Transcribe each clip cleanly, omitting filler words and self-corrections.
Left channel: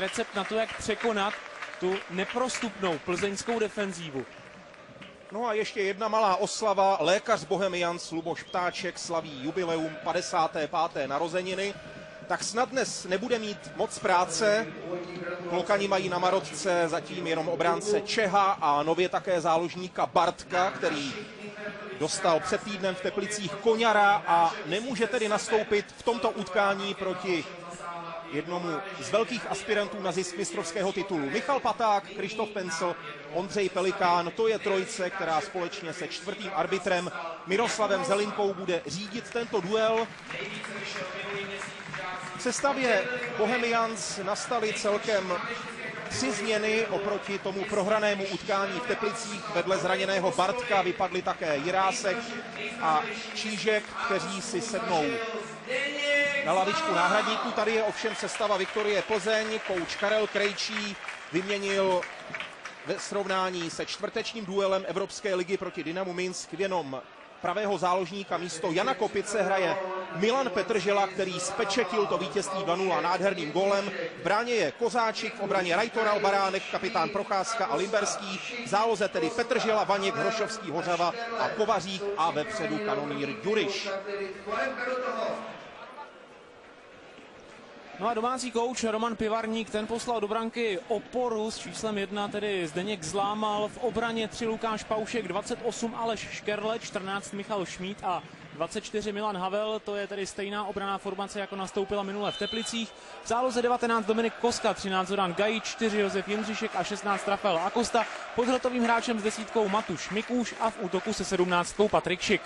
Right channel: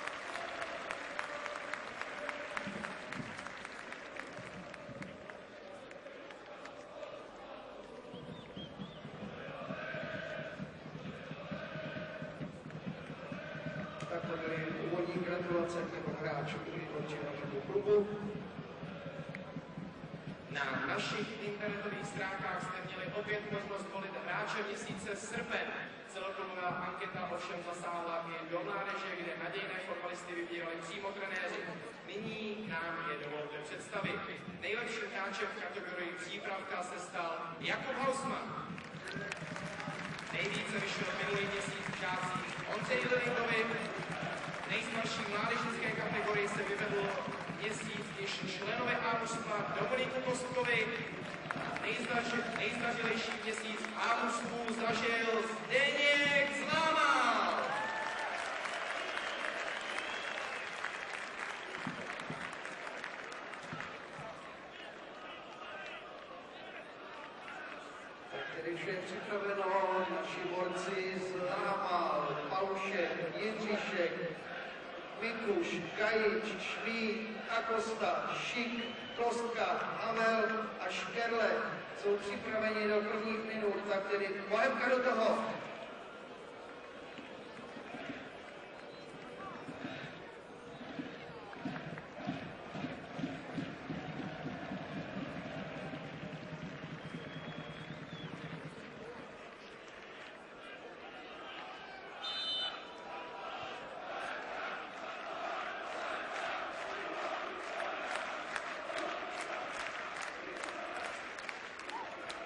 recept na to, jak překonat tu neprostupnou plzeňskou defenzívu. No a ještě jedna malá oslava. Lékař Bohemians Luboš Ptáček slaví jubileum 55. narozeniny. Tak snad dnes nebude mít moc práce. Klokani mají na Marotce zatím jenom obránce Čeha a nově také záložníka Bartka, který dostal před týdnem v Teplicích koňara a nemůže tedy nastoupit v tomto utkání proti jednomu z velkých aspirantů na zisk mistrovského titulu. Michal Paták, Krištof Pencl, Ondřej Pelikán, to je trojice, která společně se čtvrtým arbitrem Miroslavem Zelinkou bude řídit tento duel. V sestavě Bohemians nastaly celkem 3 změny oproti tomu prohranému utkání v Teplicích. Vedle zraněného Bartka vypadli také Jirásek a Čížek, kteří si sednou na lavičku náhradníků. Tady je ovšem sestava Viktorie Plzeň. Kouč Karel Krejčí vyměnil ve srovnání se čtvrtečním duelem Evropské ligy proti Dynamu Minsk jenom pravého záložníka. Místo Jana Kopice hraje Milan Petržela, který spečetil to vítězství 2-0 nádherným gólem. V bráně je Kozáčik, v obraně Rajtoral, Baránek, kapitán Procházka a Limberský. V záloze tedy Petržela, Vaněk, Hrošovský, Hořava a Kovařík a vepředu Karolín Duriš. No a domácí kouč Roman Pivarník, ten poslal do branky oporu s číslem 1, tedy Zdeněk Zlámal, v obraně 3 Lukáš Paušek, 28 Aleš Škerle, 14 Michal Šmíd a 24 Milan Havel. To je tedy stejná obranná formace, jako nastoupila minule v Teplicích. V záloze 19 Dominik Koska, 13 Zoran Gajič, 4 Josef Jindřišek a 16 Rafael Acosta. Pod hrotovým hráčem s 10 Matuš Mikuš a v útoku se 17 Patrik Šik.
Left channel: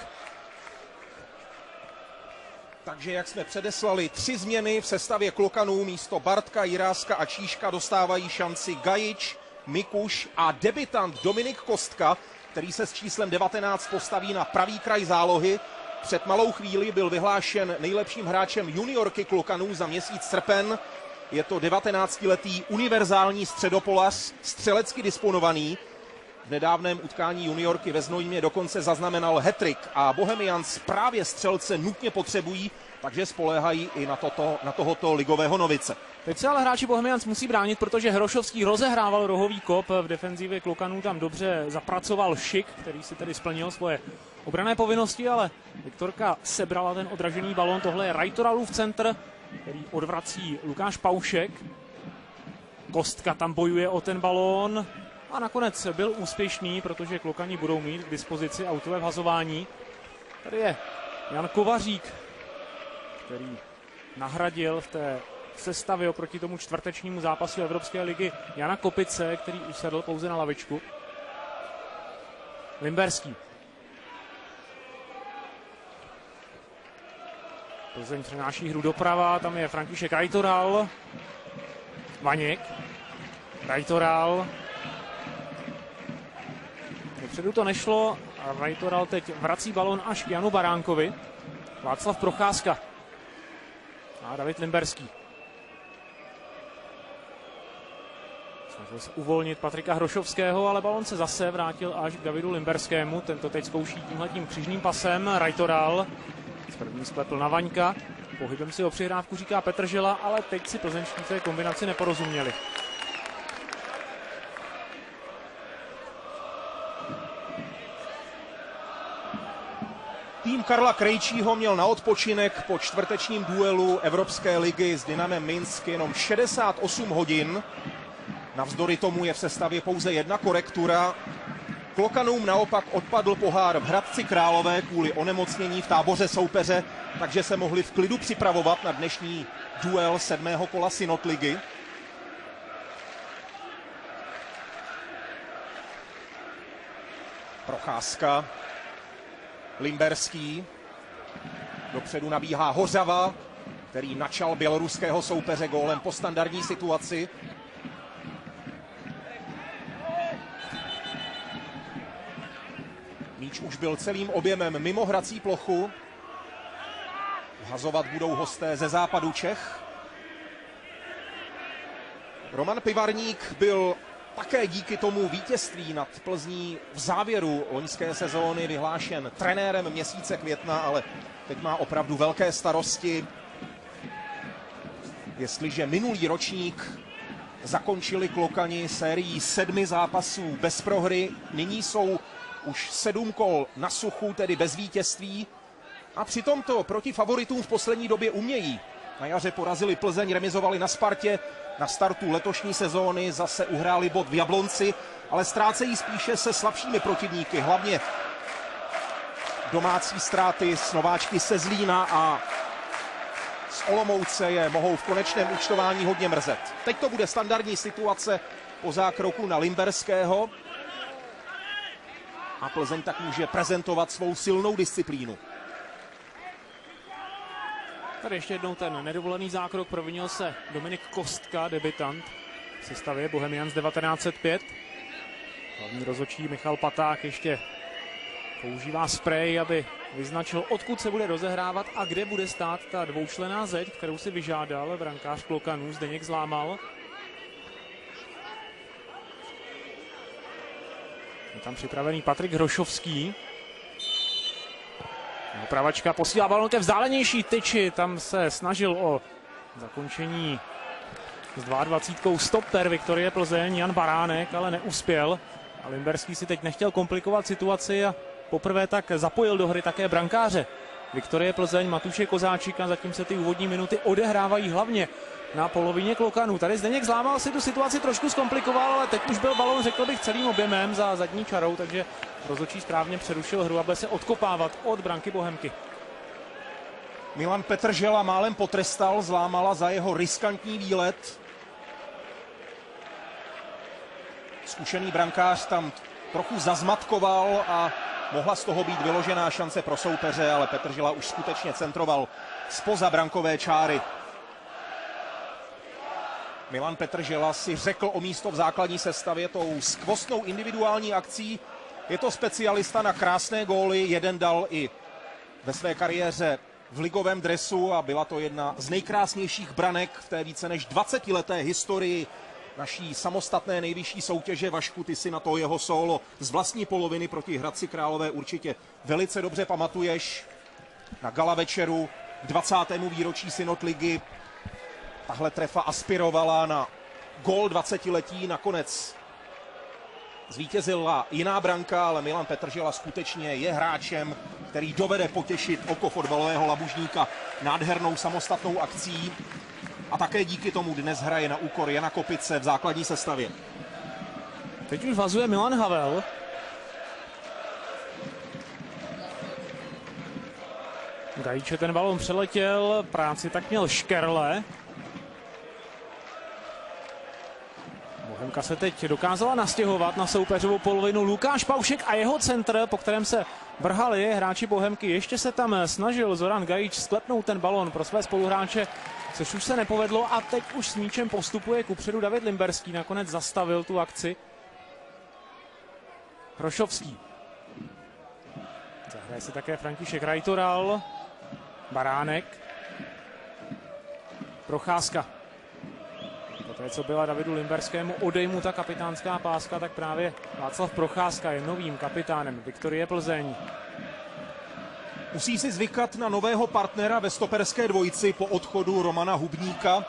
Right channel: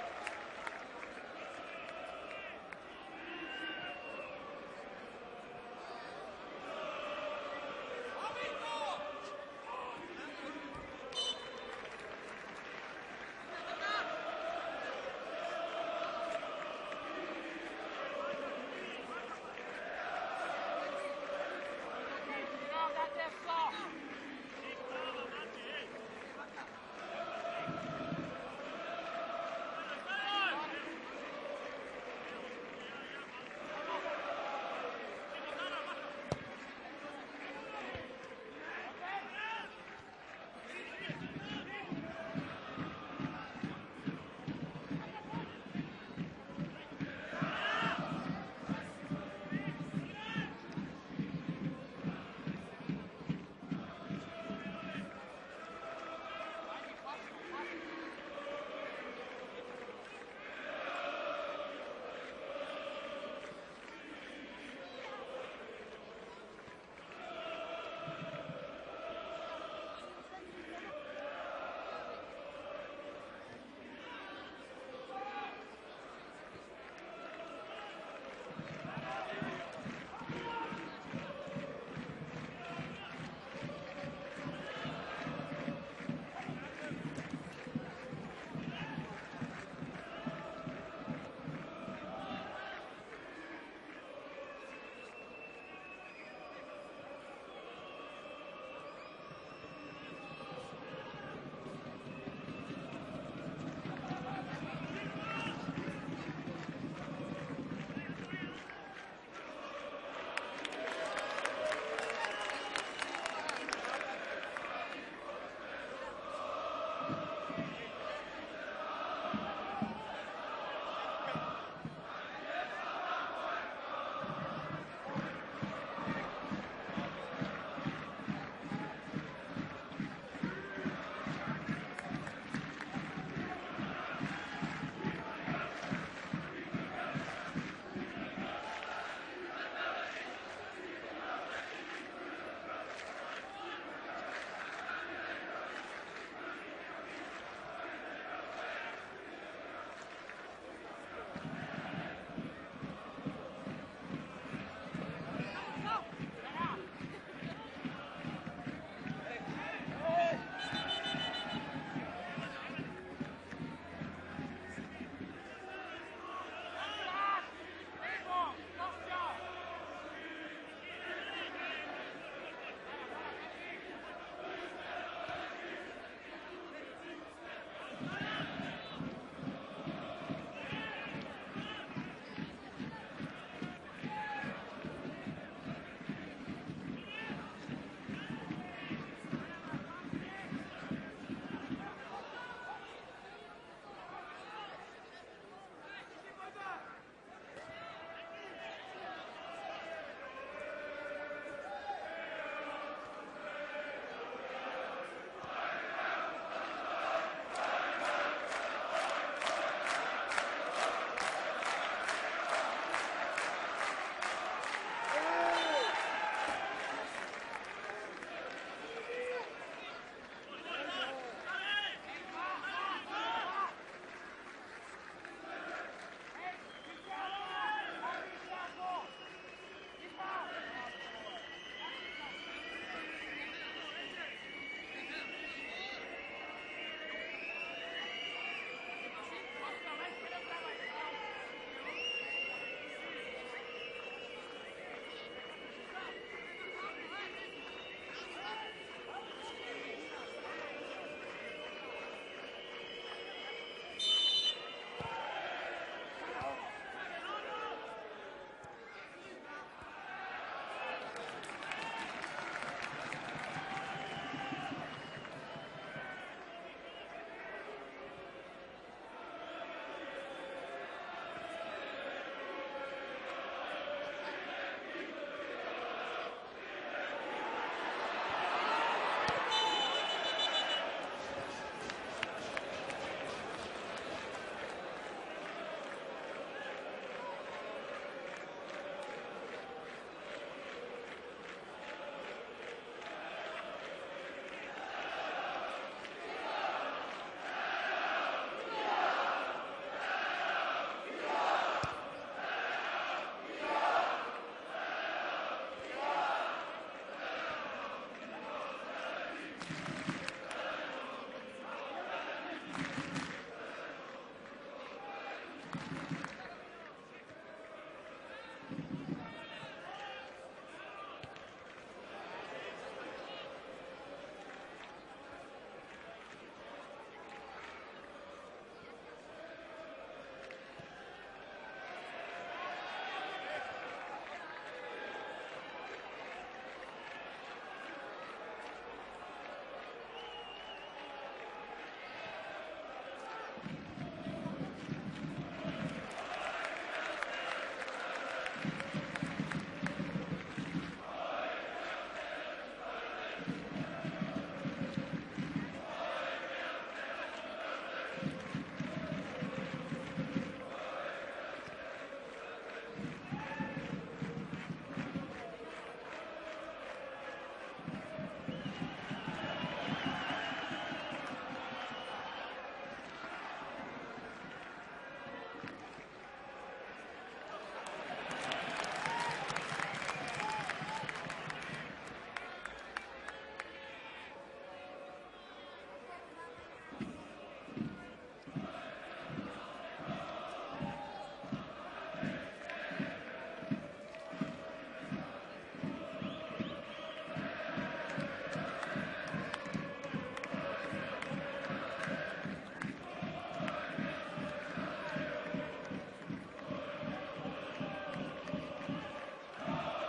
Takže jak jsme předeslali, 3 změny v sestavě Klokanů. Místo Bartka, Jiráska a Čížka dostávají šanci Gajič, Mikuš a debutant Dominik Kostka, který se s číslem 19 postaví na pravý kraj zálohy. Před malou chvíli byl vyhlášen nejlepším hráčem juniorky Klokanů za měsíc srpen. Je to 19letý univerzální středopolař, střelecky disponovaný. V nedávném utkání juniorky ve Znojmě dokonce zaznamenal hat-trick a Bohemians právě střelce nutně potřebují, takže spoléhají i na tohoto ligového novice. Teď se ale hráči Bohemians musí bránit, protože Hrošovský rozehrával rohový kop v defenzivě Klokanů, tam dobře zapracoval Šik, který si tedy splnil svoje obranné povinnosti, ale Viktorka sebrala ten odražený balón. Tohle je Rajtoralův centr, který odvrací Lukáš Paušek. Kostka tam bojuje o ten balón. A nakonec byl úspěšný, protože Klokani budou mít k dispozici autové vhazování. Tady je Jan Kovařík, který nahradil v té sestavě oproti tomu čtvrtečnímu zápasu Evropské ligy Jana Kopice, který usedl pouze na lavičku. Limberský. Plzeň přenáší hru doprava, tam je František Rajtoral. Vaněk. Rajtoral. Dopředu to nešlo a Rajtoral teď vrací balon až k Janu Baránkovi. Václav Procházka a David Limberský. Snažil se uvolnit Patrika Hrošovského, ale balon se zase vrátil až k Davidu Limberskému. Tento teď zkouší tímhletím křížným pasem. Rajtoral první spletl na Vaňka. Pohybem si o přihrávku říká Petržela, ale teď si plzeňští té kombinaci neporozuměli. Tým Karla Krejčího měl na odpočinek po čtvrtečním duelu Evropské ligy s Dynamem Minsk jenom 68 hodin. Navzdory tomu je v sestavě pouze jedna korektura. Klokanům naopak odpadl pohár v Hradci Králové kvůli onemocnění v táboře soupeře, takže se mohli v klidu připravovat na dnešní duel 7. kola Synod ligy. Procházka. Limberský. Dopředu nabíhá Hořava, který načal běloruského soupeře gólem po standardní situaci. Míč už byl celým objemem mimo hrací plochu. Hazovat budou hosté ze západu Čech. Roman Pivarník byl také díky tomu vítězství nad Plzní v závěru loňské sezóny vyhlášen trenérem měsíce května, ale teď má opravdu velké starosti. Jestliže minulý ročník zakončili Klokani sérii 7 zápasů bez prohry. Nyní jsou už 7 kol na suchu, tedy bez vítězství. A přitom to proti favoritům v poslední době umějí. Na jaře porazili Plzeň, remizovali na Spartě. Na startu letošní sezóny zase uhráli bod v Jablonci, ale ztrácejí spíše se slabšími protivníky. Hlavně domácí ztráty s nováčky se Zlína a z Olomouce je mohou v konečném účtování hodně mrzet. Teď to bude standardní situace po zákroku na Limberského. A Plzeň tak může prezentovat svou silnou disciplínu. Tady ještě jednou ten nedovolený zákrok, provinil se Dominik Kostka, debutant v sestavě Bohemians 1905. Hlavní rozhodčí Michal Paták ještě používá sprej, aby vyznačil, odkud se bude rozehrávat a kde bude stát ta dvoučlenná zeď, kterou si vyžádal brankář Klokanů Zdeněk Zlámal. Je tam připravený Patrik Hrošovský. Pravačka posílá balon ke vzdálenější tyči, tam se snažil o zakončení s 22 stoper Viktorie Plzeň Jan Baránek, ale neuspěl. A Limberský si teď nechtěl komplikovat situaci a poprvé tak zapojil do hry také brankáře Viktorie Plzeň Matuše Kozáčika, zatím se ty úvodní minuty odehrávají hlavně na polovině Klokanů. Tady Zdeněk Zlámal si tu situaci trošku zkomplikoval, ale teď už byl balon, řekl bych, celým objemem za zadní čarou, takže rozhodčí správně přerušil hru a bude se odkopávat od branky Bohemky. Milan Petržela málem potrestal Zlámala za jeho riskantní výlet. Zkušený brankář tam trochu zazmatkoval a mohla z toho být vyložená šance pro soupeře, ale Petržela už skutečně centroval zpoza brankové čáry. Milan Petržela si řekl o místo v základní sestavě tou skvostnou individuální akcí. Je to specialista na krásné góly, jeden dal i ve své kariéře v ligovém dresu a byla to jedna z nejkrásnějších branek v té více než 20leté historii naší samostatné nejvyšší soutěže. Vašku, ty si na to jeho solo z vlastní poloviny proti Hradci Králové určitě velice dobře pamatuješ. Na gala večeru 20. výročí Synod ligy tahle trefa aspirovala na gól 20letí, nakonec zvítězila jiná branka, ale Milan Petržela skutečně je hráčem, který dovede potěšit oko fotbalového labužníka nádhernou samostatnou akcí a také díky tomu dnes hraje na úkor Jana Kopice v základní sestavě. Teď už vazuje Milan Havel. Gajiče ten balon přeletěl, práci tak měl Škerle. Bohemka se teď dokázala nastěhovat na soupeřovou polovinu. Lukáš Paušek a jeho centr, po kterém se vrhali hráči Bohemky. Ještě se tam snažil Zoran Gajič sklepnout ten balon pro své spoluhráče, což už se nepovedlo a teď už s míčem postupuje kupředu David Limberský. Nakonec zastavil tu akci. Hrošovský. Zahraje se také František Rajtoral. Baránek. Procházka. Poté, co byla Davidu Limberskému odejmuta kapitánská páska, tak právě Václav Procházka je novým kapitánem Viktorie Plzeň. Musí si zvykat na nového partnera ve stoperské dvojici po odchodu Romana Hubníka.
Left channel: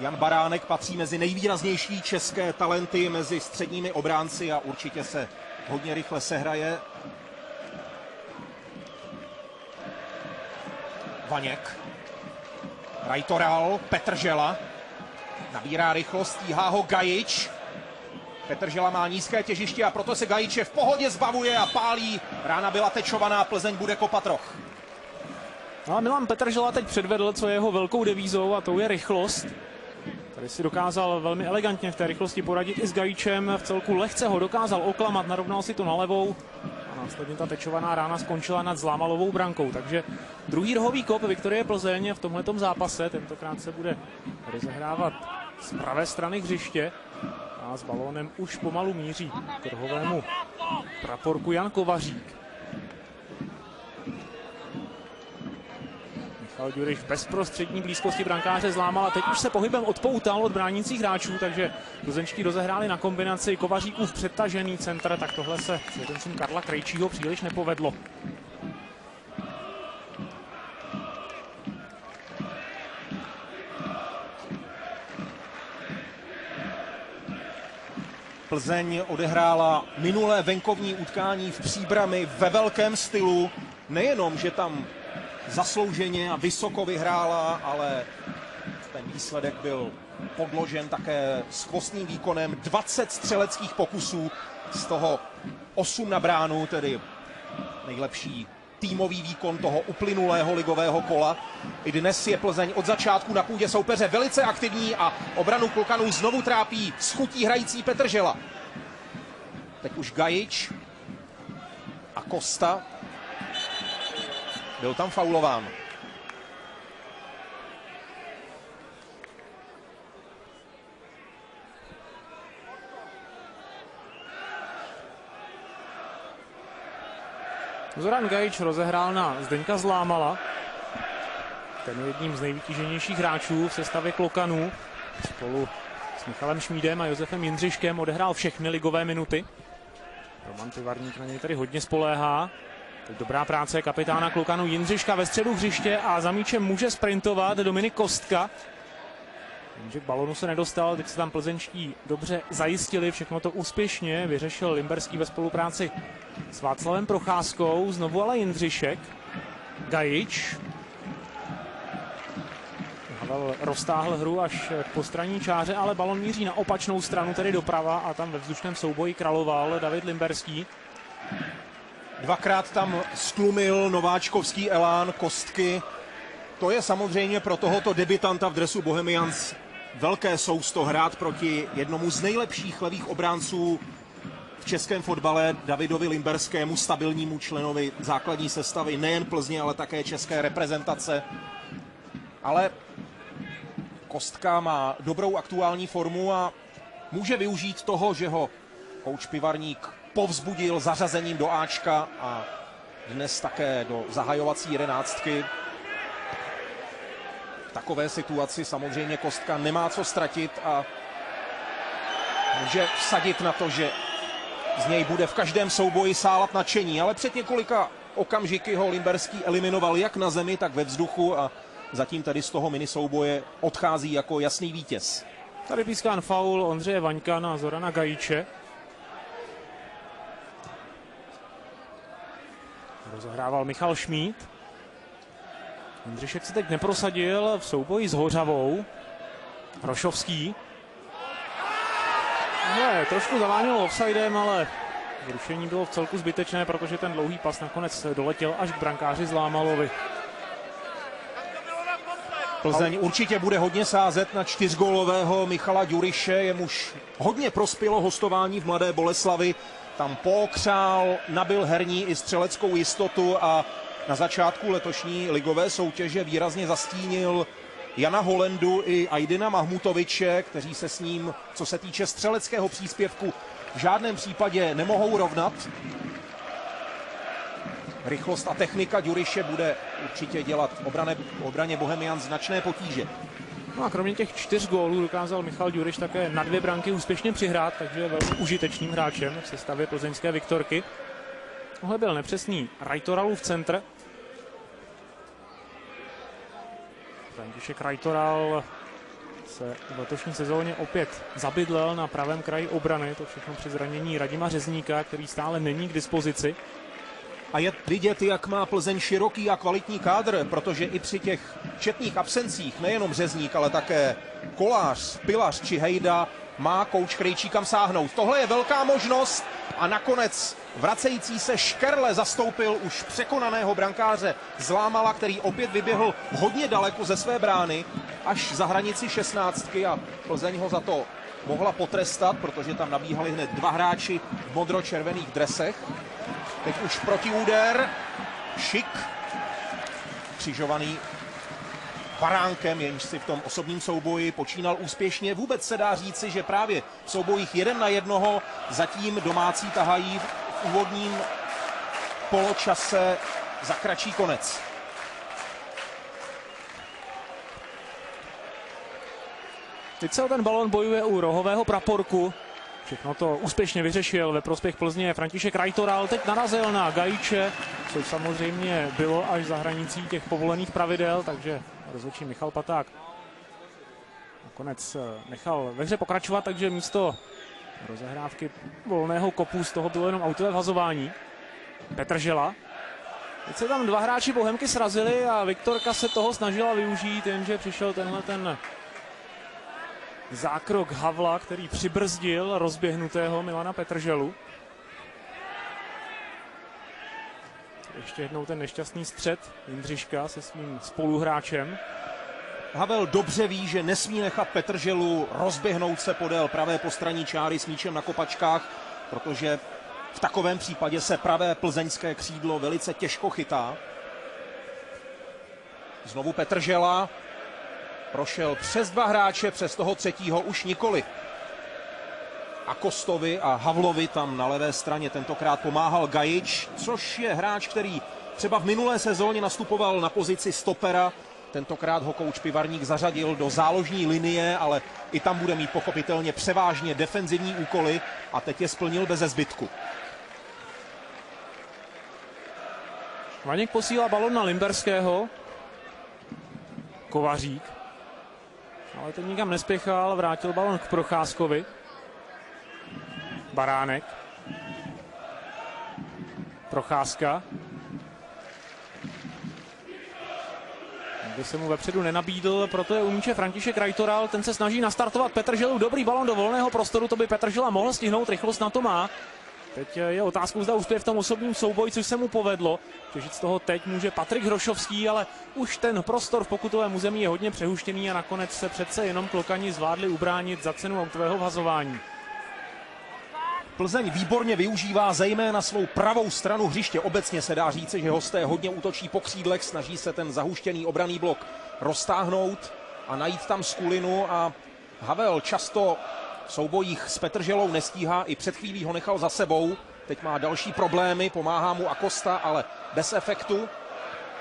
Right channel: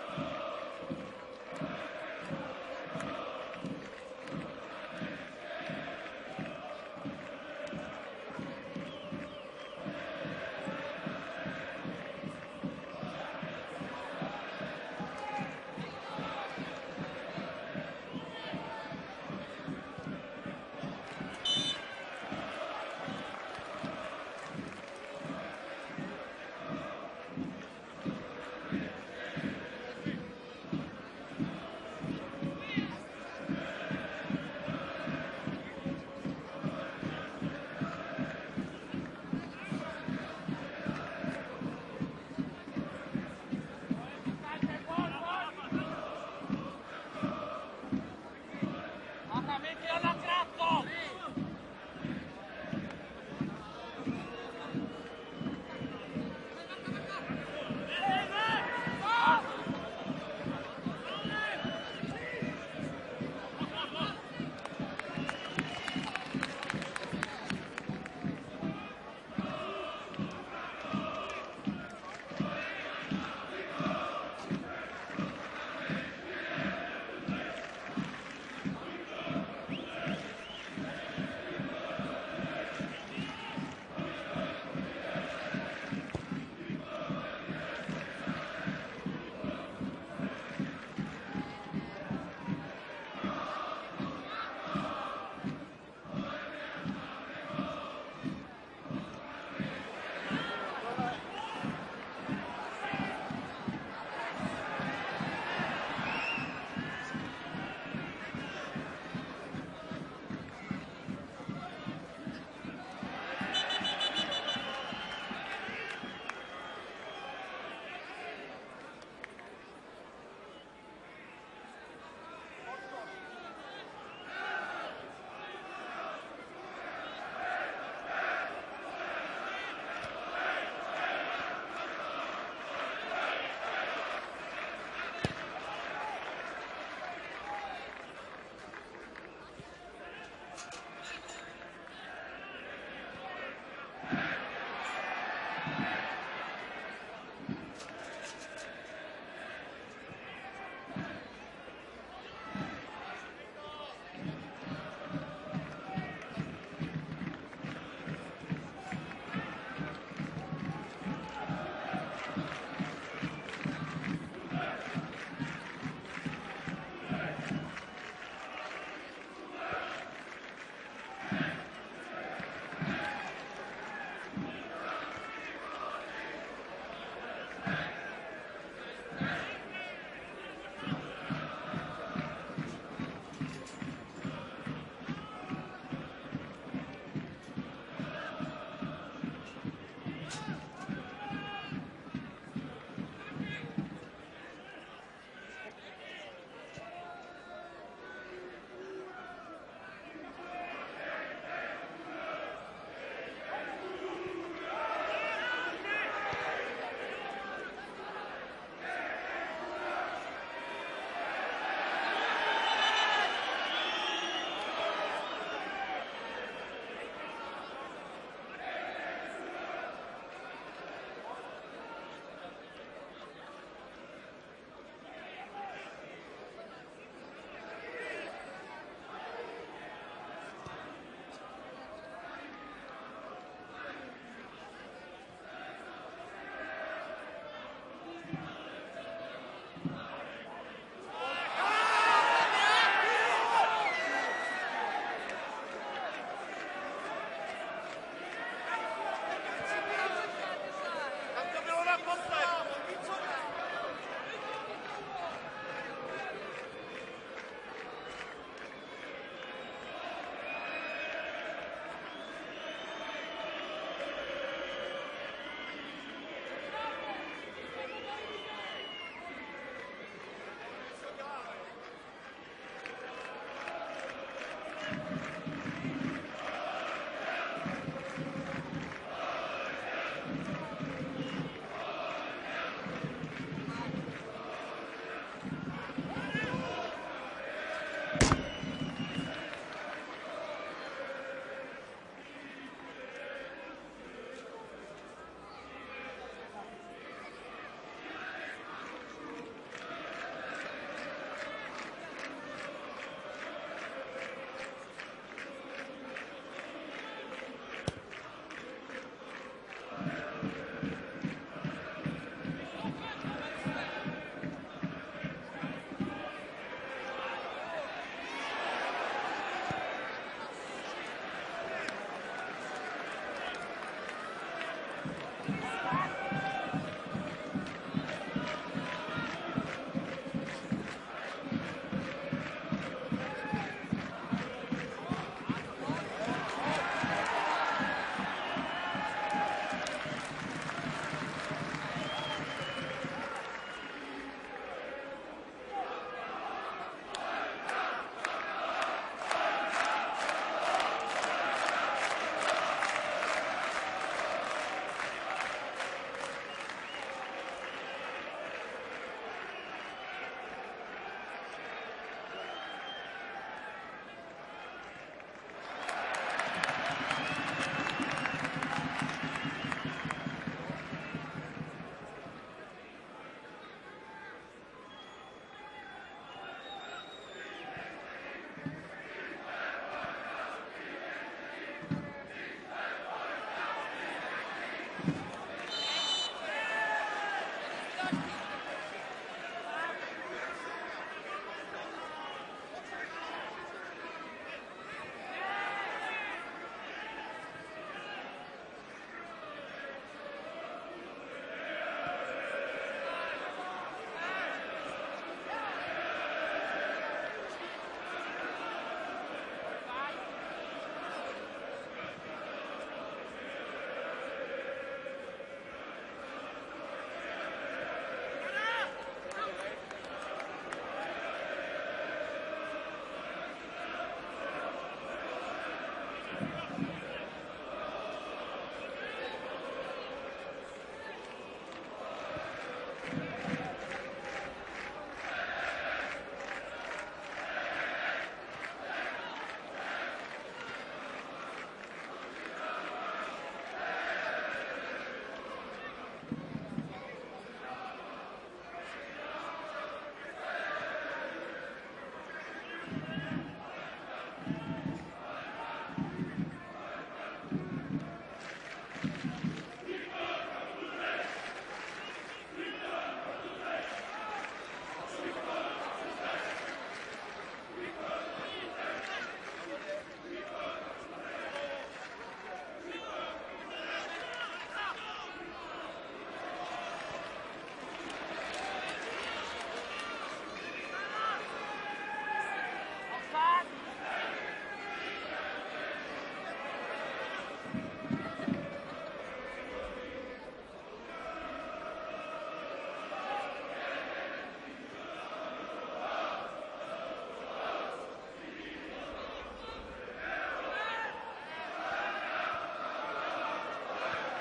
Jan Baránek patří mezi nejvýraznější české talenty mezi středními obránci a určitě se hodně rychle sehraje. Vaněk. Rajtoral, Petržela. Nabírá rychlost, stíhá ho Gajič. Petržela má nízké těžiště a proto se Gajiče v pohodě zbavuje a pálí. Rána byla tečovaná, Plzeň bude kopat roh. No a Milan Petržela teď předvedl, co je jeho velkou devízou, a to je rychlost. Tady si dokázal velmi elegantně v té rychlosti poradit i s Gajičem. V celku lehce ho dokázal oklamat, narovnal si to na levou. Následně ta tečovaná rána skončila nad Zlámalovou brankou. Takže druhý rohový kop Viktorie Plzeň v tomhletom zápase. Tentokrát se bude rozehrávat z pravé strany hřiště. A s balónem už pomalu míří k rohovému praporku Jan Kovařík. Michal Ďuriš v bezprostřední blízkosti brankáře Zlámal a teď už se pohybem odpoutal od bránících hráčů, takže plzeňští rozehráli na kombinaci Kovaříkův přetažený centr, tak tohle se s Karla Krejčího příliš nepovedlo. Plzeň odehrála minulé venkovní utkání v Příbrami ve velkém stylu. Nejenom, že tam zaslouženě a vysoko vyhrála, ale ten výsledek byl podložen také skvostným výkonem. 20 střeleckých pokusů, z toho 8 na bránu, tedy nejlepší týmový výkon toho uplynulého ligového kola. I dnes je Plzeň od začátku na půdě soupeře velice aktivní a obranu Klokanů znovu trápí s chutí hrající Petržela. Teď už Gajič a Kosta. Byl tam faulován. Zoran Gajič rozehrál na Zdeňka Zlámala. Ten je jedním z nejvytíženějších hráčů v sestavě Klokanů. Spolu s Michalem Šmídem a Josefem Jindřiškem odehrál všechny ligové minuty. Roman Pivarník na něj tady hodně spoléhá. Dobrá práce kapitána Klokanů Jindřiška ve středu hřiště a za míčem může sprintovat Dominik Kostka. Jenže k balonu se nedostal, teď se tam plzeňští dobře zajistili, všechno to úspěšně vyřešil Limberský ve spolupráci s Václavem Procházkou, znovu ale Jindřišek. Gajič roztáhl hru až k postranní čáře, ale balon míří na opačnou stranu, tedy doprava, a tam ve vzdušném souboji královal David Limberský. Dvakrát tam stlumil nováčkovský elán Kostky. To je samozřejmě pro tohoto debutanta v dresu Bohemians velké sousto hrát proti jednomu z nejlepších levých obránců v českém fotbale, Davidovi Limberskému, stabilnímu členovi základní sestavy nejen Plzně, ale také české reprezentace. Ale Kostka má dobrou aktuální formu a může využít toho, že ho kouč Pivarník povzbudil zařazením do Ačka a dnes také do zahajovací jedenáctky. V takové situaci samozřejmě Kostka nemá co ztratit a může vsadit na to, že z něj bude v každém souboji sálat nadšení, ale před několika okamžiky ho Limberský eliminoval jak na zemi, tak ve vzduchu a zatím tady z toho minisouboje odchází jako jasný vítěz. Tady pískán faul Ondřeje Vaňka na Zorana Gajiče. Rozehrával Michal Šmíd. Jindřišek se teď neprosadil v souboji s Hořavou. Rošovský. Ne, trošku zaváněl offsidem, ale rušení bylo v celku zbytečné, protože ten dlouhý pas nakonec doletěl až k brankáři Zlámalovi. Plzeň určitě bude hodně sázet na 4gólového Michala Ďuriše, jemuž hodně prospělo hostování v Mladé Boleslavi. Tam pokřál, nabyl herní i střeleckou jistotu a na začátku letošní ligové soutěže výrazně zastínil Jana Holendu i Ajdina Mahmutoviče, kteří se s ním, co se týče střeleckého příspěvku, v žádném případě nemohou rovnat. Rychlost a technika Ďuriše bude určitě dělat obraně Bohemian značné potíže. No a kromě těch 4 gólů dokázal Michal Ďuriš také na 2 branky úspěšně přihrát, takže je velmi užitečným hráčem v sestavě plzeňské Viktorky. Tohle byl nepřesný Rajtoralův centr. František Rajtoral se v letošní sezóně opět zabydlel na pravém kraji obrany, to všechno při zranění Radima Řezníka, který stále není k dispozici. A je vidět, jak má Plzeň široký a kvalitní kádr, protože i při těch četných absencích, nejenom Řezník, ale také Kolář, Pilař či Hejda, má kouč Krejčí kam sáhnout. Tohle je velká možnost a nakonec vracející se Škerle zastoupil už překonaného brankáře Zlámala, který opět vyběhl hodně daleko ze své brány, až za hranici 16 a Plzeň ho za to mohla potrestat, protože tam nabíhali hned 2 hráči v modro-červených dresech. Teď už protiúder, Šik, křižovaný Baránkem, jenž si v tom osobním souboji počínal úspěšně. Vůbec se dá říci, že právě v soubojích 1 na 1 zatím domácí tahají v úvodním poločase za kratší konec. Teď se o ten balon bojuje u rohového praporku. Všechno to úspěšně vyřešil ve prospěch Plzně František Rajtoral. Teď narazil na Gajiče, což samozřejmě bylo až za hranicí těch povolených pravidel, takže rozhodčí Michal Paták nakonec nechal ve hře pokračovat, takže místo rozehrávky volného kopu, z toho bylo jenom autové vhazování. Petržela. Teď se tam dva hráči Bohemky srazili a Viktorka se toho snažila využít, jenže přišel tenhle ten zákrok Havla, který přibrzdil rozběhnutého Milana Petrželu. Ještě jednou ten nešťastný střet Jindřiška se svým spoluhráčem. Havel dobře ví, že nesmí nechat Petrželu rozběhnout se podél pravé postranní čáry s míčem na kopačkách, protože v takovém případě se pravé plzeňské křídlo velice těžko chytá. Znovu Petržela prošel přes dva hráče, přes toho třetího už nikoli. A Kostovi a Havlovi tam na levé straně tentokrát pomáhal Gajič, což je hráč, který třeba v minulé sezóně nastupoval na pozici stopera. Tentokrát ho kouč Pivarník zařadil do záložní linie, ale i tam bude mít pochopitelně převážně defenzivní úkoly a teď je splnil beze zbytku. Vaněk posílá balon na Limberského. Kovařík. Ale ten nikam nespěchal, vrátil balon k Procházkovi. Baránek. Procházka. Aby se mu vepředu nenabídl, proto je u míče František Rajtoral, ten se snaží nastartovat Petrželu, dobrý balon do volného prostoru, to by Petržela mohl stihnout, rychlost na to má. Teď je otázkou, zda uspěje v tom osobním souboji, což se mu povedlo. Těžit z toho teď může Patrik Hrošovský, ale už ten prostor v pokutovém území je hodně přehuštěný a nakonec se přece jenom Klokani zvládli ubránit za cenu autového vhazování. Plzeň výborně využívá zejména svou pravou stranu hřiště. Obecně se dá říci, že hosté hodně útočí po křídlech, snaží se ten zahuštěný obranný blok roztáhnout a najít tam skulinu a Havel často v soubojích s Petrželou nestíhá, i před chvílí ho nechal za sebou. Teď má další problémy, pomáhá mu Acosta, ale bez efektu.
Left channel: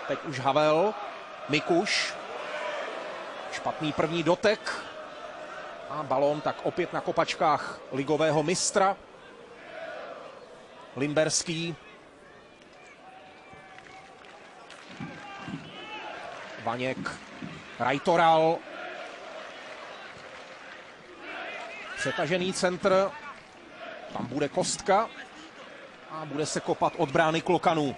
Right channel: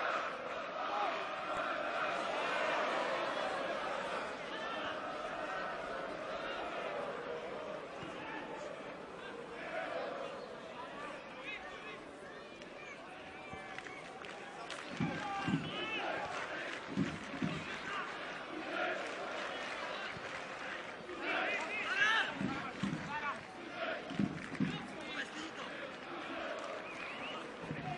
Teď už Havel, Mikuš, špatný první dotek a balón tak opět na kopačkách ligového mistra. Limberský. Vaněk, Rajtoral. Přetažený centr. Tam bude Kostka. A bude se kopat od brány Klokanů.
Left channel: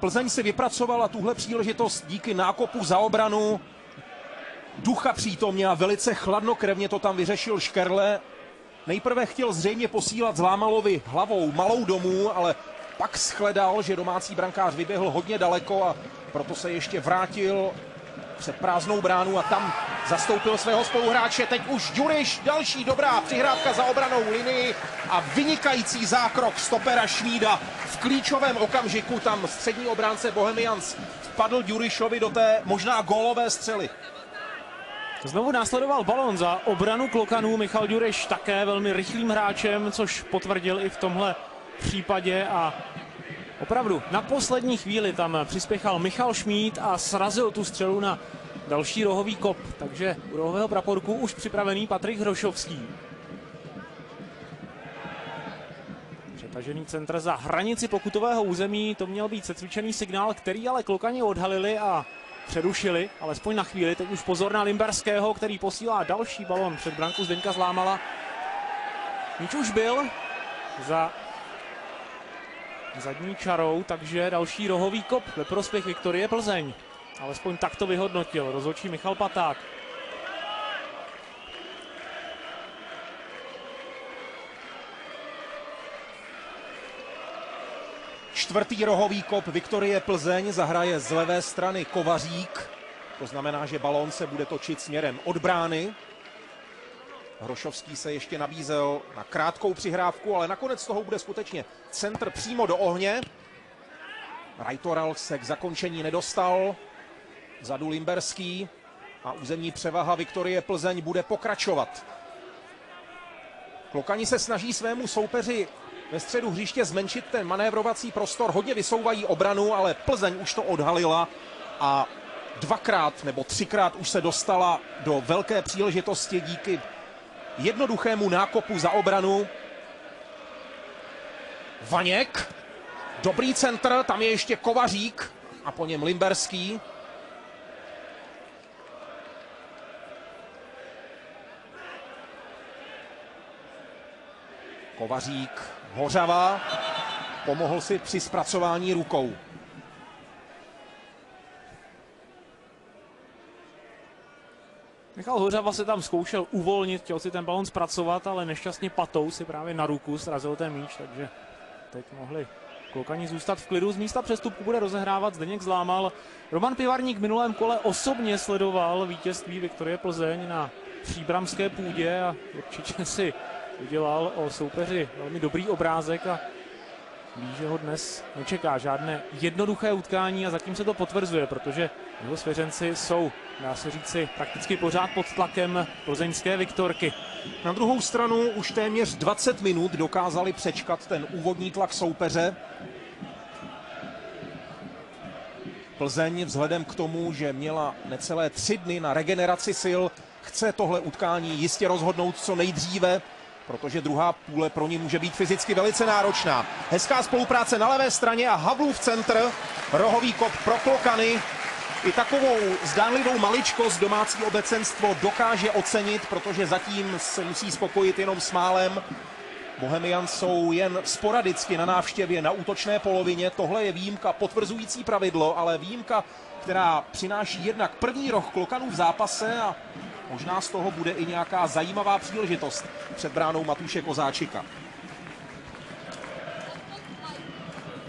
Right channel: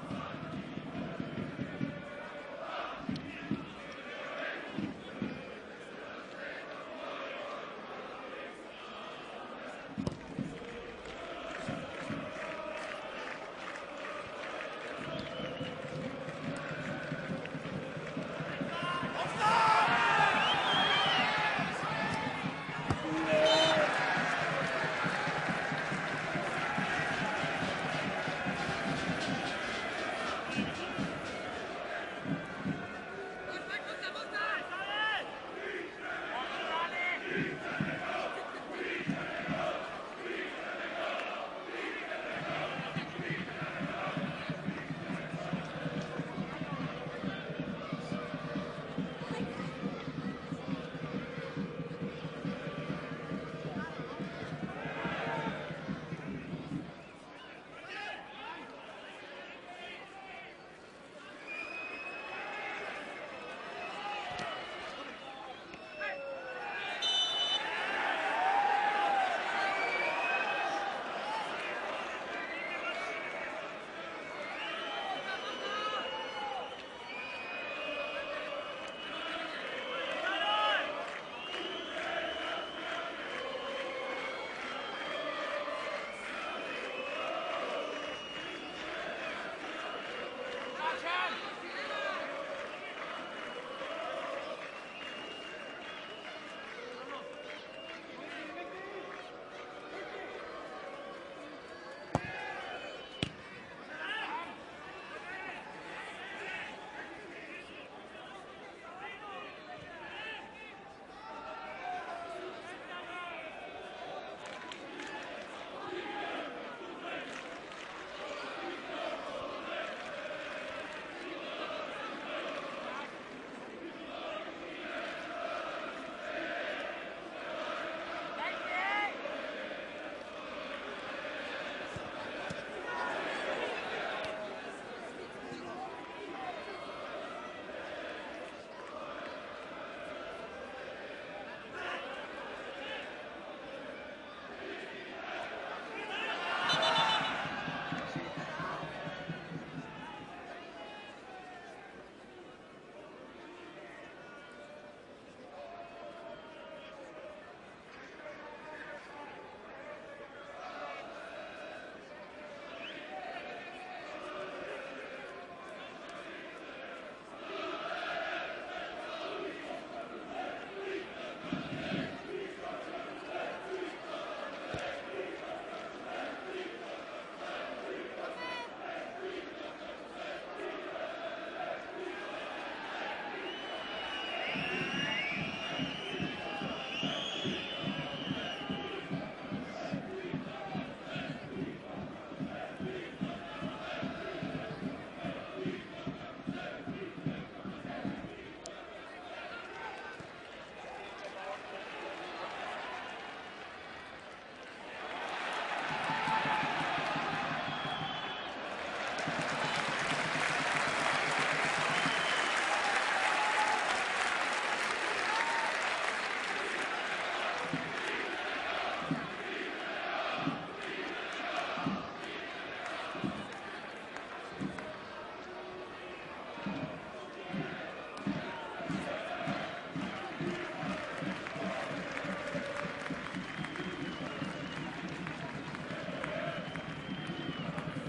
Plzeň si vypracovala tuhle příležitost díky nákopu za obranu. Ducha přítomně a velice chladnokrevně to tam vyřešil Škerle. Nejprve chtěl zřejmě posílat Zlámalovi hlavou malou domů, ale pak shledal, že domácí brankář vyběhl hodně daleko a proto se ještě vrátil před prázdnou bránu a tam zastoupil svého spoluhráče. Teď už Ďuriš, další dobrá přihrávka za obranou linii a vynikající zákrok stopera Šmída. V klíčovém okamžiku tam střední obránce Bohemians vpadl Ďurišovi do té možná gólové střely. Znovu následoval balon za obranu Klokanů. Michal Ďuriš také velmi rychlým hráčem, což potvrdil i v tomhle případě a opravdu na poslední chvíli tam přispěchal Michal Šmíd a srazil tu střelu na další rohový kop. Takže u rohového praporku už připravený Patrik Hrošovský. Přetažený centr za hranici pokutového území, to měl být secvičený signál, který ale Klokani odhalili a přerušili, alespoň na chvíli. Teď už pozor na Limberského, který posílá další balon před branku Zdeňka Zlámala. Míč už byl za zadní čarou, takže další rohový kop ve prospěch Viktorie Plzeň. Alespoň tak to vyhodnotil rozhodčí Michal Paták. Čtvrtý rohový kop Viktorie Plzeň, zahraje z levé strany Kovařík. To znamená, že balón se bude točit směrem od brány. Hrošovský se ještě nabízel na krátkou přihrávku, ale nakonec toho bude skutečně centr přímo do ohně. Rajtoral se k zakončení nedostal. Vzadu Limberský a územní převaha Viktorie Plzeň bude pokračovat. Klokani se snaží svému soupeři ve středu hřiště zmenšit ten manévrovací prostor. Hodně vysouvají obranu, ale Plzeň už to odhalila a dvakrát nebo třikrát už se dostala do velké příležitosti díky jednoduchému nákopu za obranu. Vaněk Dobrý centr, tam je ještě Kovařík a po něm Limberský. Kovařík, Hořava, pomohl si při zpracování rukou. Michal Hořava se tam zkoušel uvolnit, chtěl si ten balon zpracovat, ale nešťastně patou si právě na ruku srazil ten míč, takže teď mohli Klokani zůstat v klidu. Z místa přestupu bude rozehrávat Zdeněk Zlámal. Roman Pivarník v minulém kole osobně sledoval vítězství Viktorie Plzeň na příbramské půdě a určitě si udělal o soupeři velmi dobrý obrázek a ví, že ho dnes nečeká žádné jednoduché utkání a zatím se to potvrzuje, protože jeho svěřenci jsou, dá se říci, prakticky pořád pod tlakem plzeňské Viktorky. Na druhou stranu už téměř 20 minut dokázali přečkat ten úvodní tlak soupeře. Plzeň vzhledem k tomu, že měla necelé 3 dny na regeneraci sil, chce tohle utkání jistě rozhodnout co nejdříve, protože druhá půle pro ní může být fyzicky velice náročná. Hezká spolupráce na levé straně a Havlův centr, rohový kop pro Klokany. I takovou zdánlivou maličkost domácí obecenstvo dokáže ocenit, protože zatím se musí spokojit jenom s málem. Bohemians jsou jen sporadicky na návštěvě na útočné polovině. Tohle je výjimka potvrzující pravidlo, ale výjimka, která přináší jednak první roh Klokanů v zápase a možná z toho bude i nějaká zajímavá příležitost před bránou Matuše Kozáčika.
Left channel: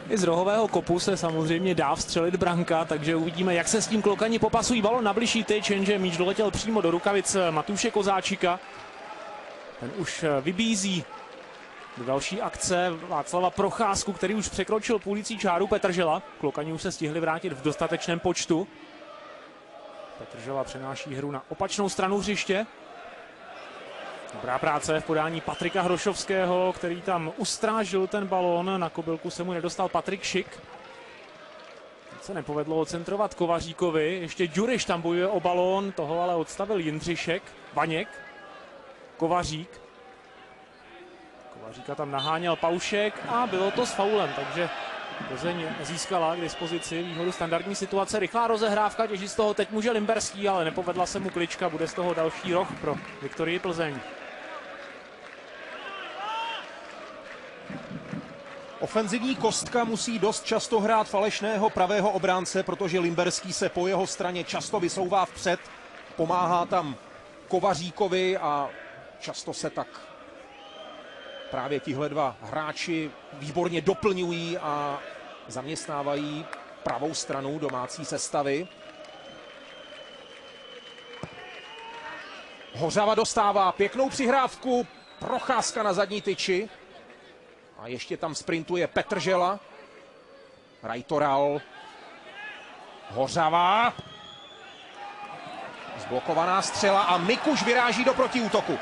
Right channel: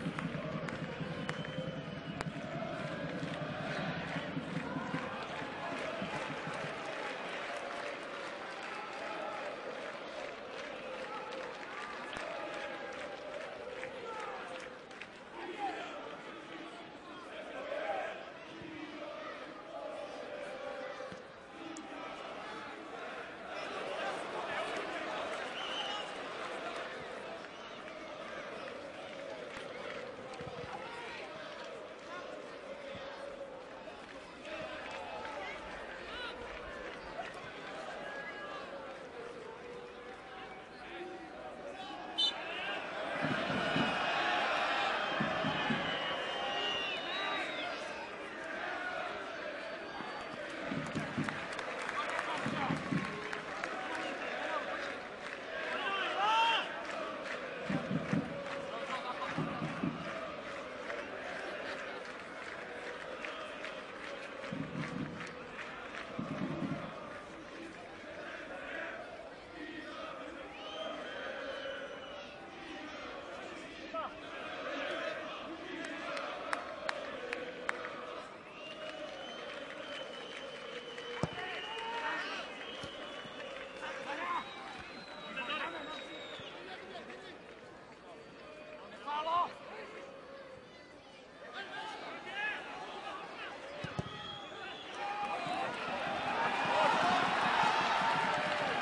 I z rohového kopu se samozřejmě dá vstřelit branka, takže uvidíme, jak se s tím Klokani popasují. Balon na bližší tyč, jenže míč doletěl přímo do rukavic Matuše Kozáčika. Ten už vybízí do další akce Václava Procházku, který už překročil půlící čáru Petržela. Klokani už se stihli vrátit v dostatečném počtu. Petržela přenáší hru na opačnou stranu hřiště. Dobrá práce v podání Patrika Hrošovského, který tam ustrážil ten balón. Na kobylku se mu nedostal Patrik Šik. Se nepovedlo ocentrovat Kovaříkovi. Ještě Ďuriš tam bojuje o balón, toho ale odstavil Jindřišek. Vaněk. Kovařík. Kovaříka tam naháněl Paušek a bylo to s faulem, takže Plzeň získala k dispozici výhodu standardní situace. Rychlá rozehrávka, těží z toho teď může Limberský, ale nepovedla se mu klička, bude z toho další rok pro Viktorii Plzeň. Ofenzivní kostka musí dost často hrát falešného pravého obránce, protože Limberský se po jeho straně často vysouvá vpřed, pomáhá tam Kovaříkovi a často se tak právě tihle dva hráči výborně doplňují a zaměstnávají pravou stranu domácí sestavy. Hořava dostává pěknou přihrávku, Procházka na zadní tyči. A ještě tam sprintuje Petržela. Rajtoral. Hořava. Zblokovaná střela a Mikuš vyráží do protiútoku.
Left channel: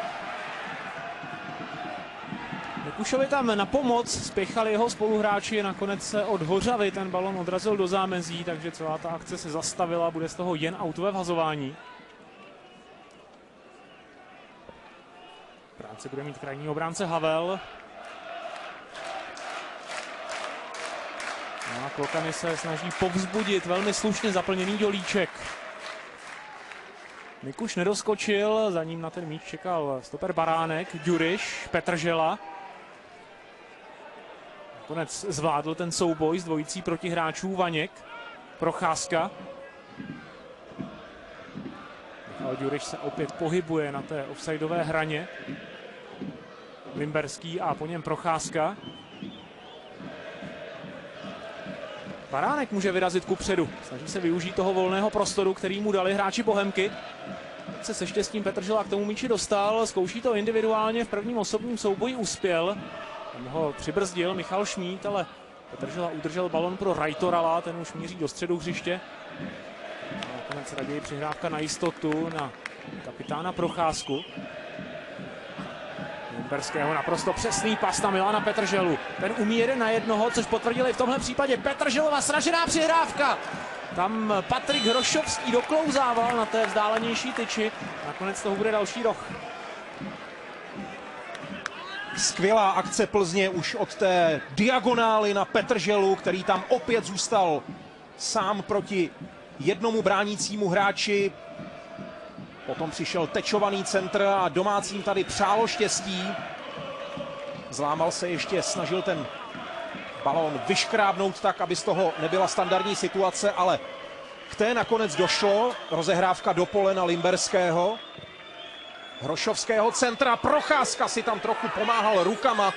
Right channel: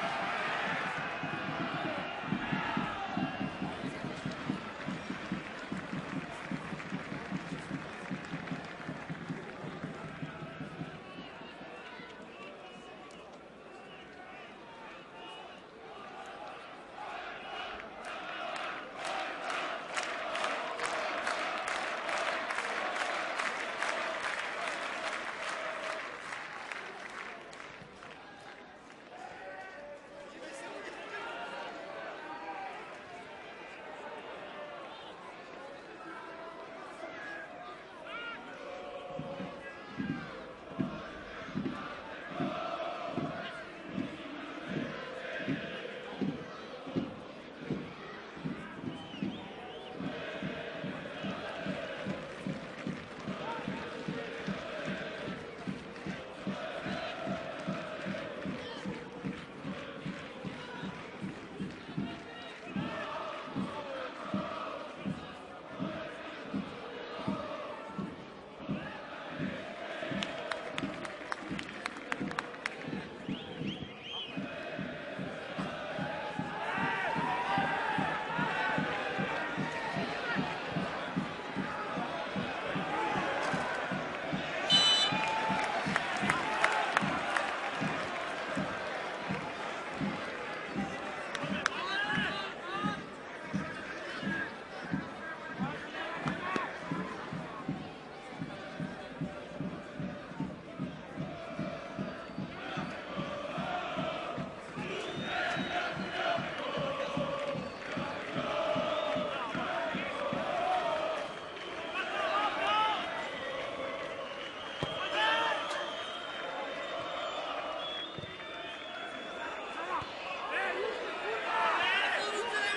Mikušovi tam na pomoc spěchali jeho spoluhráči, nakonec se od Hořavy ten balon odrazil do zámezí, takže celá ta akce se zastavila, bude z toho jen autové vhazování. Práci bude mít krajní obránce Havel. Klokani se snaží povzbudit velmi slušně zaplněný Dělíček. Mikuš nedoskočil, za ním na ten míč čekal stoper Baránek, Ďuriš, Petržela. Nakonec zvládl ten souboj s dvojicí protihráčů Vaněk, Procházka. Ďuriš se opět pohybuje na té offsideové hraně. Limberský a po něm Procházka. Baránek může vyrazit kupředu. Snaží se využít toho volného prostoru, který mu dali hráči Bohemky. Se štěstím Petržela k tomu míči dostal. Zkouší to individuálně, v prvním osobním souboji uspěl. Ho přibrzdil Michal Šmíd, ale Petržela udržel balon pro Rajtorala, ten už míří do středu hřiště. Nakonec raději přihrávka na jistotu na kapitána Procházku. Limberského naprosto přesný pas na Milana Petrželu. Ten umí 1 na 1, což potvrdili v tomhle případě Petrželova sražená přihrávka. Tam Patrik Hrošovský doklouzával na té vzdálenější tyči. Nakonec toho bude další roh. Skvělá akce Plzně už od té diagonály na Petrželu, který tam opět zůstal sám proti jednomu bránícímu hráči. Potom přišel tečovaný centr a domácím tady přálo štěstí. Zlámal se ještě, snažil ten balón vyškrábnout tak, aby z toho nebyla standardní situace, ale k té nakonec došlo. Rozehrávka do pole na Limberského. Hrošovského centra, Procházka si tam trochu pomáhal rukama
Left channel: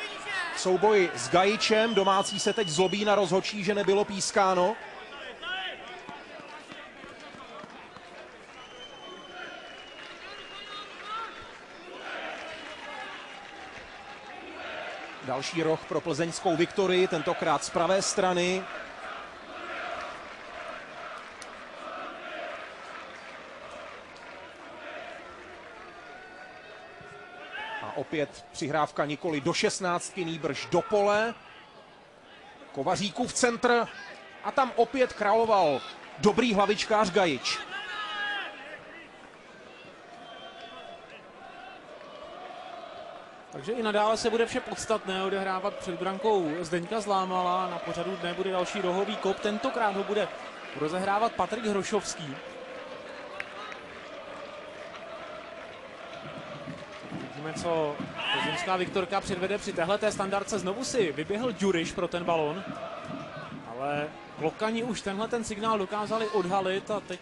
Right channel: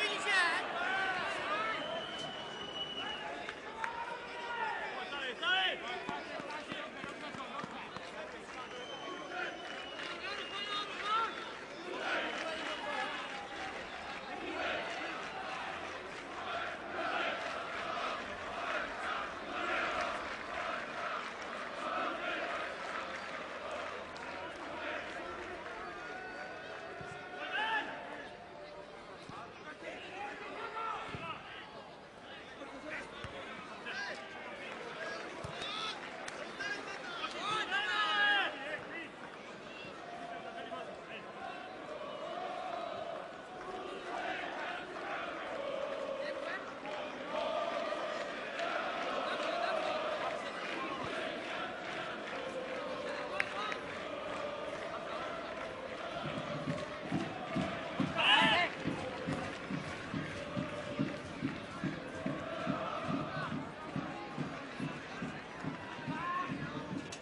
v souboji s Gajičem. Domácí se teď zlobí na rozhodčí, že nebylo pískáno. Další roh pro plzeňskou Viktorii, tentokrát z pravé strany. Opět přihrávka nikoli do 16, nýbrž do pole. Kovaříkův centr a tam opět královal dobrý hlavičkář Gajič. Takže i nadále se bude vše podstatné odehrávat před brankou Zdeňka Zlámala. Na pořadu dne bude další rohový kop. Tentokrát ho bude rozehrávat Patrik Hrošovský. Co plzeňská Viktorka předvede při téhleté standardce. Znovu si vyběhl Ďuriš pro ten balon, ale Lokani už tenhle ten signál dokázali odhalit a teď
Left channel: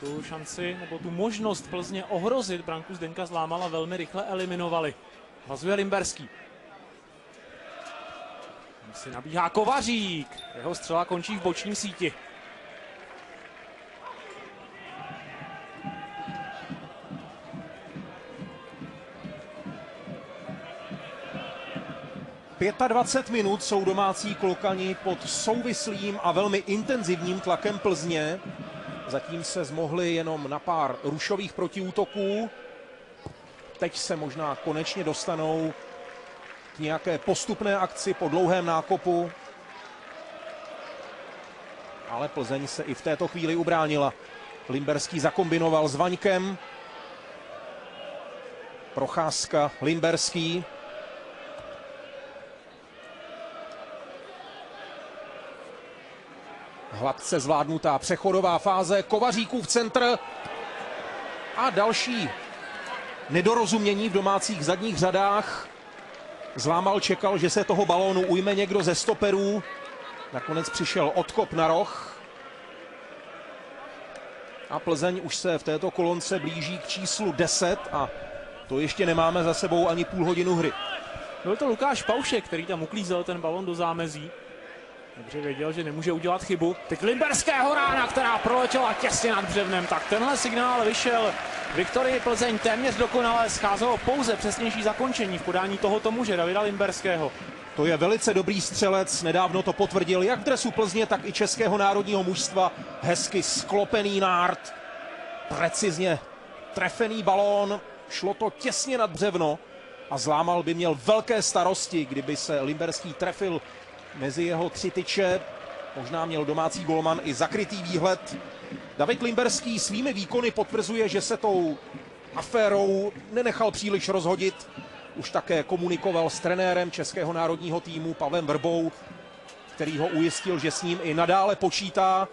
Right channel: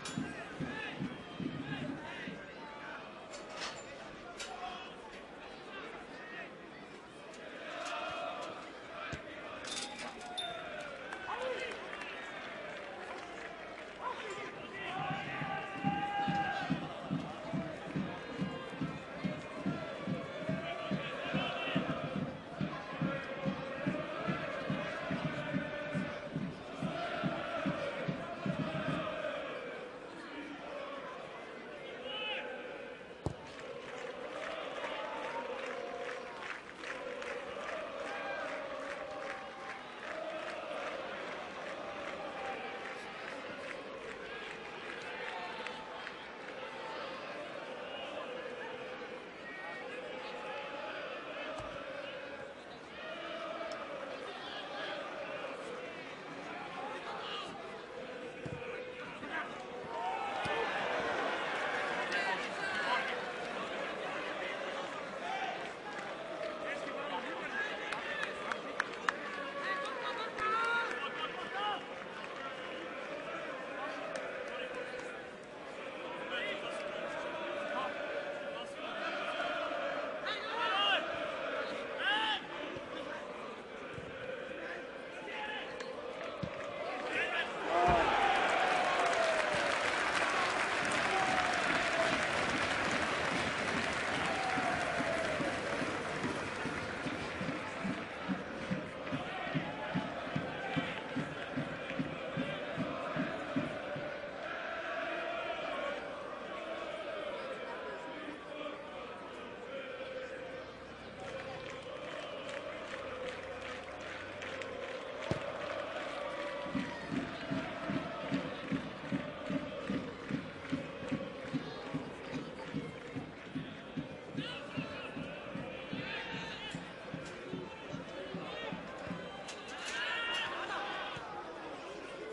tu šanci nebo tu možnost Plzně ohrozit branku Zdeňka Zlámala velmi rychle eliminovali. Hazuje Limberský. Si nabíhá Kovařík. Jeho střela končí v boční síti. A 25 minut jsou domácí Klokani pod souvislým a velmi intenzivním tlakem Plzně. Zatím se zmohli jenom na pár rušových protiútoků. Teď se možná konečně dostanou k nějaké postupné akci po dlouhém nákopu. Ale Plzeň se i v této chvíli ubránila. Limberský zakombinoval s Vaňkem. Procházka, Limberský. Hladce zvládnutá přechodová fáze, Kovaříkův centr a další nedorozumění v domácích zadních řadách. Zlámal čekal, že se toho balónu ujme někdo ze stoperů. Nakonec přišel odkop na roh. A Plzeň už se v této kolonce blíží k číslu 10 a to ještě nemáme za sebou ani půl hodinu hry. Byl to Lukáš Paušek, který tam uklízel ten balón do zámezí. Takže věděl, že nemůže udělat chybu. Teď Limberského rána, která proletěla těsně nad břevnem. Tak tenhle signál vyšel Viktorii Plzeň téměř dokonale. Scházelo pouze přesnější zakončení v podání tohoto muže, Davida Limberského. To je velice dobrý střelec, nedávno to potvrdil jak dresu Plzně, tak i českého národního mužstva. Hezky sklopený nárt, precizně trefený balón, šlo to těsně nad břevno a Zlámal by měl velké starosti, kdyby se Limberský trefil mezi jeho tři tyče. Možná měl domácí golman i zakrytý výhled. David Limberský svými výkony potvrzuje, že se tou aférou nenechal příliš rozhodit. Už také komunikoval s trenérem českého národního týmu Pavlem Vrbou, který ho ujistil, že s ním i nadále počítá.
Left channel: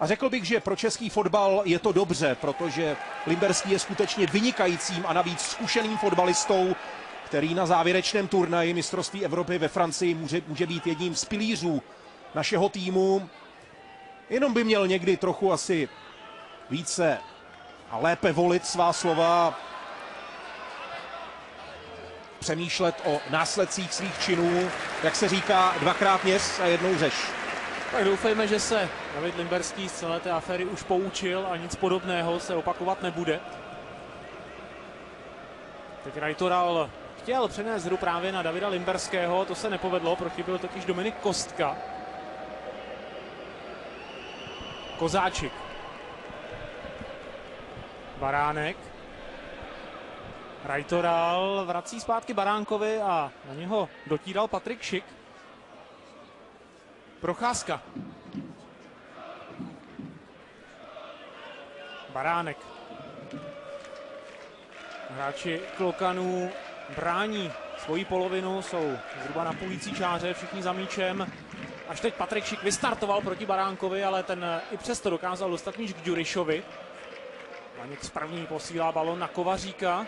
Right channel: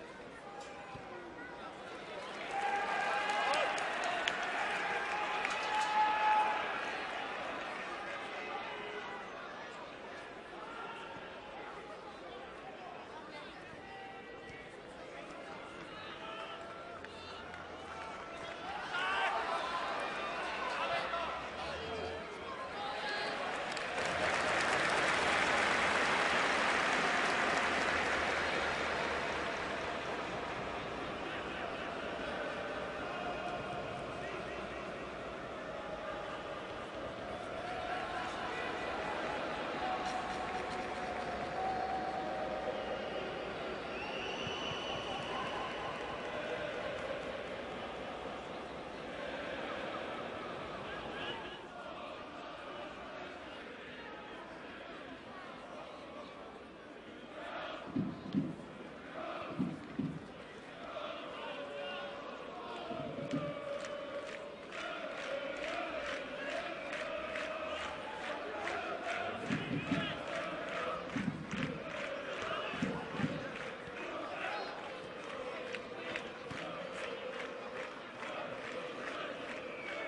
A řekl bych, že pro český fotbal je to dobře, protože Limberský je skutečně vynikajícím a navíc zkušeným fotbalistou, který na závěrečném turnaji mistrovství Evropy ve Francii může být jedním z pilířů našeho týmu. Jenom by měl někdy trochu asi více a lépe volit svá slova, přemýšlet o následcích svých činů, jak se říká, dvakrát měs a jednou řeš. Tak doufejme, že se David Limberský z celé té aféry už poučil a nic podobného se opakovat nebude. Teď Rajtoral chtěl přenést hru právě na Davida Limberského, to se nepovedlo, prochyběl totiž Dominik Kostka. Kozáčik. Baránek. Rajtoral vrací zpátky Baránkovi a na něho dotíral Patrik Šik. Procházka. Baránek. Hráči Klokanů brání svoji polovinu, jsou zhruba na půlící čáře, všichni za míčem. Až teď Patrik Šik vystartoval proti Baránkovi, ale ten i přesto dokázal dostat míč k Ďurišovi. Janik Správný posílá balon na Kovaříka.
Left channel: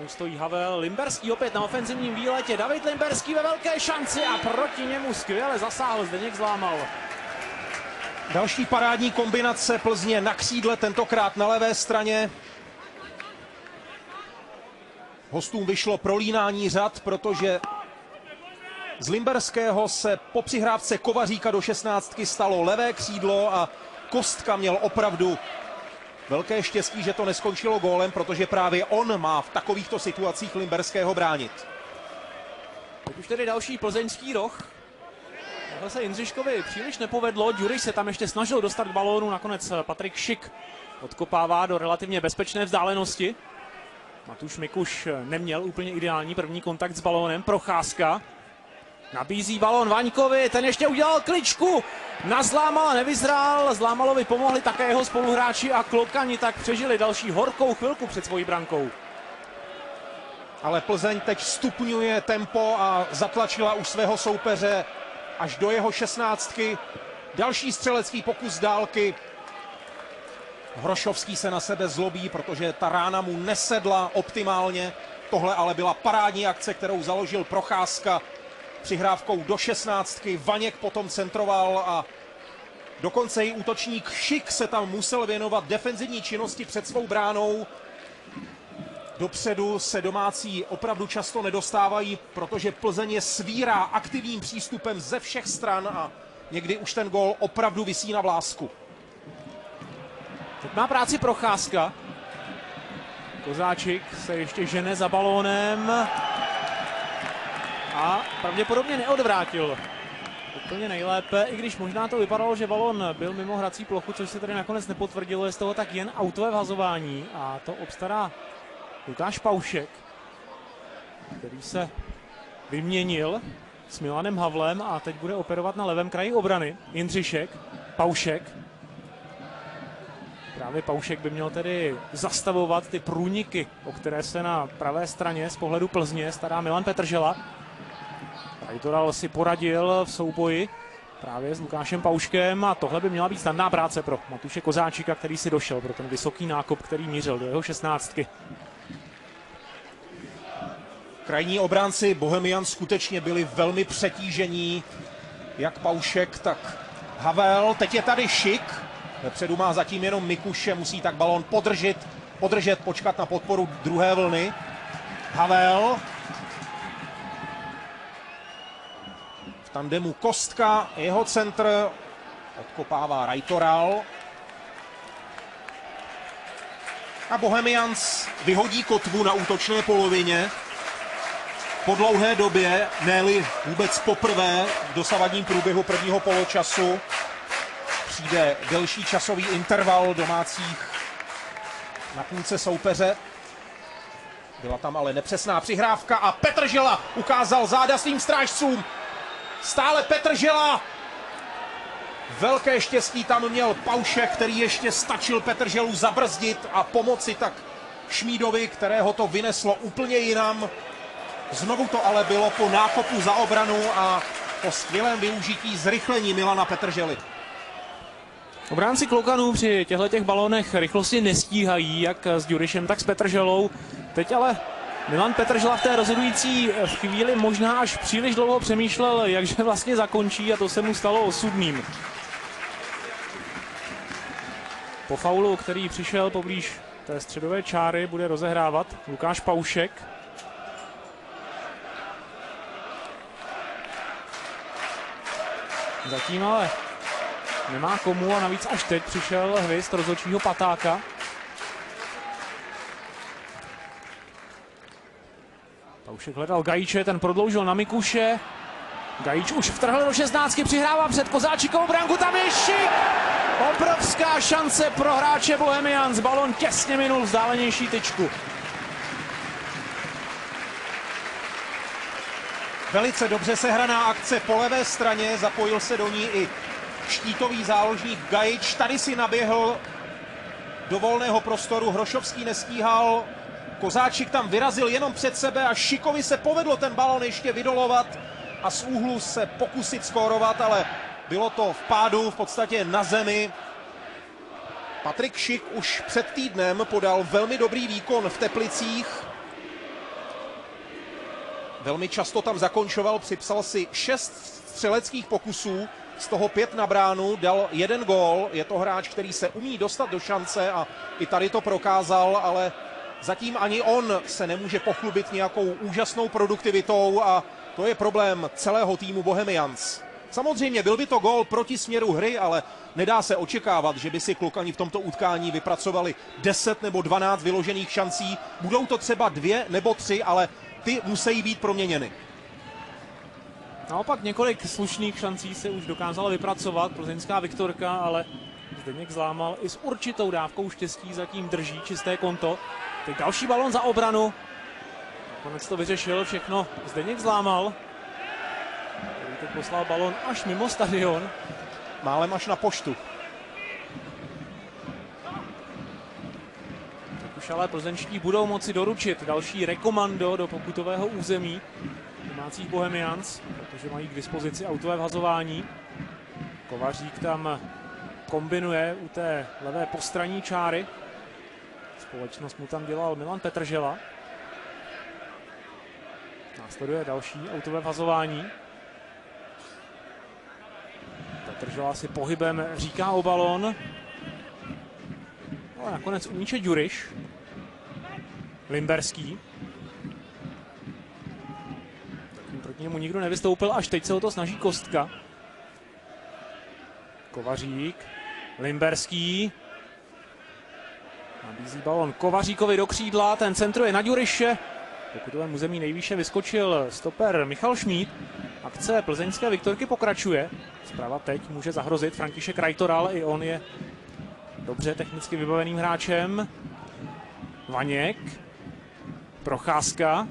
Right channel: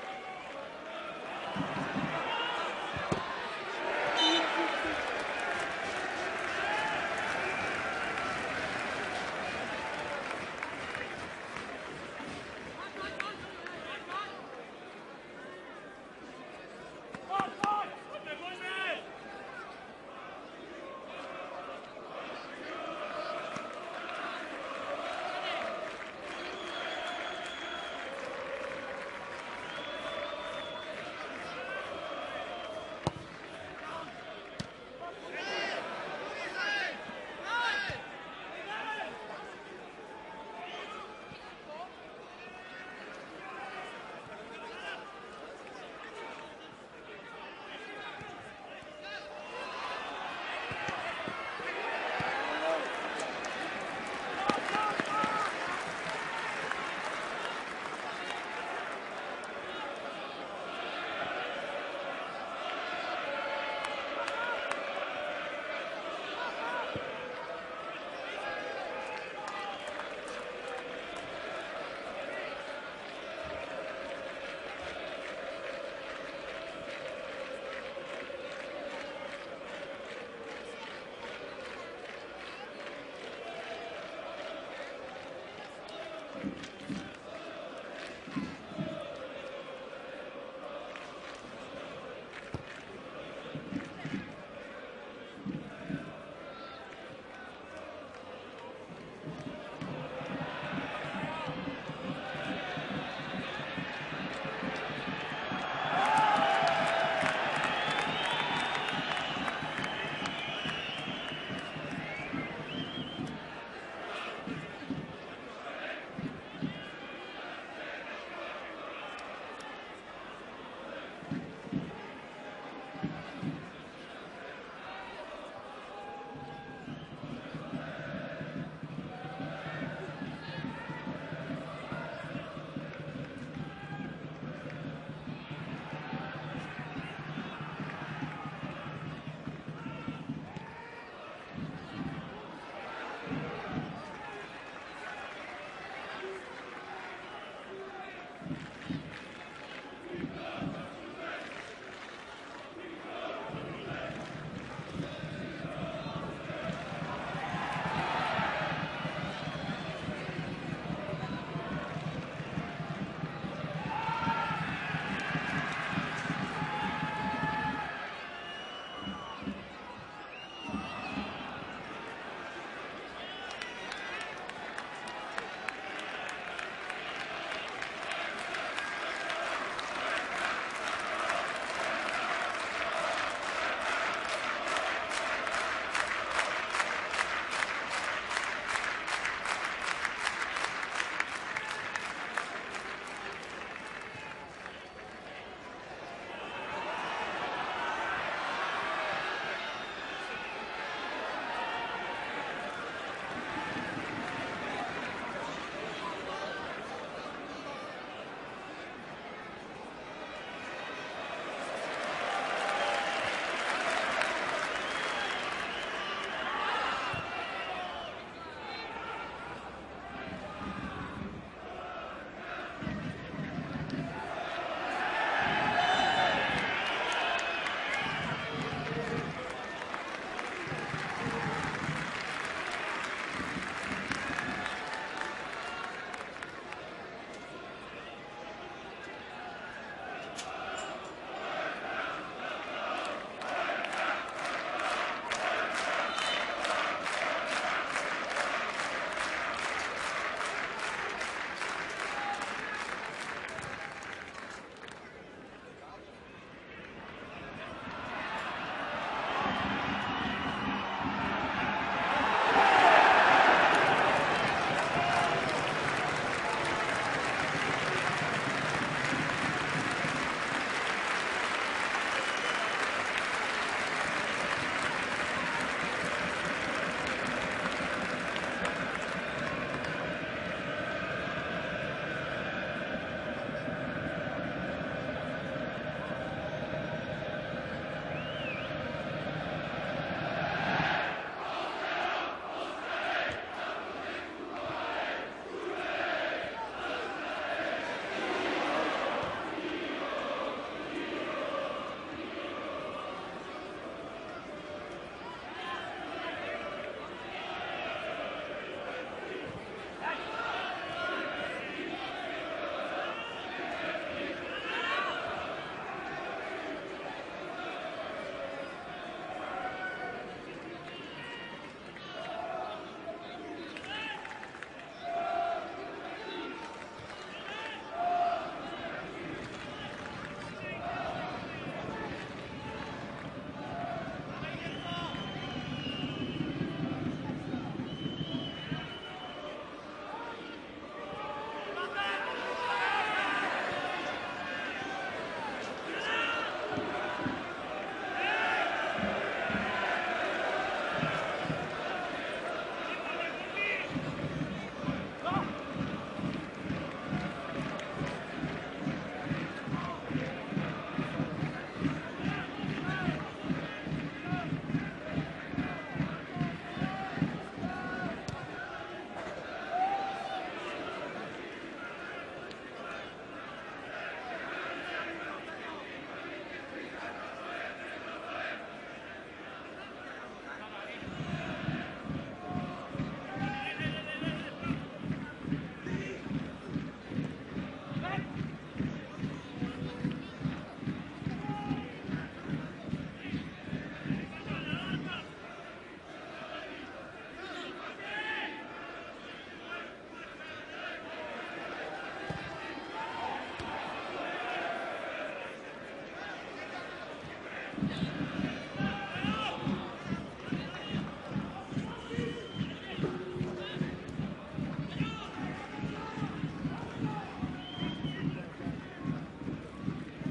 Teď stojí Havel, Limberský opět na ofenzivním výletě, David Limberský ve velké šanci a proti němu skvěle zasáhl, Zdeněk Zlámal. Další parádní kombinace Plzně na křídle, tentokrát na levé straně. Hostům vyšlo prolínání řad, protože z Limberského se po přihrávce Kovaříka do 16 stalo levé křídlo a Kostka měl opravdu velké štěstí, že to neskončilo gólem, protože právě on má v takovýchto situacích Limberského bránit. Už tedy další plzeňský roh. Ale se Jindřiškovi příliš nepovedlo, Ďuriš se tam ještě snažil dostat k balónu, nakonec Patrik Šik odkopává do relativně bezpečné vzdálenosti. Matuš Mikuš neměl úplně ideální první kontakt s balónem, Procházka. Nabízí balón Vaňkovi, ten ještě udělal kličku na Zlámala, nevyzrál, Zlámalovi pomohli také jeho spoluhráči a Klokani tak přežili další horkou chvilku před svojí brankou. Ale Plzeň teď stupňuje tempo a zatlačila už svého soupeře až do jeho 16. Další střelecký pokus z dálky. Hrošovský se na sebe zlobí, protože ta rána mu nesedla optimálně. Tohle ale byla parádní akce, kterou založil Procházka přihrávkou do 16. Vaněk potom centroval a dokonce i útočník Šik se tam musel věnovat defenzivní činnosti před svou bránou. Dopředu se domácí opravdu často nedostávají, protože Plzeň je svírá aktivním přístupem ze všech stran a někdy už ten gól opravdu visí na vlásku. Teď má práci Procházka. Kozáčik se ještě žene za balónem a pravděpodobně neodvrátil úplně nejlépe, i když možná to vypadalo, že balón byl mimo hrací plochu, což se tady nakonec nepotvrdilo, je z toho tak jen autové vhazování a to obstará Lukáš Paušek, který se vyměnil s Milanem Havlem a teď bude operovat na levém kraji obrany. Jindřišek, Paušek. Právě Paušek by měl tedy zastavovat ty průniky, o které se na pravé straně z pohledu Plzně stará Milan Petržela. Autoral si poradil v souboji právě s Lukášem Pauškem a tohle by měla být snadná práce pro Matuše Kozáčika, který si došel pro ten vysoký nákop, který mířil do jeho 16. Krajní obránci Bohemians skutečně byli velmi přetížení, jak Paušek, tak Havel. Teď je tady Šik, vepředu má zatím jenom Mikuše, musí tak balón podržet, počkat na podporu druhé vlny. Havel. V tandemu Kostka, jeho centr, odkopává Rajtoral. A Bohemians vyhodí kotvu na útočné polovině. Po dlouhé době, ne-li vůbec poprvé v dosavadním průběhu prvního poločasu, přijde delší časový interval domácích na půlce soupeře. Byla tam ale nepřesná přihrávka a Petržela ukázal záda svým strážcům. Stále Petržela. Velké štěstí tam měl Paušek, který ještě stačil Petrželu zabrzdit a pomoci tak Šmídovi, kterého to vyneslo úplně jinam. Znovu to ale bylo po nákopu za obranu a po skvělém využití zrychlení Milana Petržely. Obránci Klokanů při těchto balónech rychlosti nestíhají, jak s Ďurišem, tak s Petrželou. Teď ale Milan Petržela v té rozhodující chvíli možná až příliš dlouho přemýšlel, jakže vlastně zakončí, a to se mu stalo osudným. Po faulu, který přišel poblíž té středové čáry, bude rozehrávat Lukáš Paušek. Zatím ale nemá komu a navíc až teď přišel hvězd rozhodčího Patáka. Paušek hledal Gajíče, ten prodloužil na Mikuše. Gajíč už vtrhl do 16, přihrává před Kozáčikovou branku, tam je Šik! Obrovská šance pro hráče Bohemians, balon těsně minul vzdálenější tyčku. Velice dobře sehraná akce po levé straně, zapojil se do ní i štítový záložník Gajič. Tady si naběhl do volného prostoru, Hrošovský nestíhal, Kozáčik tam vyrazil jenom před sebe a Šikovi se povedlo ten balon ještě vydolovat a z úhlu se pokusit skórovat, ale bylo to v pádu, v podstatě na zemi. Patrik Šik už před týdnem podal velmi dobrý výkon v Teplicích. Velmi často tam zakončoval, připsal si 6 střeleckých pokusů, z toho 5 na bránu, dal 1 gól. Je to hráč, který se umí dostat do šance a i tady to prokázal, ale zatím ani on se nemůže pochlubit nějakou úžasnou produktivitou a to je problém celého týmu Bohemians. Samozřejmě byl by to gól proti směru hry, ale nedá se očekávat, že by si klukani v tomto utkání vypracovali 10 nebo 12 vyložených šancí. Budou to třeba 2 nebo 3, ale ty musí být proměněny. Naopak několik slušných šancí se už dokázala vypracovat plzeňská Viktorka, ale Zdeněk Zlámal i s určitou dávkou štěstí zatím drží čisté konto. Teď další balon za obranu. Konec to vyřešil všechno Zdeněk Zlámal. Teď poslal balon až mimo stadion. Málem až na poštu. Už ale plzeňští budou moci doručit další rekomando do pokutového území domácích Bohemians, že mají k dispozici autové vhazování. Kovařík tam kombinuje u té levé postranní čáry. Společnost mu tam dělal Milan Petržela. Následuje další autové vhazování. Petržela si pohybem říká o balón. A nakonec uníče Ďuriš. Limberský. Proti němu nikdo nevystoupil, až teď se o to snaží Kostka. Kovařík. Limberský. Nabízí balon Kovaříkovi do křídla, ten centruje na Ďuriše. V pokutovém území nejvýše vyskočil stoper Michal Šmíd. Akce plzeňské Viktorky pokračuje. Zprava teď může zahrozit František Rajtoral, i on je dobře technicky vybaveným hráčem. Vaněk. Procházka.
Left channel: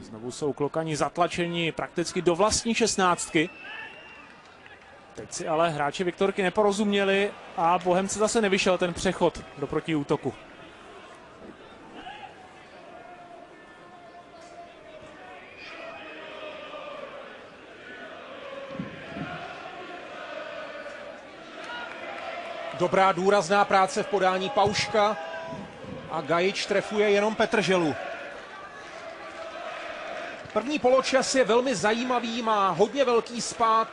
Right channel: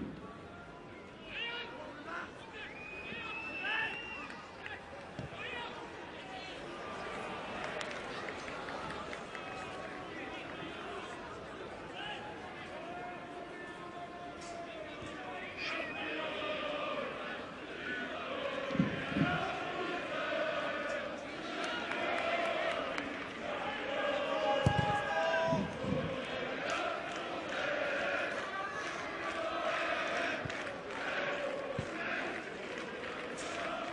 Znovu jsou klokani zatlačeni prakticky do vlastní 16. Teď si ale hráči Viktorky neporozuměli a Bohemce zase nevyšel ten přechod do protiútoku. Dobrá důrazná práce v podání Pauška a Gajič trefuje jenom Petrželu. První poločas je velmi zajímavý, má hodně velký spád.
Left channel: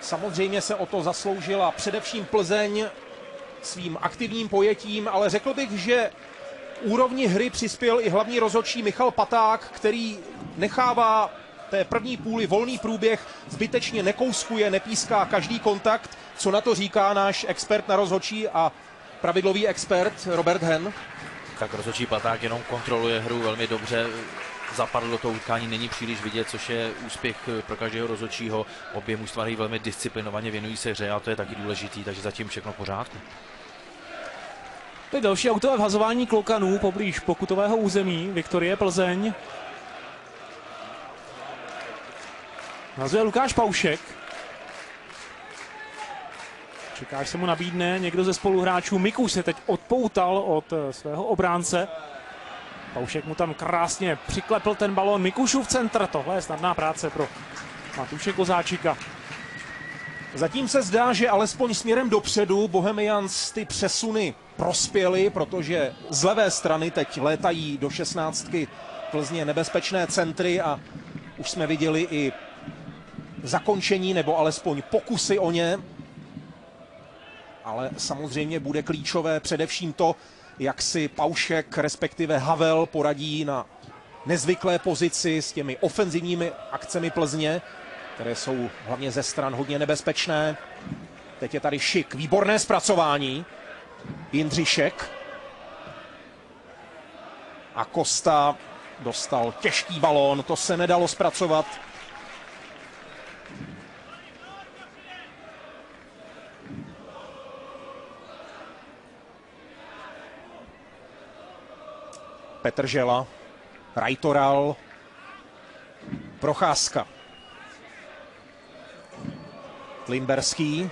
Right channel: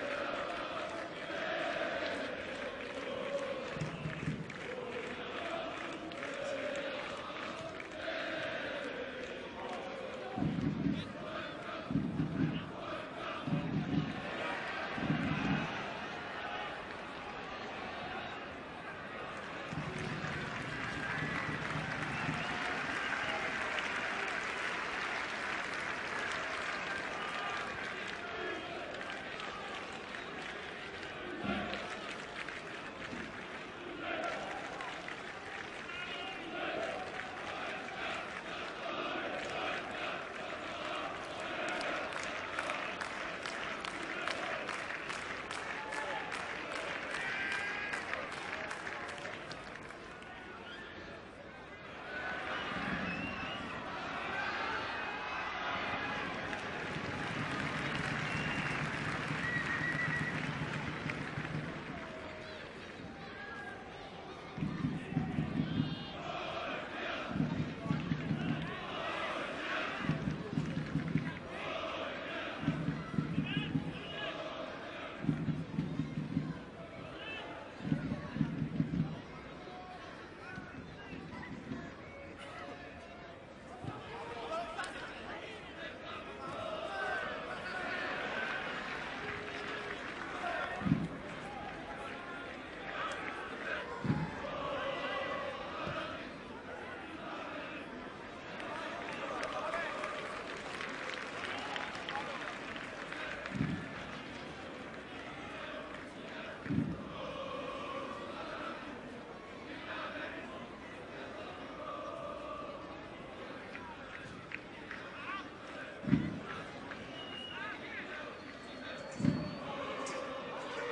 Samozřejmě se o to zasloužila především Plzeň svým aktivním pojetím, ale řekl bych, že úrovni hry přispěl i hlavní rozhodčí Michal Paták, který nechává té první půli volný průběh, zbytečně nekouskuje, nepíská každý kontakt. Co na to říká náš expert na rozhodčí a pravidlový expert Robert Hen? Tak rozhodčí Paták jenom kontroluje hru velmi dobře. Zapadl do toho utkání, není příliš vidět, což je úspěch pro každého rozhodčího. Obě mužstva hrají velmi disciplinovaně, věnují se hře a to je taky důležitý, takže zatím všechno v pořádku. Teď další autové vhazování klokanů poblíž pokutového území Viktorie Plzeň. Nazuje Lukáš Paušek. Čeká, až se mu nabídne někdo ze spoluhráčů. Mikuš se teď odpoutal od svého obránce. Paušek mu tam krásně přiklepl ten balón. Mikušův centr, tohle je snadná práce pro Matuše Kozáčika. Zatím se zdá, že alespoň směrem dopředu Bohemians ty přesuny prospěly, protože z levé strany teď létají do 16 Plzně nebezpečné centry a už jsme viděli i zakončení nebo alespoň pokusy o ně. Ale samozřejmě bude klíčové především to, jak si Paušek, respektive Havel, poradí na nezvyklé pozici s těmi ofenzivními akcemi Plzně, které jsou hlavně ze stran hodně nebezpečné. Teď je tady Šik, výborné zpracování. Jindřišek. A Kosta dostal těžký balón, to se nedalo zpracovat. Petržela, Rajtoral, Procházka. Limberský.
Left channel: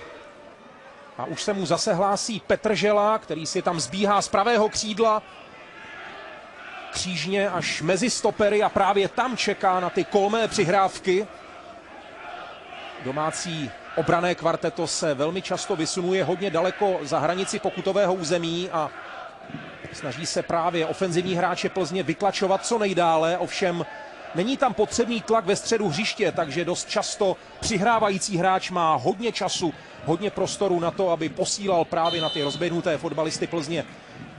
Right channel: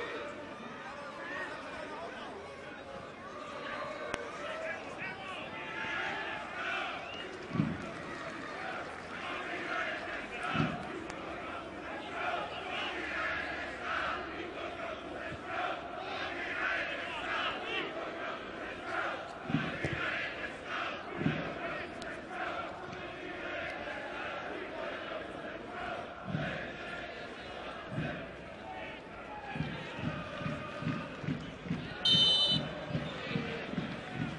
A už se mu zase hlásí Petržela, který si tam zbíhá z pravého křídla. křížně až mezi stopery a právě tam čeká na ty kolmé přihrávky. Domácí obranné kvarteto se velmi často vysunuje hodně daleko za hranici pokutového území a snaží se právě ofenzivní hráče Plzně vytlačovat co nejdále, ovšem není tam potřebný tlak ve středu hřiště, takže dost často přihrávající hráč má hodně času, hodně prostoru na to, aby posílal právě na ty rozběhnuté fotbalisty Plzně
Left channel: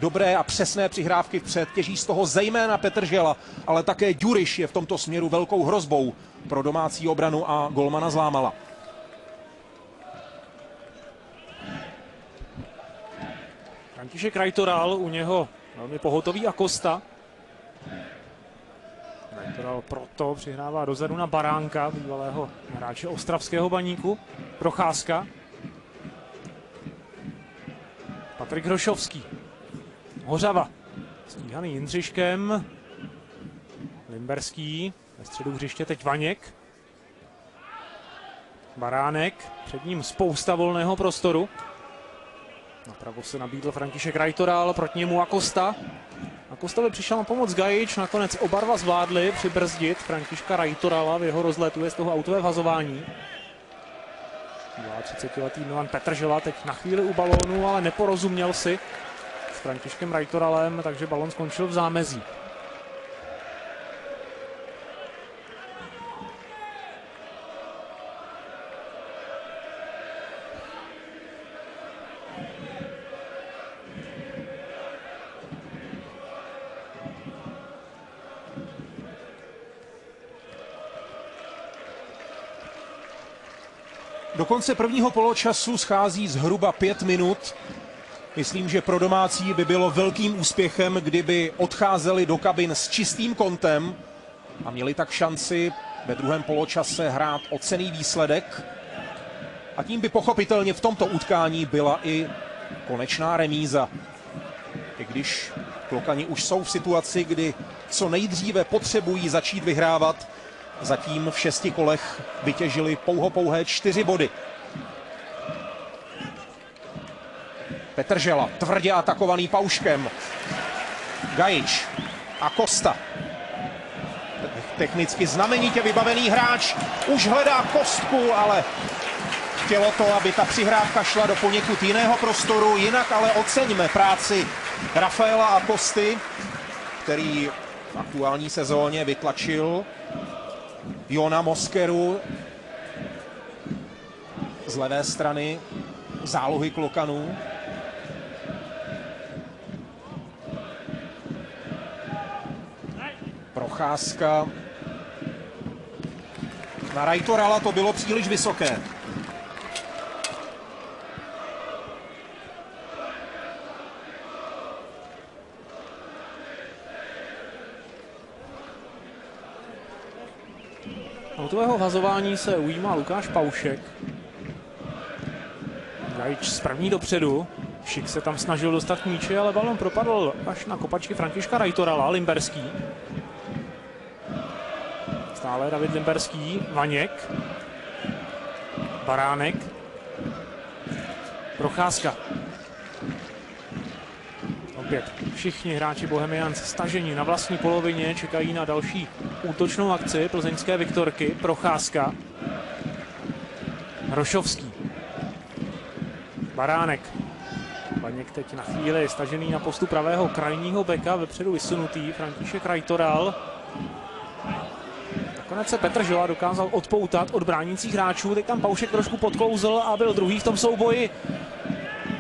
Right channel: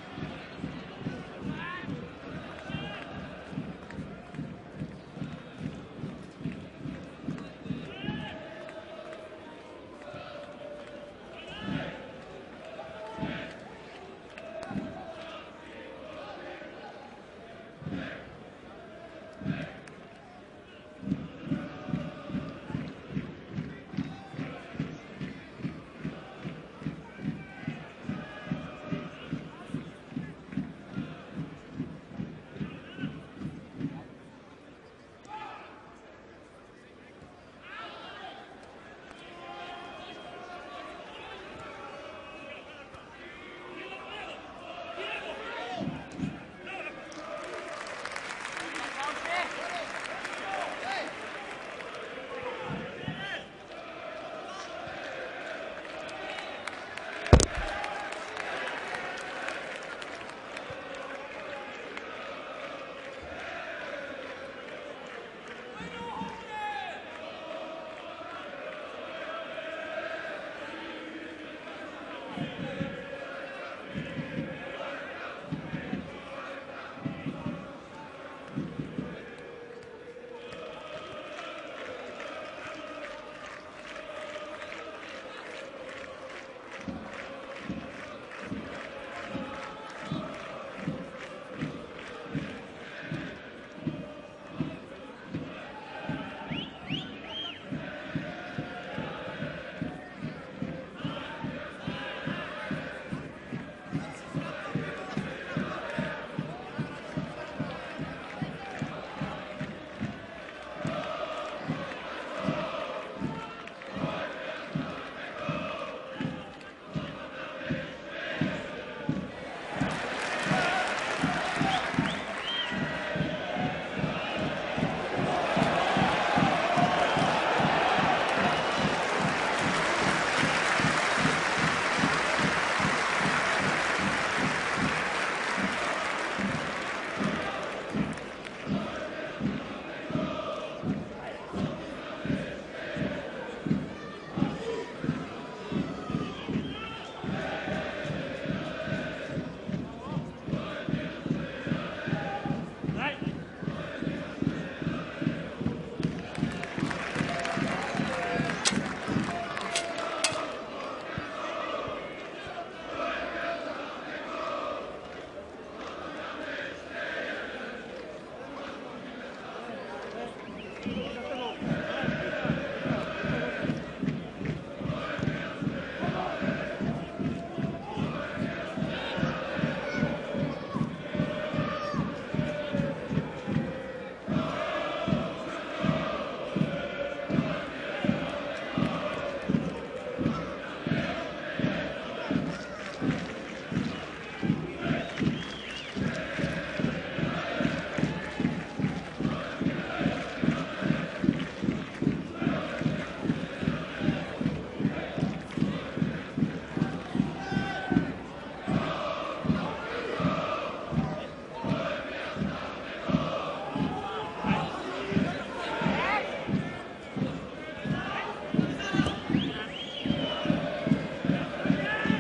dobré a přesné přihrávky vpřed. Těží z toho zejména Petržela, ale také Ďuriš je v tomto směru velkou hrozbou pro domácí obranu a golmana Zlámala. František Rajtoral, u něho velmi pohotový Acosta. Rajtoral proto přihrává dozadu na Baránka, bývalého hráče ostravského Baníku. Procházka. Patrik Hrošovský. Hořava. Stíhaný Jindřiškem. Limberský. Ve středu hřiště teď Vaněk. Baránek. Před ním spousta volného prostoru. Napravo se nabídl František Rajtoral, proti němu Acosta. Acostovi přišel na pomoc Gajič, nakonec oba dva zvládli přibrzdit Františka Rajtorala v jeho rozletu z toho autové vhazování. 30letý Milan Petržela teď na chvíli u balónu, ale neporozuměl si s Františkem Rajtoralem, takže balón skončil v zámezí. Do konce prvního poločasu schází zhruba 5 minut. Myslím, že pro domácí by bylo velkým úspěchem, kdyby odcházeli do kabin s čistým kontem a měli tak šanci ve druhém poločase hrát o cenný výsledek. A tím by pochopitelně v tomto utkání byla i konečná remíza. I když Klokani už jsou v situaci, kdy co nejdříve potřebují začít vyhrávat, zatím v 6 kolech vytěžili pouhé 4 body. Petržela tvrdě atakovaný Pauškem. Gajič a Costa. Technicky znamenitě vybavený hráč. Už hledá kostku, ale chtělo to, aby ta přihrávka šla do poněkud jiného prostoru. Jinak ale oceňme práci Rafaela Acosty, který v aktuální sezóně vytlačil Jona Moskeru z levé strany zálohy Klokanů. Procházka. Na Rajtorala to bylo příliš vysoké. Autového vazování se ujímá Lukáš Paušek. Gajič z první dopředu. Šik se tam snažil dostat k míči, ale balon propadl až na kopačky Františka Rajtorala. Limberský. Stále David Limberský. Vaněk. Baránek. Procházka. Opět všichni hráči Bohemians stažení na vlastní polovině, čekají na další útočnou akci plzeňské Viktorky. Procházka. Hrošovský. Baránek. Vaněk teď na chvíli stažený na postu pravého krajního beka, vepředu vysunutý František Rajtoral. Nakonec se Petržela dokázal odpoutat od bránících hráčů, teď tam Paušek trošku podkouzl a byl druhý v tom souboji.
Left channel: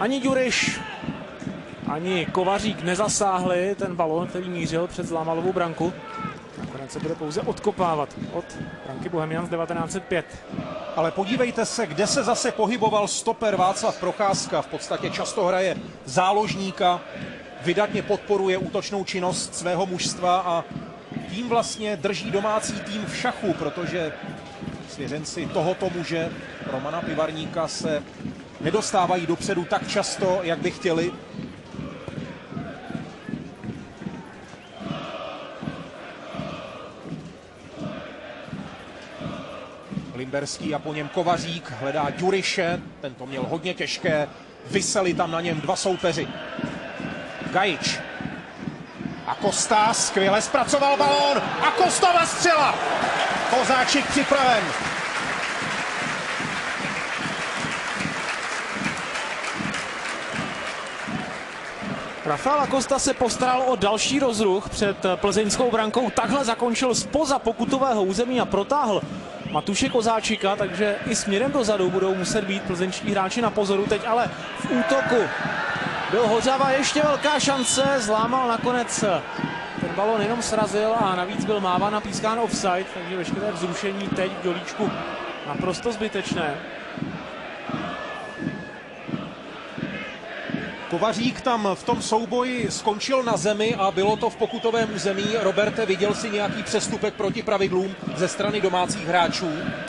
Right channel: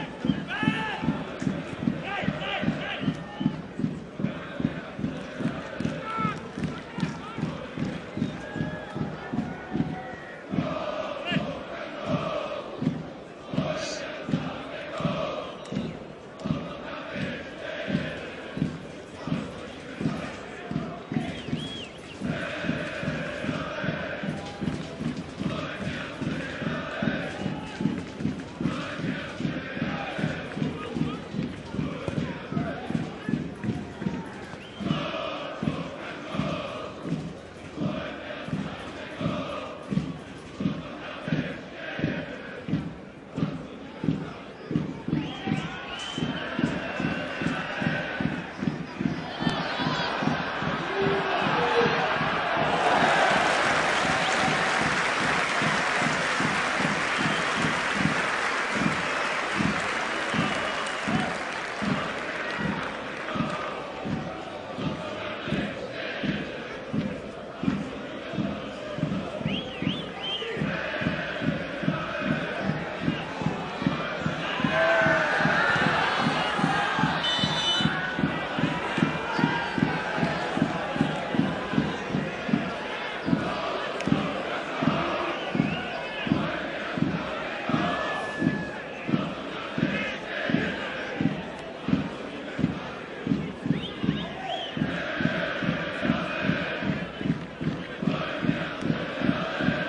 Ani Ďuriš, ani Kovařík nezasáhli ten balón, který mířil před Zlámalovou branku. Nakonec se bude pouze odkopávat od branky Bohemians 1905. Ale podívejte se, kde se zase pohyboval stoper Václav Procházka. V podstatě často hraje záložníka, vydatně podporuje útočnou činnost svého mužstva a tím vlastně drží domácí tým v šachu, protože svěřenci tohoto muže, Romana Pivarníka, se nedostávají dopředu tak často, jak by chtěli. Limberský a po něm Kovařík hledá Ďuriše, ten to měl hodně těžké, viseli tam na něm dva soupeři. Gajič a Costa skvěle zpracoval balón a Costova střela. Kozáčik připraven. Rafael Acosta se postaral o další rozruch před plzeňskou brankou. Takhle zakončil spoza pokutového území a protáhl Matuše Kozáčika, takže i směrem dozadu budou muset být plzeňští hráči na pozoru. Teď ale v útoku byl Hořava, ještě velká šance, zlámal nakonec. Ten balon jenom srazil a navíc byl máván a pískán offside, takže veškeré vzrušení teď do líčku naprosto zbytečné. Kovařík tam v tom souboji skončil na zemi a bylo to v pokutovém území. Roberte, viděl si nějaký přestupek proti pravidlům ze strany domácích hráčů?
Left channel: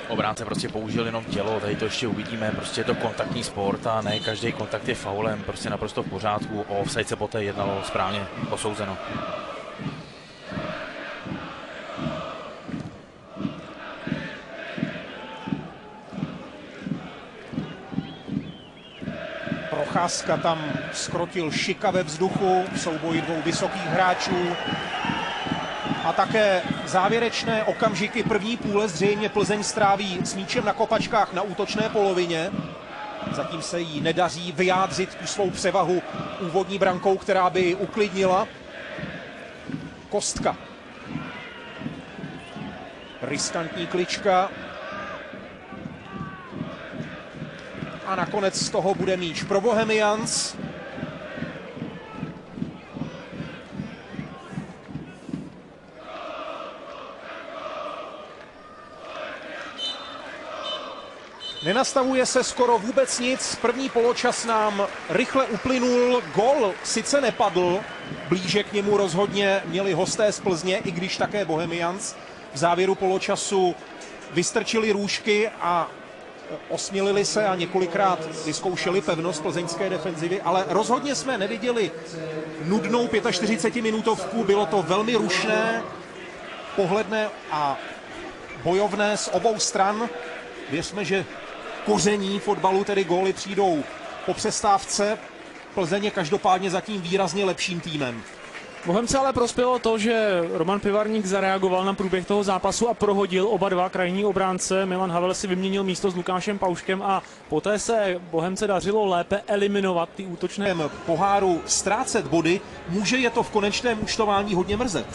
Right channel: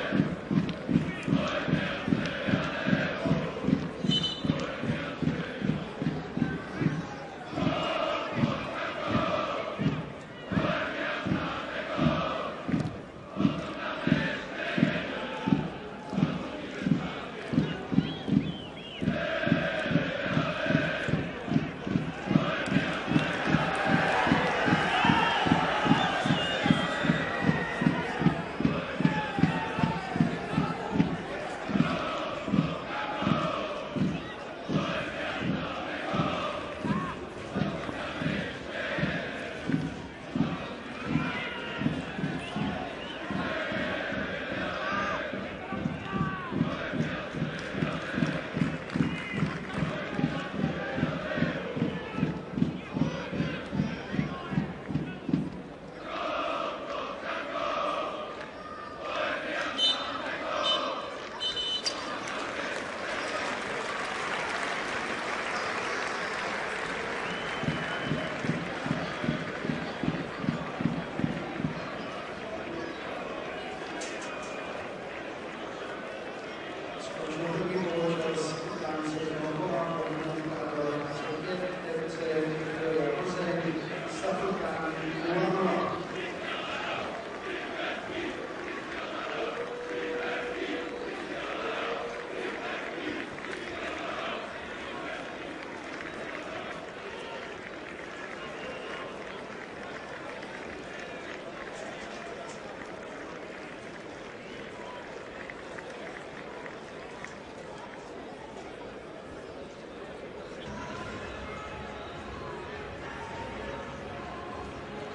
Obránce prostě použil jenom tělo, tady to ještě uvidíme, prostě je to kontaktní sport a ne každý kontakt je faulem, prostě naprosto v pořádku, o offside se poté jednalo, správně posouzeno. Procházka tam skrotil Šika ve vzduchu, souboj dvou vysokých hráčů. A také závěrečné okamžiky první půle zřejmě Plzeň stráví s míčem na kopačkách na útočné polovině. Zatím se jí nedaří vyjádřit tu svou převahu úvodní brankou, která by ji uklidnila. Kostka. Riskantní klička. A nakonec z toho bude míč pro Bohemians. Nenastavuje se skoro vůbec nic. První poločas nám rychle uplynul. Gól sice nepadl, blíže k němu rozhodně měli hosté z Plzně, i když také Bohemians. V závěru poločasu vystrčili růžky a osmělili se a několikrát vyzkoušeli pevnost plzeňské defenzivy, ale rozhodně jsme neviděli nudnou 45-minutovku. Bylo to velmi rušné, pohledné a bojovné z obou stran. Věřme, že koření fotbalu, tedy góly, přijdou po přestávce. Plzeň je každopádně zatím výrazně lepším týmem. Bohemce ale prospělo to, že Roman Pivarník zareagoval na průběh toho zápasu a prohodil oba dva krajní obránce. Milan Havel si vyměnil místo s Lukášem Pauškem a poté se Bohemce dařilo lépe eliminovat ty útočné. Poháru ztrácet body, může je to v konečném účtování hodně mrzet.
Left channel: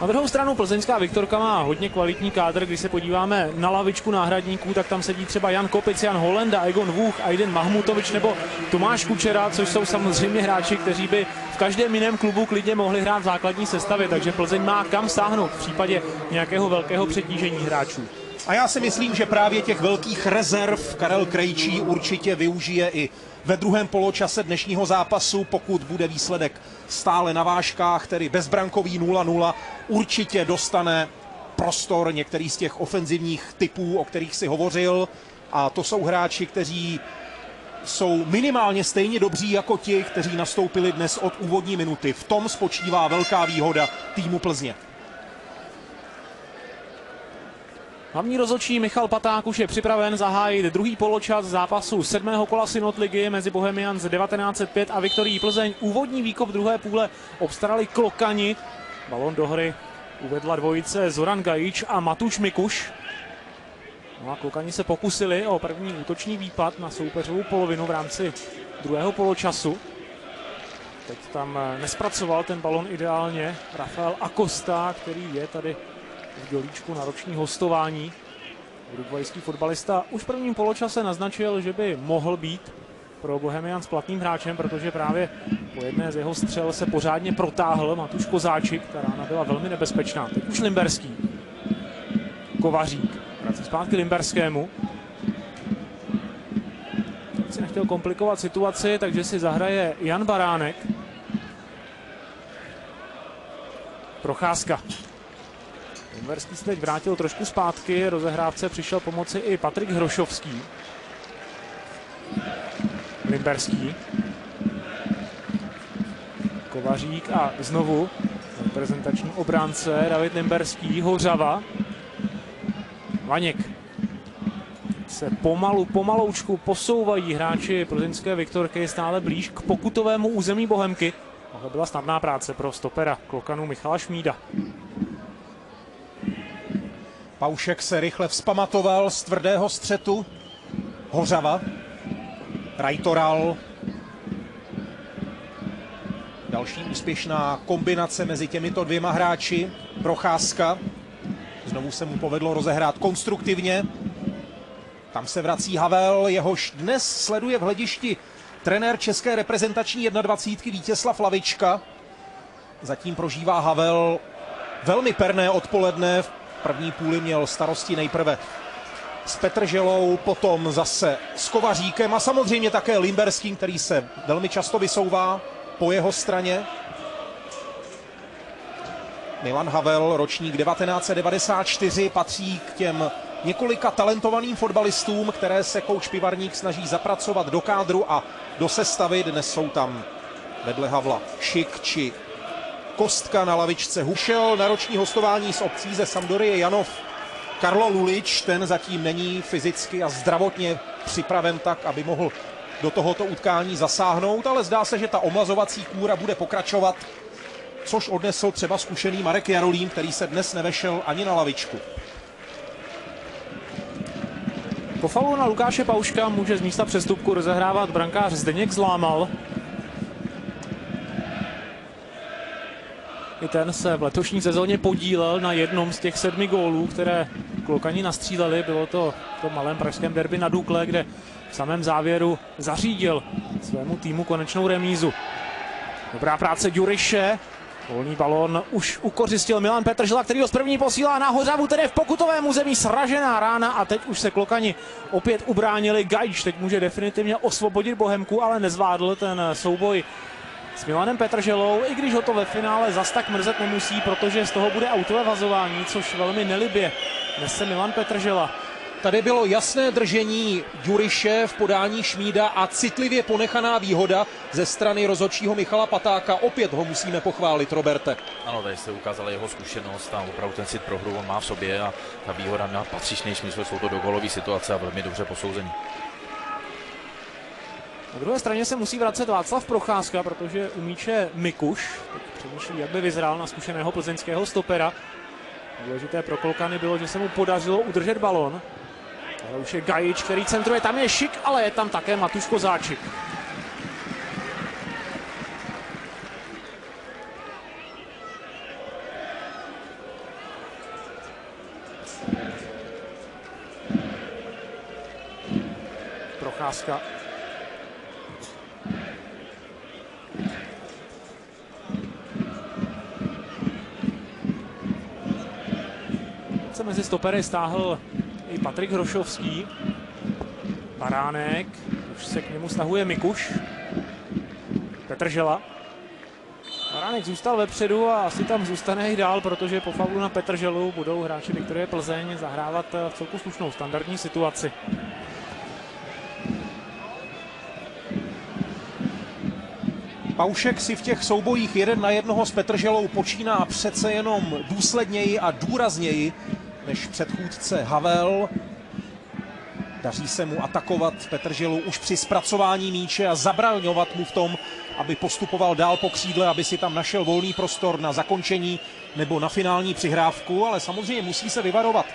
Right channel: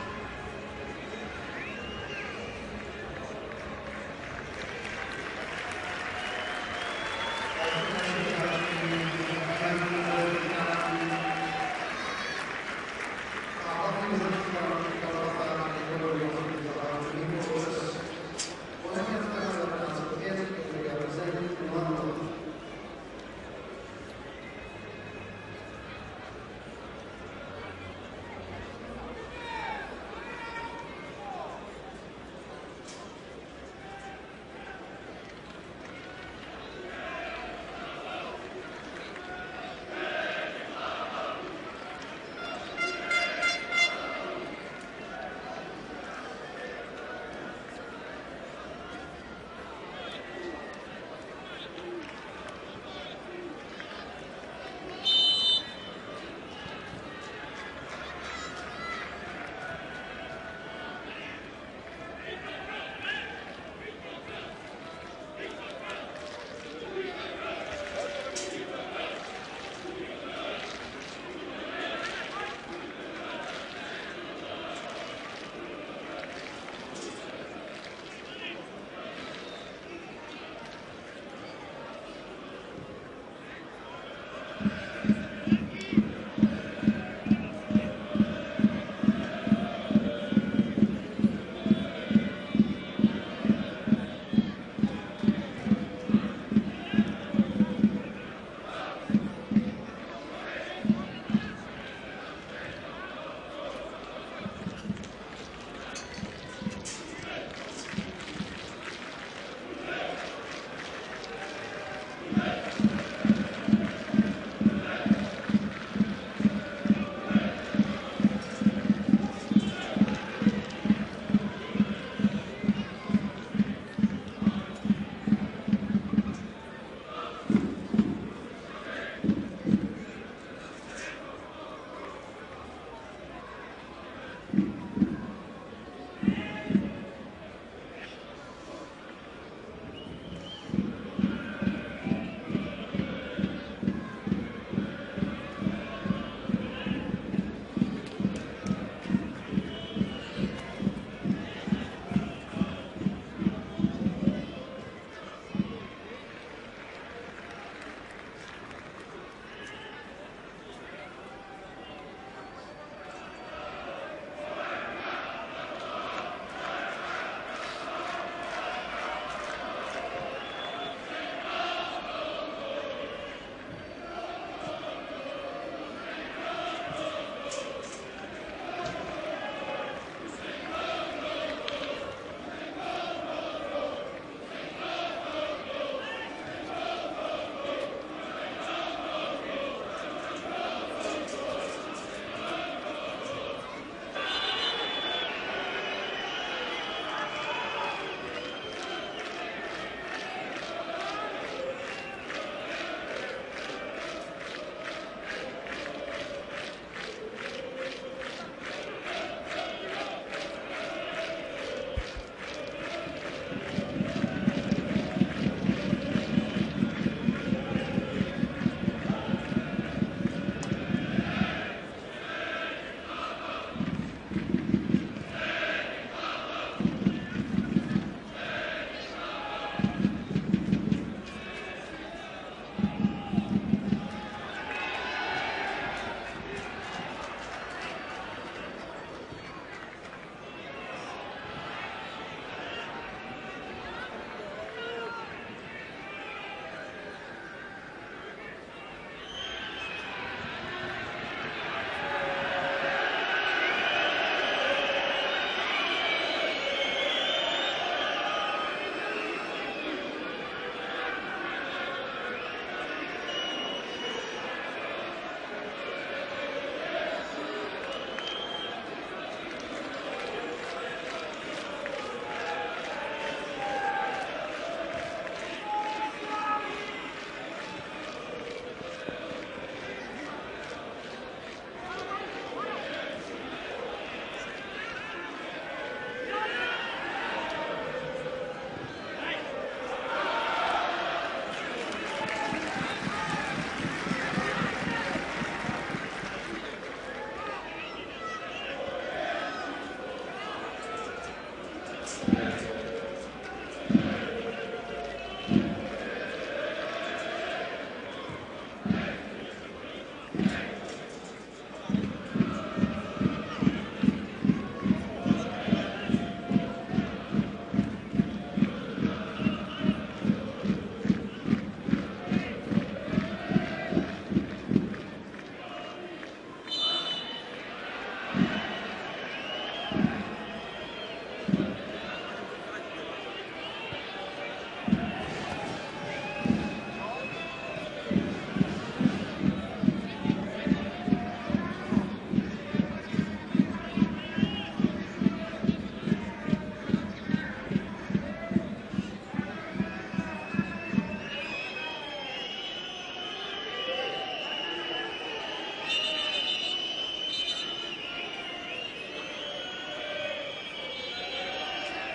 Na druhou stranu plzeňská Viktorka má hodně kvalitní kádr. Když se podíváme na lavičku náhradníků, tak tam sedí třeba Jan Kopic, Jan Holenda, Egon Vůch, Aiden Mahmutovič nebo Tomáš Kučera, což jsou samozřejmě hráči, kteří by v každém jiném klubu klidně mohli hrát v základní sestavě, takže Plzeň má kam sáhnout v případě nějakého velkého přetížení hráčů. A já si myslím, že právě těch velkých rezerv Karel Krejčí určitě využije i ve druhém poločase dnešního zápasu, pokud bude výsledek stále na vážkách, tedy bezbrankový 0-0, určitě dostane prostor některý z těch ofenzivních typů, o kterých si hovořil. A to jsou hráči, kteří jsou minimálně stejně dobří jako ti, kteří nastoupili dnes od úvodní minuty. V tom spočívá velká výhoda týmu Plzně. Hlavní rozhodčí Michal Paták už je připraven zahájit druhý poločas zápasu 7. kola Synod ligy mezi Bohemians 1905 a Viktorií Plzeň. Úvodní výkop druhé půle obstarali Klokani. Balon do hry uvedla dvojice Zoran Gajič a Matuš Mikuš. No a Klokani se pokusili o první útoční výpad na soupeřovou polovinu v rámci druhého poločasu. Teď tam nespracoval ten balon ideálně Rafael Acosta, který je tady v dělíčku na roční hostování. Uruguayský fotbalista už v prvním poločase naznačil, že by mohl být pro Bohemians platným hráčem, protože právě po jedné z jeho střel se pořádně protáhl Matuš Kozáčik, která byla velmi nebezpečná. Už Limberský. Kovařík. Zpátky Limberskému. Teď se chtěl komplikovat situaci, takže si zahraje Jan Baránek. Procházka. Limberský se teď vrátil trošku zpátky, rozehrávce přišel pomoci i Patrik Hrošovský. Limberský. Kovařík a znovu reprezentační obránce David Limberský, Hořava. Vaněk. Se pomaloučku posouvají hráči plzeňské Viktorky stále blíž k pokutovému území Bohemky. byla snadná práce pro stopera Klokanu Michala Šmída. Paušek se rychle vzpamatoval z tvrdého střetu. Hořava. Rajtoral. Další úspěšná kombinace mezi těmito dvěma hráči. Procházka. Znovu se mu povedlo rozehrát konstruktivně. Tam se vrací Havel, jehož dnes sleduje v hledišti trenér české reprezentační 21 Vítězslav Lavička. Zatím prožívá Havel velmi perné odpoledne. V první půli měl starosti nejprve s Petrželou, potom zase s Kovaříkem a samozřejmě také Limberským, který se velmi často vysouvá po jeho straně. Milan Havel, ročník 1994, patří k těm několika talentovaným fotbalistům, které se kouč Pivarník snaží zapracovat do kádru a do sestavy. Dnes jsou tam vedle Havla Šik či Kostka na lavičce. Hušel na roční hostování z obcí ze Sampdorie Janov. Karlo Lulič, ten zatím není fyzicky a zdravotně připraven tak, aby mohl do tohoto utkání zasáhnout, ale zdá se, že ta omlazovací kůra bude pokračovat, což odnesl třeba zkušený Marek Jarolím, který se dnes nevešel ani na lavičku. Po faulu na Lukáše Pauška může z místa přestupku rozehrávat brankář Zdeněk Zlámal. I ten se v letošní sezóně podílel na jednom z těch 7 gólů, které Klokani nastříleli. Bylo to v tom malém pražském derby na Dukle, kde v samém závěru zařídil svému týmu konečnou remízu. Dobrá práce Ďuriše. Volný balón už ukořistil Milan Petržela, který ho z první posílá na Hořavu, tedy v pokutovém území sražená rána a teď už se Klokani opět ubránili. Gajč teď může definitivně osvobodit Bohemku, ale nezvládl ten souboj s Milanem Petrželou, i když ho to ve finále zas tak mrzet nemusí, protože z toho bude autové vazování, což velmi nelibě nese Milan Petržela. Tady bylo jasné držení Ďuriše v podání Šmída a citlivě ponechaná výhoda ze strany rozhodčího Michala Patáka. Opět ho musíme pochválit, Roberte. Ano, tady se ukázala jeho zkušenost a opravdu ten cit pro hru má v sobě a ta výhoda na patřičný smysl, jsou to dogolové situace a velmi dobře posouzení. Na druhé straně se musí vracet Václav Procházka, protože u míče Mikuš, jak by vyzrál na zkušeného plzeňského stopera. Důležité pro Klokany bylo, že se mu podařilo udržet balon. Už je Gajič, který centruje, tam je Šik, ale je tam také Matuš Kozáčik. Procházka. Se mezi stopery stáhl i Patrik Hrošovský. Baránek, už se k němu stahuje Mikuš. Petržela. Baránek zůstal vepředu a asi tam zůstane i dál, protože po faulu na Petrželu budou hráči Viktorie Plzeň zahrávat v celku slušnou standardní situaci. Paušek si v těch soubojích 1 na 1 s Petrželou počíná přece jenom důsledněji a důrazněji než předchůdce Havel. Daří se mu atakovat Petrželu už při zpracování míče a zabraňovat mu v tom, aby postupoval dál po křídle, aby si tam našel volný prostor na zakončení nebo na finální přihrávku, ale samozřejmě musí se vyvarovat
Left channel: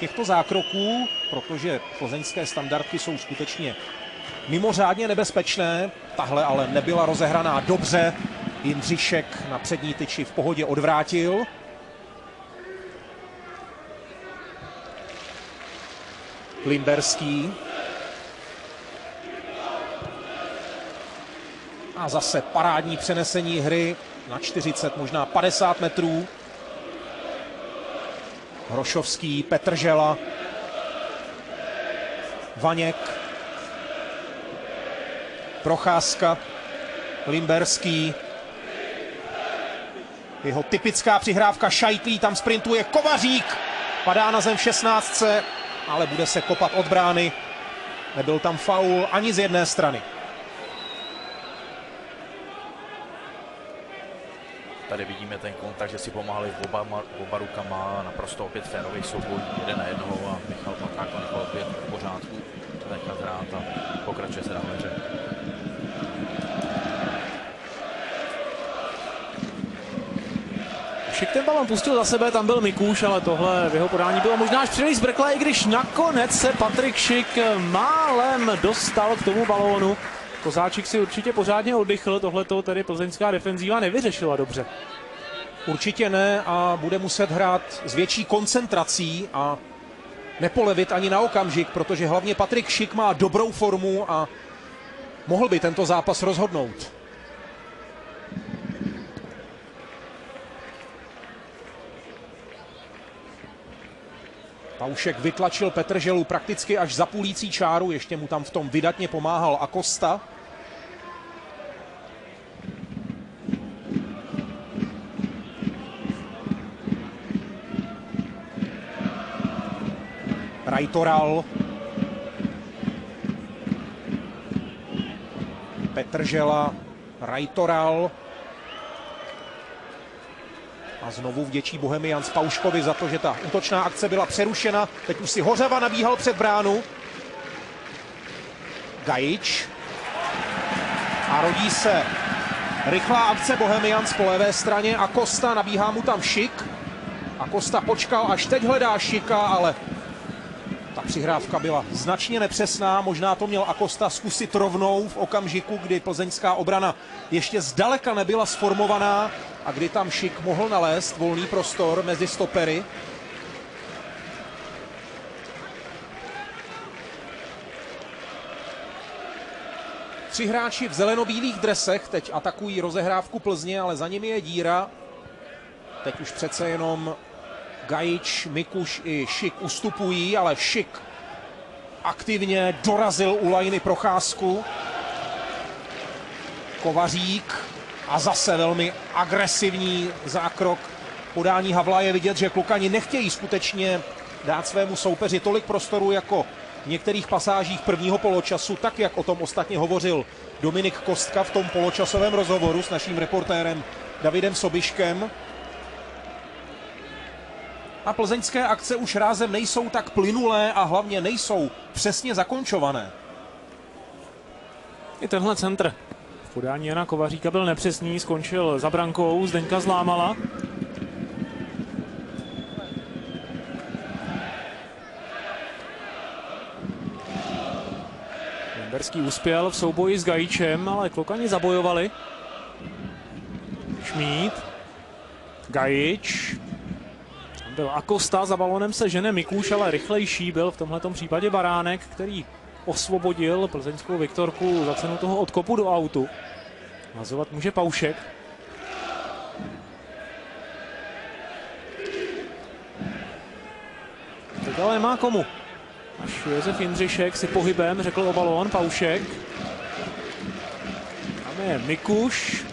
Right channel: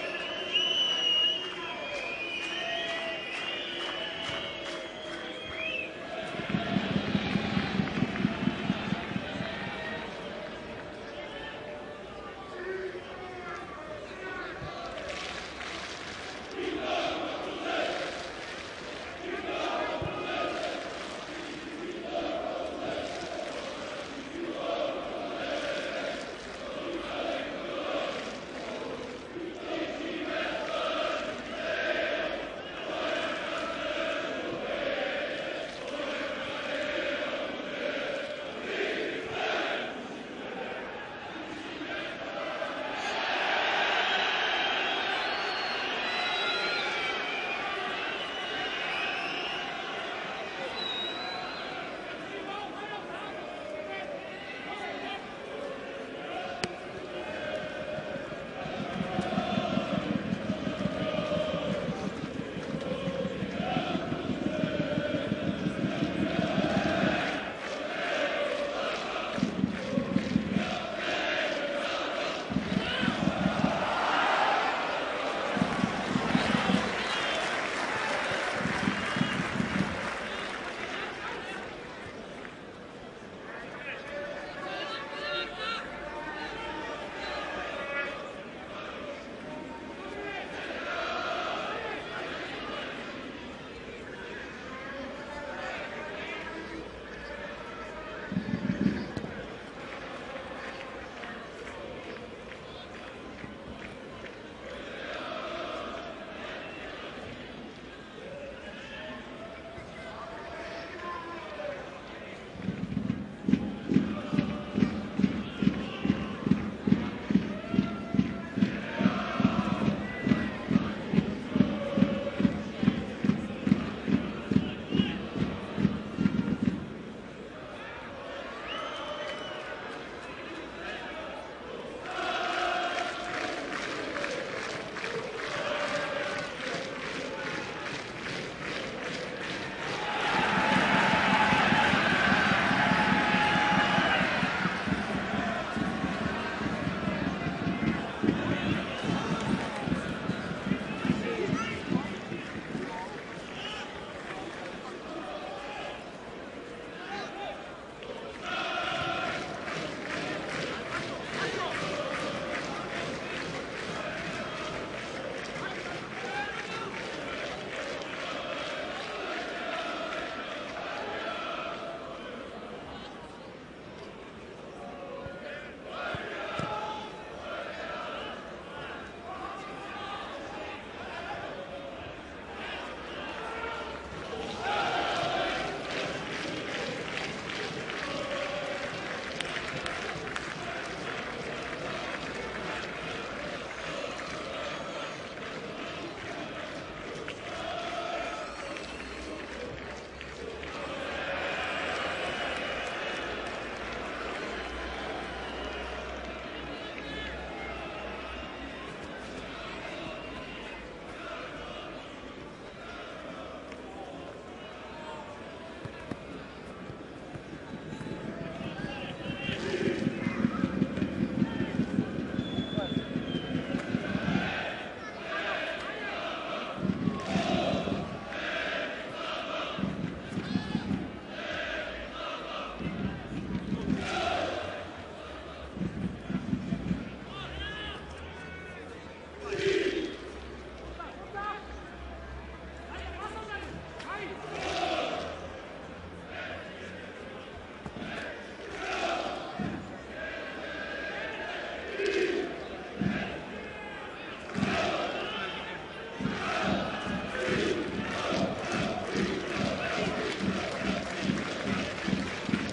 těchto zákroků, protože plzeňské standardky jsou skutečně mimořádně nebezpečné. Tahle ale nebyla rozehraná dobře. Jindřišek na přední tyči v pohodě odvrátil. Limberský. A zase parádní přenesení hry na 40, možná 50 metrů. Hrošovský, Petržela, Vaněk, Procházka, Limberský. Jeho typická přihrávka Šajtlí, tam sprintuje Kovařík. Padá na zem v 16, ale bude se kopat od brány. Nebyl tam faul ani z jedné strany. Tady vidíme ten kontakt, že si pomáhali s oba rukama, naprosto opět férový souboj, jde na jednou a Paták opět v pořádku. Tentokrát a pokračuje se. pustil za sebe, tam byl Mikuš, ale tohle v jeho podání bylo možná až příliš zbrkle, i když nakonec se Patrik Schick málem dostal k tomu balónu. Kozáčik si určitě pořádně oddychl, tohleto tedy plzeňská defenzíva nevyřešila dobře. Určitě ne a bude muset hrát s větší koncentrací a nepolevit ani na okamžik, protože hlavně Patrik Schick má dobrou formu a mohl by tento zápas rozhodnout. Paušek vytlačil Petrželu prakticky až za půlící čáru, ještě mu tam v tom vydatně pomáhal Acosta. Rajtoral. Petržela, Rajtoral. A znovu vděčí Bohemians Pauškovi za to, že ta útočná akce byla přerušena. Teď už si Hořava nabíhal před bránu. Gajič. A rodí se rychlá akce Bohemians po levé straně. Acosta, nabíhá mu tam Schick. Acosta počkal, až teď hledá Schicka, ale ta přihrávka byla značně nepřesná. Možná to měl Acosta zkusit rovnou v okamžiku, kdy plzeňská obrana ještě zdaleka nebyla sformovaná a kdy tam Schick mohl nalézt volný prostor mezi stopery. Tři hráči v zelenobílých dresech teď atakují rozehrávku Plzně, ale za nimi je díra. Teď už přece jenom Gajič, Mikuš i Schick ustupují, ale Schick aktivně dorazil u lajny Procházku. Kovařík a zase velmi agresivní zákrok. Podání Havla je vidět, že Klukani nechtějí skutečně dát svému soupeři tolik prostoru jako v některých pasážích prvního poločasu, tak jak o tom ostatně hovořil Dominik Kostka v tom poločasovém rozhovoru s naším reportérem Davidem Sobiškem. A plzeňské akce už rázem nejsou tak plynulé a hlavně nejsou přesně zakončované. I tenhle centr v podání Jana Kovaříka byl nepřesný, skončil za brankou Zdeňka Zlámala. Limberský uspěl v souboji s Gajičem, ale Klokani zabojovali. Šmíd, Gajič. Byl Acosta, za balonem se žene Mikuš, ale rychlejší byl v tomhletom případě Baránek, který osvobodil plzeňskou Viktorku za cenu toho odkopu do autu. Nazovat může Paušek. Ale má komu. Josef Jindřišek si pohybem řekl o balón, Paušek. Ne, Mikuš.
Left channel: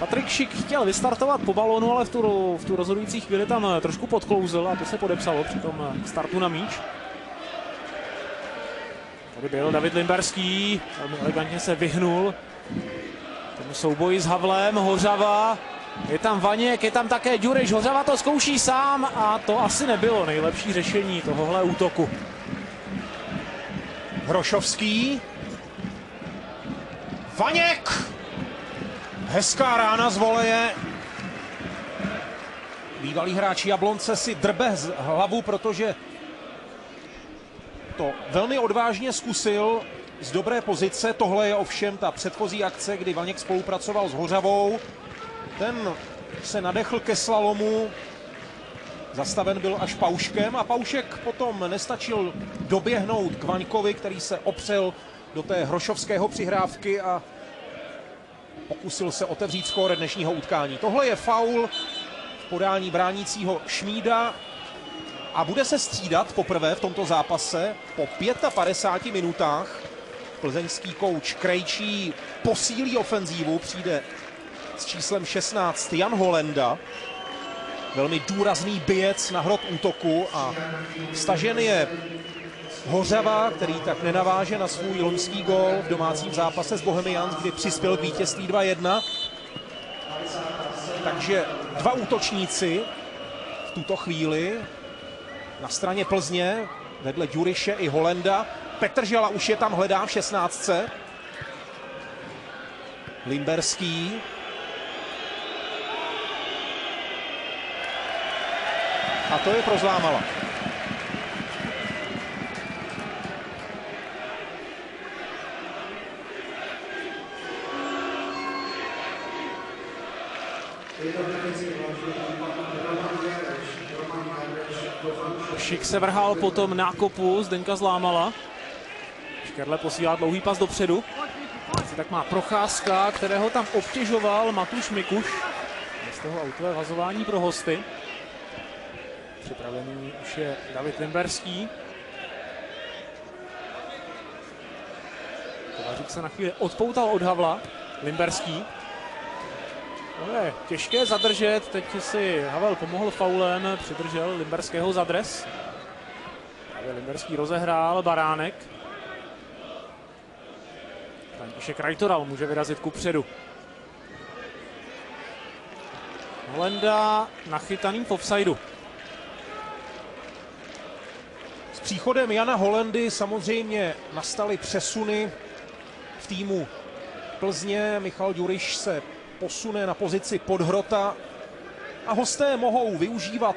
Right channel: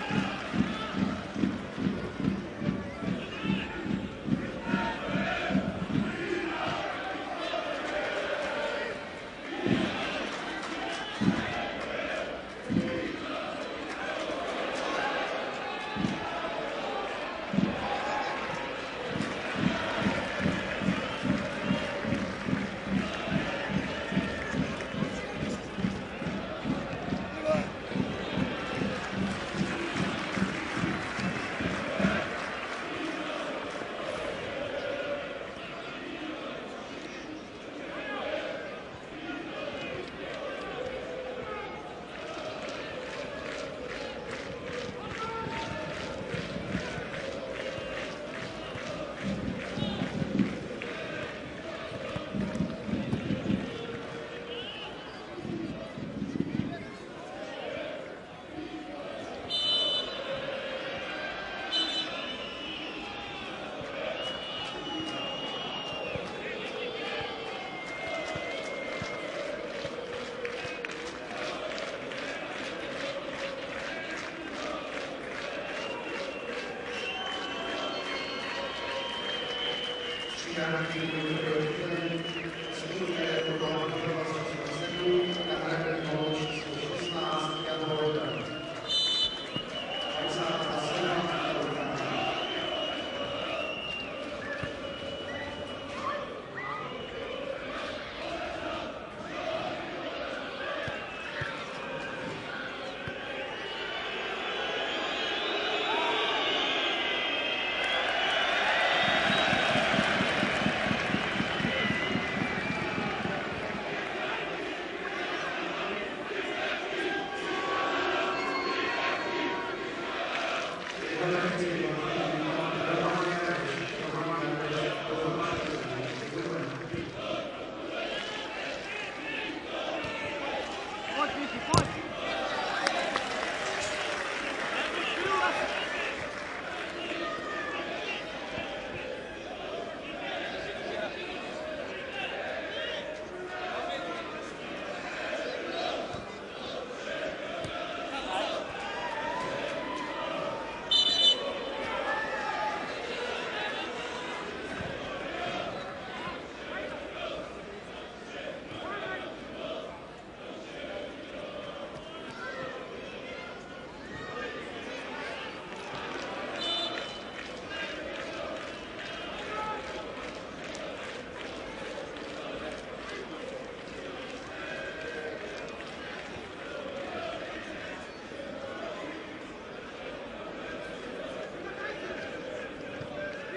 Patrik Schick chtěl vystartovat po balónu, ale v tu rozhodující chvíli tam trošku podklouzl a to se podepsalo při tom startu na míč. Tady byl David Limberský, on elegantně se vyhnul tomu souboji s Havlem. Hořava, je tam Vaněk, je tam také Ďuriš, Hořava to zkouší sám a to asi nebylo nejlepší řešení tohohle útoku. Hrošovský. Vaněk! Hezká rána z voleje. Bývalý hráč Jablonce si drbe hlavu, protože to velmi odvážně zkusil z dobré pozice. Tohle je ovšem ta předchozí akce, kdy Vaněk spolupracoval s Hořavou. Ten se nadechl ke slalomu. Zastaven byl až Pauškem a Paušek potom nestačil doběhnout k Vaňkovi, který se opřel do té hrošovského přihrávky a pokusil se otevřít skóre dnešního utkání. Tohle je faul v podání bránícího Šmída a bude se střídat poprvé v tomto zápase po 55 minutách. Plzeňský kouč Krejčí posílí ofenzívu, přijde s číslem 16 Jan Holenda. Velmi důrazný bijec na hrot útoku a stažen je Hořava, který tak nenaváže na svůj loňský gól v domácím zápase s Bohemians, kdy přispěl k vítězství 2-1. Takže dva útočníci v tuto chvíli na straně Plzně, vedle Ďuriše i Holenda. Petržela už je tam, hledá v 16. Limberský. to je pro Zlámala. Šik se vrhal potom na kopu Zdenka Zlámala. Škerle posílá dlouhý pas dopředu. Tak má Procházka, kterého tam obtěžoval Matuš Mikuš. Z toho autové vazování pro hosty. Připravený už je David Limberský. Teď se na chvíli odpoutal od Havla Limberský. Ale těžké zadržet, teď si Havel pomohl faulem, přidržel Limberského za dres. Limberský rozehrál, Baránek. Ještě Krajtoral může vyrazit kupředu. Holenda nachytaný v offsideu. S příchodem Jana Holendy samozřejmě nastaly přesuny v týmu Plzně. Michal Ďuriš se posune na pozici podhrota a hosté mohou využívat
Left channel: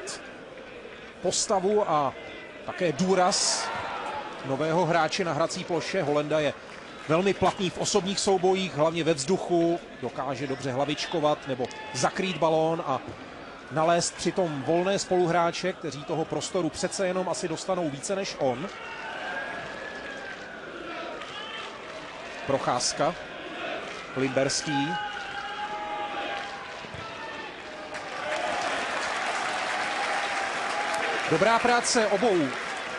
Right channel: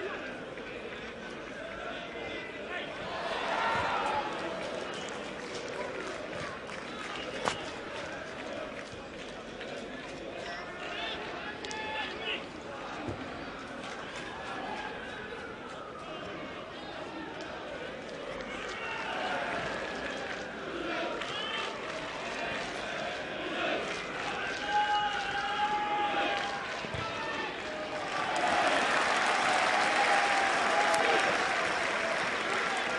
postavu a také důraz nového hráče na hrací ploše. Holenda je velmi platný v osobních soubojích, hlavně ve vzduchu, dokáže dobře hlavičkovat nebo zakrýt balón a nalézt přitom volné spoluhráče, kteří toho prostoru přece jenom asi dostanou více než on. Procházka, Limberský. Dobrá práce obou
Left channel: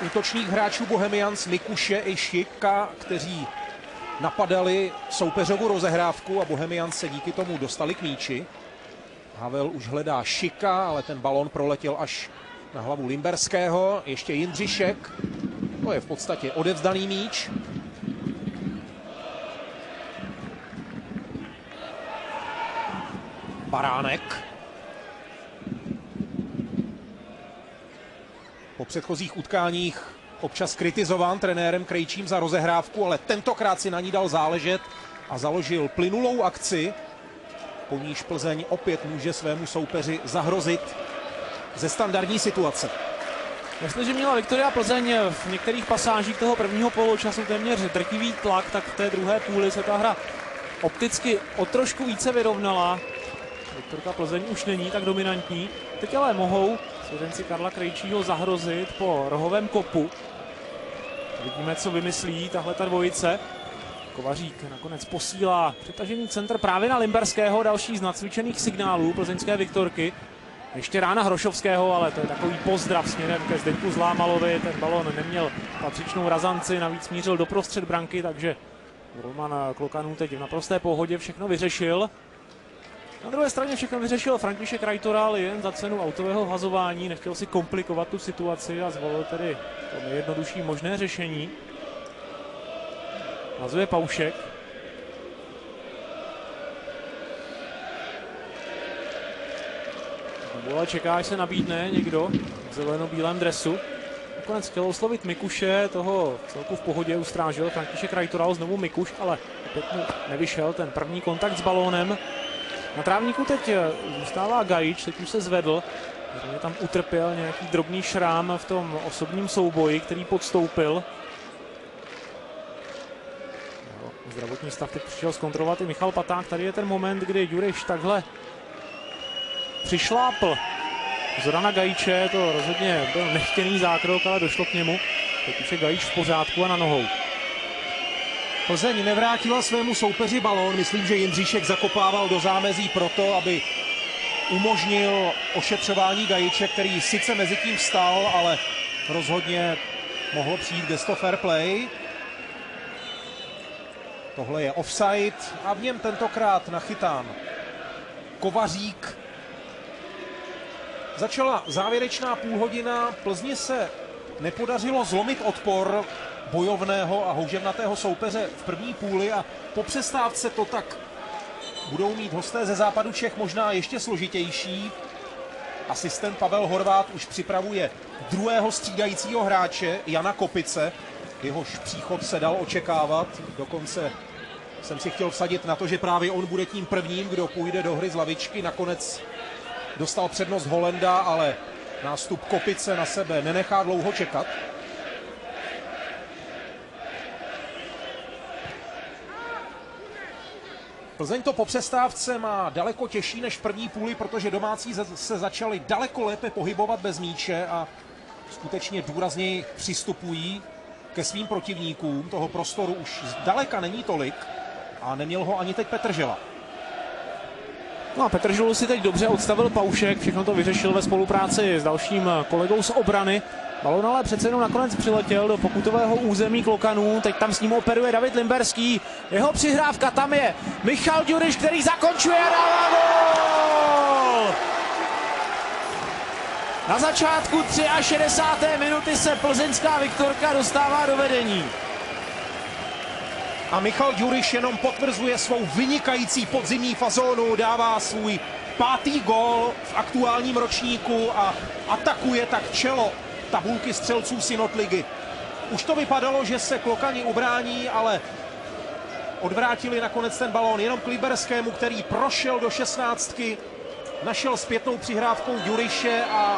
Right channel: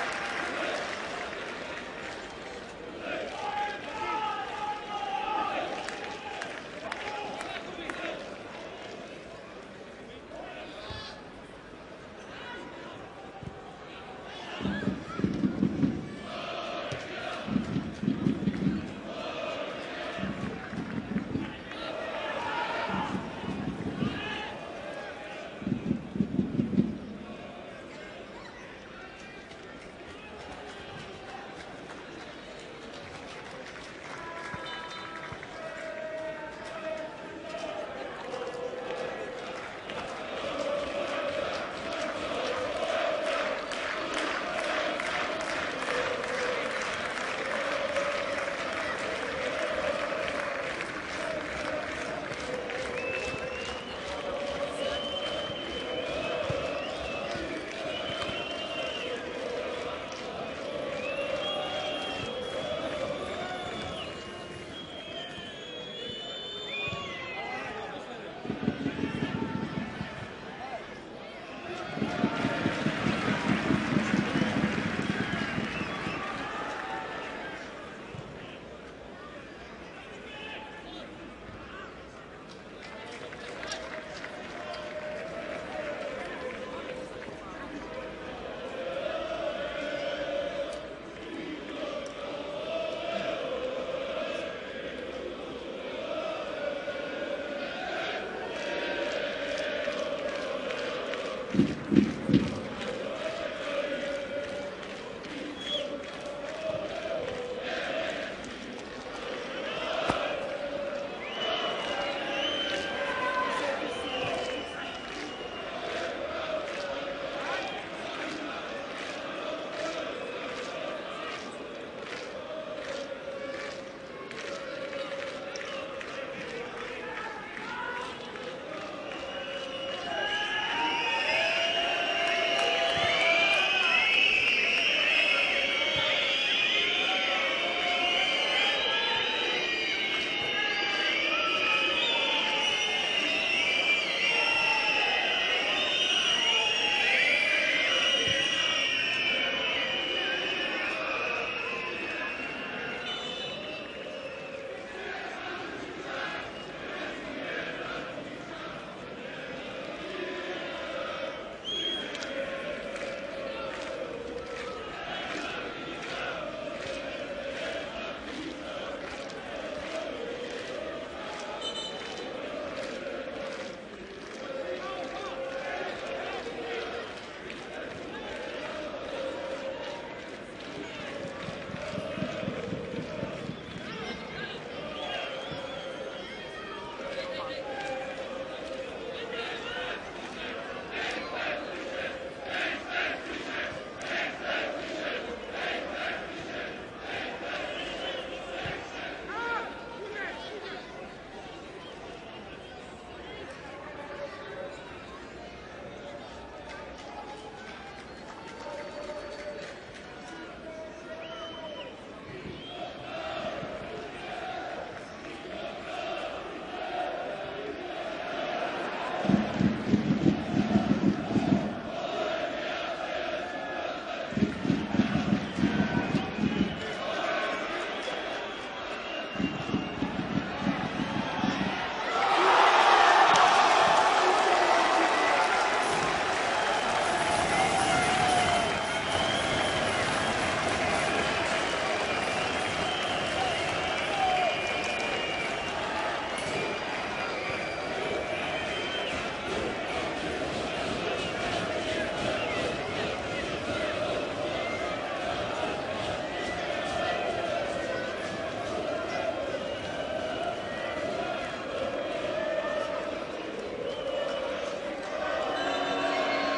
útočných hráčů Bohemians, Mikuše i Šika, kteří napadali soupeřovu rozehrávku a Bohemians se díky tomu dostali k míči. Havel už hledá Šika, ale ten balon proletěl až na hlavu Limberského. Ještě Jindřišek, to je v podstatě odevzdaný míč. Baránek. Po předchozích utkáních občas kritizován trenérem Krejčím za rozehrávku, ale tentokrát si na ní dal záležet a založil plynulou akci, po níž Plzeň opět může svému soupeři zahrozit ze standardní situace. Jestliže měla Viktoria Plzeň v některých pasážích toho prvního poločasu téměř drtivý tlak, tak v té druhé půli se ta hra opticky o trošku více vyrovnala. Ta Plzeň už není tak dominantní. Teď ale mohou studenci Karla Krejčího zahrozit po rohovém kopu. Vidíme, co vymyslí tahleta dvojice. Kovařík nakonec posílá přetažený centr právě na Limberského, další z nacvičených signálů plzeňské Viktorky. Ještě rána Hrošovského, ale to je takový pozdrav směrem ke Zdenku Zlámalovi. Ten balon neměl patřičnou razanci, navíc mířil doprostřed branky, takže Roman Klokanů teď v naprosté pohodě všechno vyřešil. Na druhé straně všechno vyřešil František Krajtoral jen za cenu autového hazování, nechtěl si komplikovat tu situaci a zvolil tedy nejjednodušší možné řešení. Hazuje Paušek. Dole čeká, až se nabídne někdo v zeleno-bílém dresu. Nakonec chtěl oslovit Mikuše, toho celku v pohodě ustrážil František Krajtoral, znovu Mikuš, ale nevyšel ten první kontakt s balónem. Na trávníku teď zůstává Gajič, teď už se zvedl. Tam utrpěl nějaký drobný šrám v tom osobním souboji, který podstoupil. Zdravotní stav teď přišel zkontrolovat i Michal Paták. Tady je ten moment, kdy Ďuriš takhle přišlápl Zorana Gajiče. To rozhodně byl nechtěný zákrok, ale došlo k němu. Teď už je Gajič v pořádku a na nohou. Plzeň nevrátila svému soupeři balón. Myslím, že Jindříšek zakopával do zámezí proto, aby umožnil ošetřování Gajiče, který sice mezi tím stál, ale rozhodně mohl přijít gesto fair play. Tohle je offside a v něm tentokrát nachytán Kovařík. Začala závěrečná půlhodina. Plzni se nepodařilo zlomit odpor bojovného a houževnatého soupeře v první půli a po přestávce to tak budou mít hosté ze západu Čech možná ještě složitější. Asistent Pavel Horvát už připravuje druhého střídajícího hráče Jana Kopice. Jehož příchod se dal očekávat. Dokonce jsem si chtěl vsadit na to, že právě on bude tím prvním, kdo půjde do hry z lavičky. Nakonec dostal přednost Holenda, ale Nástup Kopice na sebe nenechá dlouho čekat. Plzeň to po přestávce má daleko těžší než v první půli, protože domácí se začali daleko lépe pohybovat bez míče a skutečně důrazněji přistupují ke svým protivníkům. Toho prostoru už zdaleka není tolik a neměl ho ani teď Petržela. No a Petrželu si teď dobře odstavil Paušek, všechno to vyřešil ve spolupráci s dalším kolegou z obrany. Balon ale přece jenom nakonec přiletěl do pokutového území Klokanů, teď tam s ním operuje David Limberský. Jeho přihrávka, tam je Michal Ďuriš, který zakončuje. Na začátku 63. minuty se plzeňská Viktorka dostává do vedení. A Michal Ďuriš jenom potvrzuje svou vynikající podzimní fazónu, dává svůj 5. gól v aktuálním ročníku a atakuje tak čelo tabulky střelců Synot-ligy. Už to vypadalo, že se Klokani ubrání, ale odvrátili nakonec ten balón jenom k Liberskému, který prošel do 16. Našel zpětnou přihrávkou Ďuriše a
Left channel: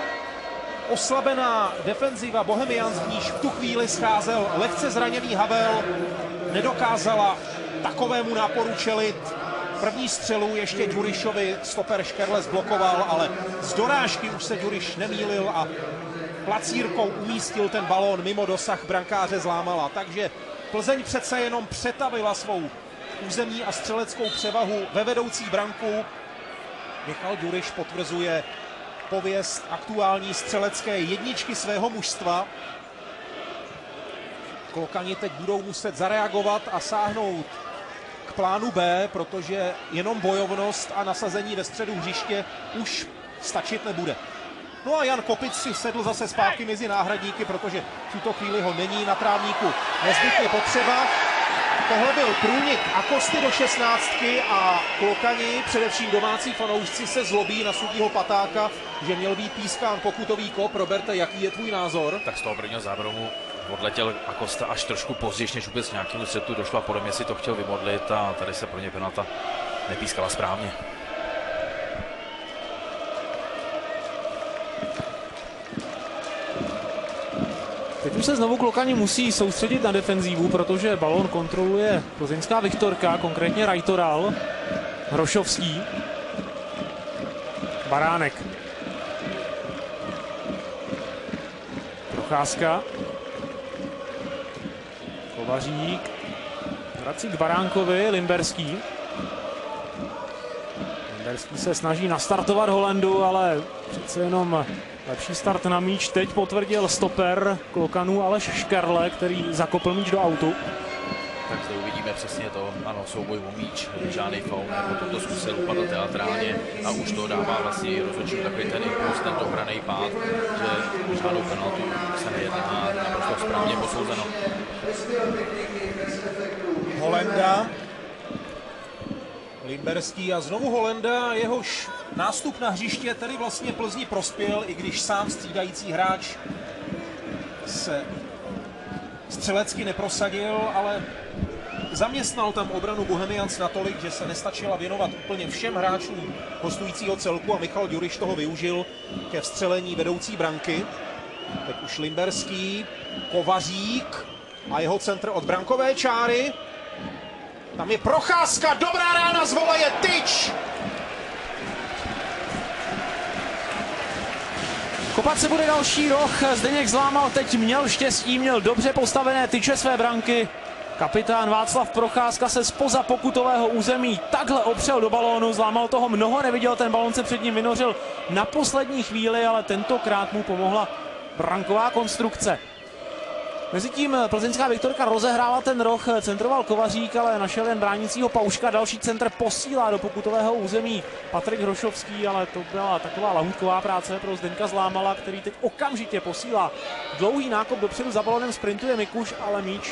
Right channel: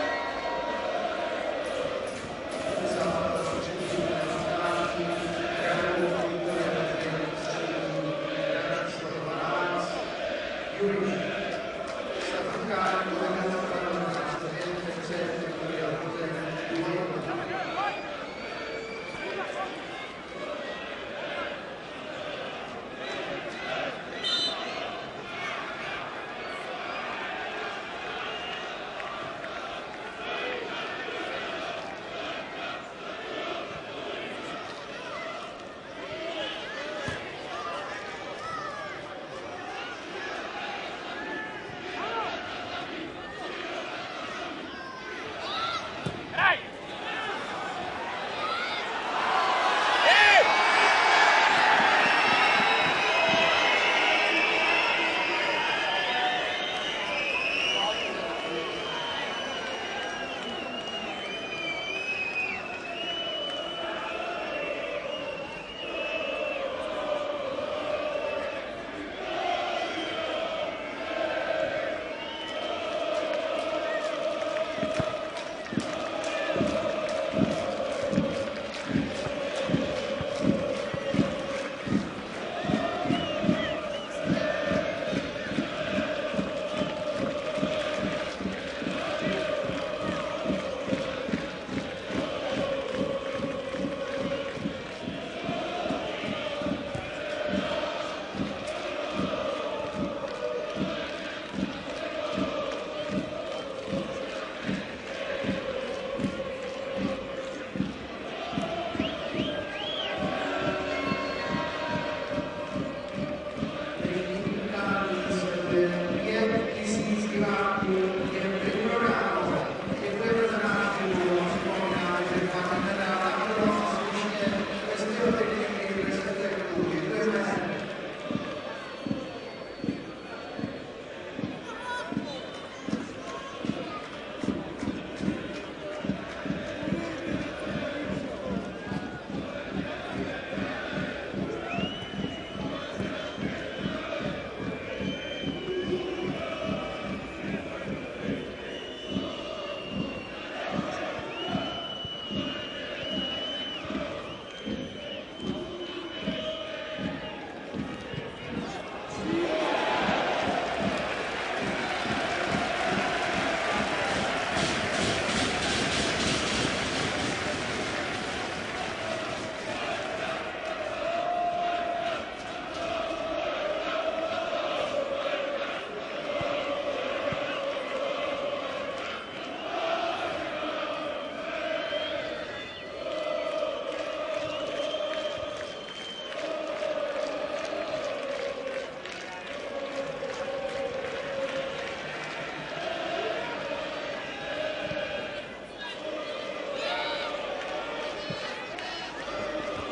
oslabená defenziva Bohemians, když v tu chvíli scházel lehce zraněný Havel, nedokázala takovému náporu čelit. První střelu ještě Ďurišovi stoper Škerle zblokoval, ale z dorážky už se Ďuriš nemýlil a placírkou umístil ten balón mimo dosah brankáře Zlámala. Takže Plzeň přece jenom přetavila svou územní a střeleckou převahu ve vedoucí branku. Michal Ďuriš potvrzuje pověst aktuální střelecké jedničky svého mužstva. Klokani teď budou muset zareagovat a sáhnout k plánu B, protože jenom bojovnost a nasazení ve středu hřiště už stačit nebude. No a Jan Kopic si sedl zase zpátky mezi náhradníky, protože v tuto chvíli ho není na trávníku nezbytně potřeba. Tohle byl průnik Akosty do 16 a Klokani, především domácí fanoušci, se zlobí na Suchýho Patáka, že měl být pískán pokutový kop. Roberte, jaký je tvůj názor? Tak z toho prvního zábromu odletěl Acosta až trošku později, než vůbec nějakému setu došlo a podle mě si to chtěl vymodlit a tady se pro ně penalta nepískala správně. Teď už se znovu Klokani musí soustředit na defenzívu, protože balón kontroluje plzeňská Viktorka, konkrétně Rajtoral, Hrošovský, Baránek. Procházka. Kovařík. Vrací k Baránkovi, Limberský. Limberský se snaží nastartovat Holandu, ale přece jenom lepší start na míč teď potvrdil stoper Klokanů Aleš Škerle, který zakopl míč do autu. Vidíme přesně to, ano, souboj o míč, žádný foul, to zkusili dopadl teatrálně a už to dává vlastně rozhodčí takový ten impuls, ten ochranný pád. Holenda, Limberský a znovu Holenda, jehož nástup na hřiště tady vlastně Plzni prospěl, i když sám střídající hráč se střelecky neprosadil, ale zaměstnal tam obranu Bohemians natolik, že se nestačila věnovat úplně všem hráčům hostujícího celku a Michal Ďuriš toho využil ke vstřelení vedoucí branky. Teď už Limberský, Kovařík a jeho centr od brankové čáry. Tam je Procházka, dobrá rána z voleje, tyč! Kopat se bude další roh, Zdeněk Zlámal teď měl štěstí, měl dobře postavené tyče své branky. Kapitán Václav Procházka se zpoza pokutového území takhle opřel do balónu, Zlámal toho mnoho neviděl, ten balón se před ním vynořil na poslední chvíli, ale tentokrát mu pomohla branková konstrukce. Mezitím plzeňská Viktorka rozehrála ten roh, centroval Kovařík, ale našel jen bránícího Pauška, další centr posílá do pokutového území Patrik Hrošovský, ale to byla taková lahůdková práce pro Zdeňka Zlámala, který teď okamžitě posílá dlouhý nákop dopředu, za balónem sprintuje Mikuš, ale míč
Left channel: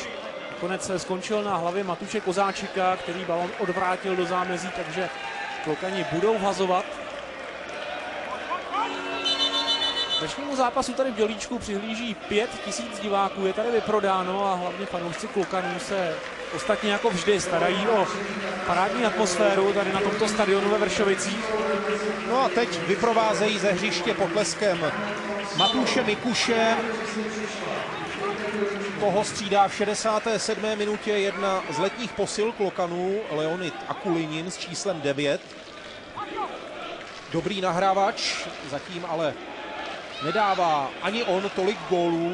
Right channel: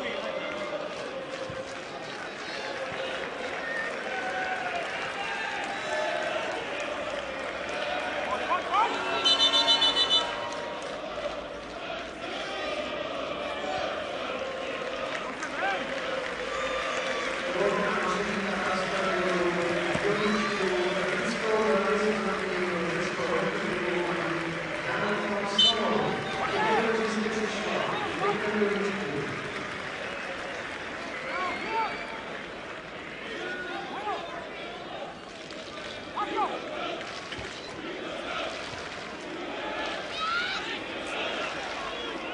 konec skončil na hlavě Matuše Kozáčika, který balón odvrátil do zámezí, takže Klokani budou hazovat. zápasu tady v Dělíčku přihlíží 5 000 diváků, je tady vyprodáno a hlavně fanoušci Klukanů se ostatně jako vždy starají o parádní atmosféru tady na tomto stadionu ve Vršovicích. No a teď vyprovázejí ze hřiště potleskem Matuše Mikuše. Toho střídá v 67. minutě jedna z letních posil Klokanů, Leonid Akulinin s číslem 9. Dobrý nahrávač, zatím ale nedává ani on tolik gólů,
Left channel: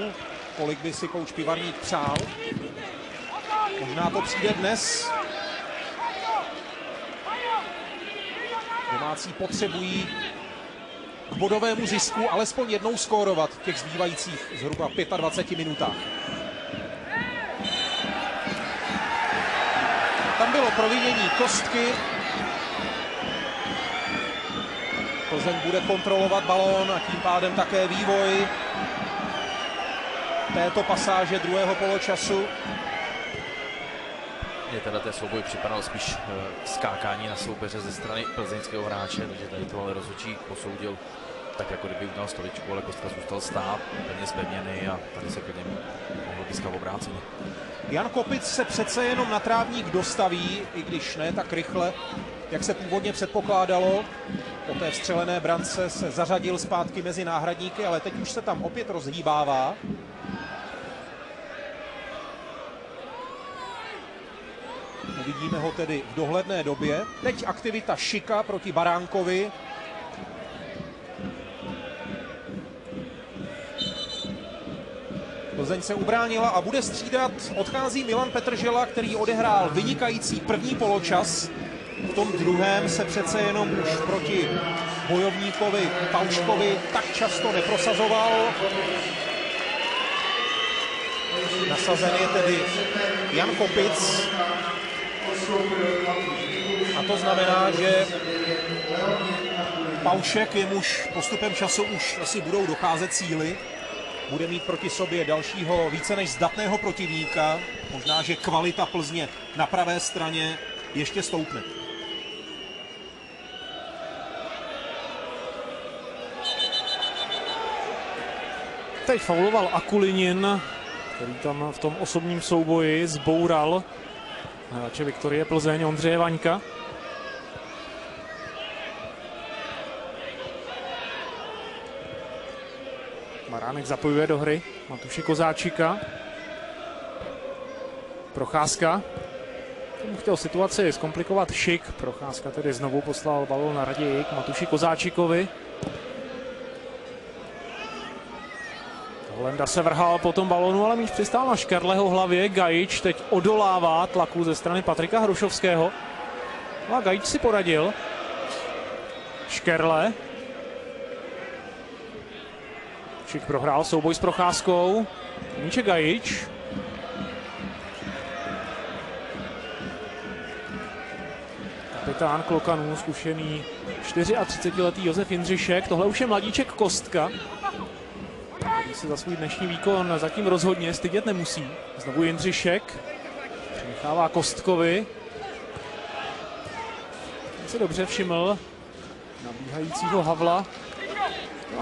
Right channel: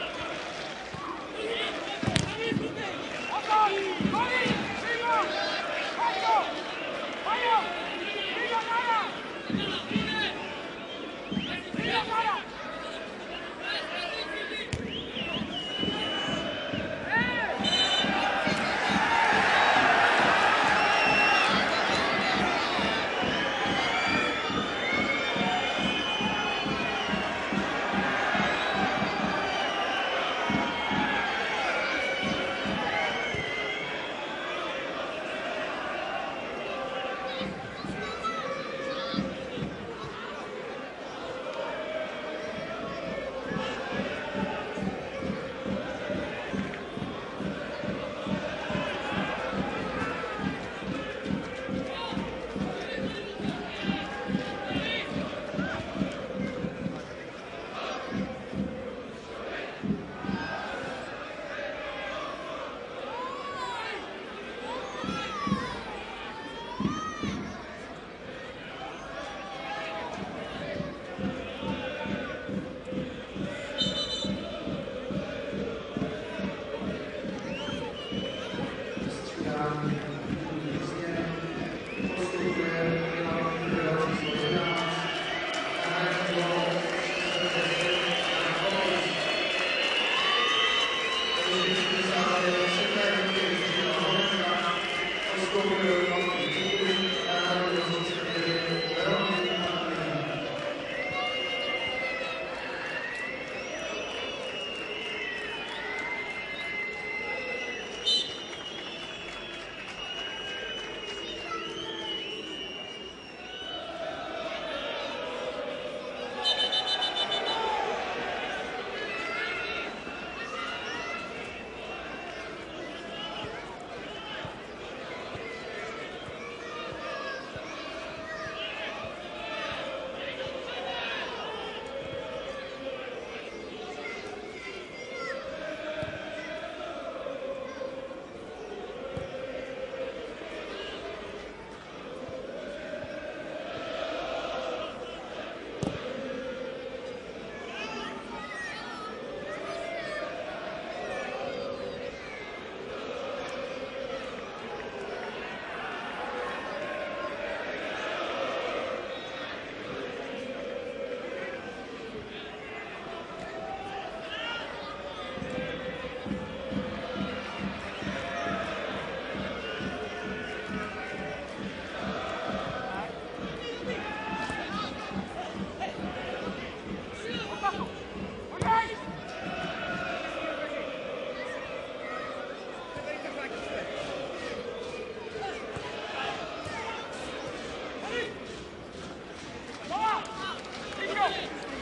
kolik by si kouč Pivaník přál. Možná to přijde dnes. Domácí potřebují k bodovému zisku alespoň jednou skórovat v těch zbývajících zhruba 25 minutách. Tam bylo provinění Kostky. Plzeň bude kontrolovat balón a tím pádem také vývoj této pasáže druhého poločasu. Je teda ten souboj připadal spíš skákání na soupeře ze strany plzeňského hráče, protože tady tohle rozhodčí posoudil tak, jako kdyby udělal stovičku, ale prostě zůstal stát, není zpevněný a tady se vyvinul z toho obráceně. Jan Kopic se přece jenom na trávník dostaví, i když ne tak rychle, jak se původně předpokládalo. Po té vstřelené brance se zařadil zpátky mezi náhradníky, ale teď už se tam opět rozhýbává. Vidíme ho tedy v dohledné době. Teď aktivita Šika proti Baránkovi. Plzeň se ubránila a bude střídat. Odchází Milan Petržela, který odehrál vynikající první poločas. V tom druhém se přece jenom proti bojovníkovi Palčkovi tak často neprosazoval. Nasazený tedy Jan Kopic. A to znamená, že Palček, jemuž postupem času už asi budou docházet síly, bude mít proti sobě dalšího více než zdatného protivníka. Možná, že kvalita Plzně na pravé straně ještě stoupne. Teď fauloval Akulinin, který tam v tom osobním souboji zboural hráče Viktorie Plzeň Ondřeje Vaňka. Baránek zapojuje do hry Matuše Kozáčika. Procházka. Chtěl situaci zkomplikovat Šik. Procházka tedy znovu poslal balón na raději k Matuši Kozáčikovi. Lenda se vrhal po tom balónu, ale míč přistál na Škerleho hlavě. Gajič teď odolává tlaku ze strany Patrika Hrušovského. A Gajič si poradil. Škerle. Šik prohrál souboj s Procházkou. Míče Gajič. Kapitán Klokanů, zkušený 34letý Josef Jindřišek. Tohle už je mladíček Kostka. Si za svůj dnešní výkon zatím rozhodně stydět nemusí. Znovu Jindřišek. Dává Kostkovi. Se dobře všiml nabíhajícího Havla.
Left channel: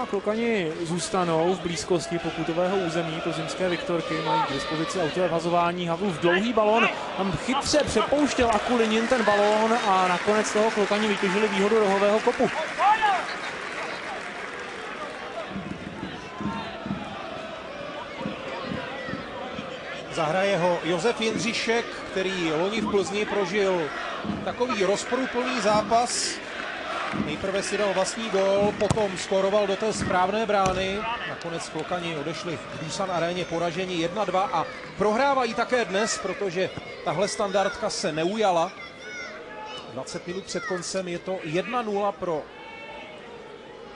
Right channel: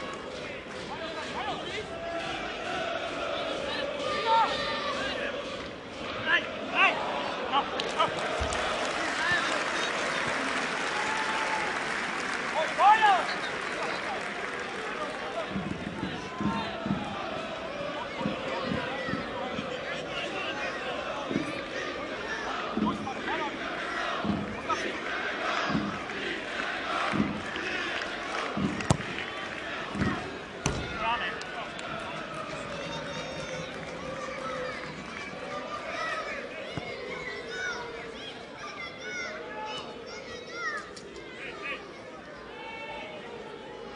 A Klokani zůstanou v blízkosti pokutového území plzeňské Viktorky. Mají k dispozici autovazování. Havlův dlouhý balón. Tam chytře přepouštěl Akulinin ten balón a nakonec toho Klokani vytěžili výhodu rohového kopu. Zahraje ho Josef Jindřišek, který loni v Plzni prožil takový rozporuplný zápas. Nejprve si dal vlastní gól, potom skoroval do té správné brány. Nakonec Klokani odešli v Busan aréně poražení 1-2 a prohrávají také dnes, protože tahle standardka se neujala. 20 minut před koncem je to 1-0 pro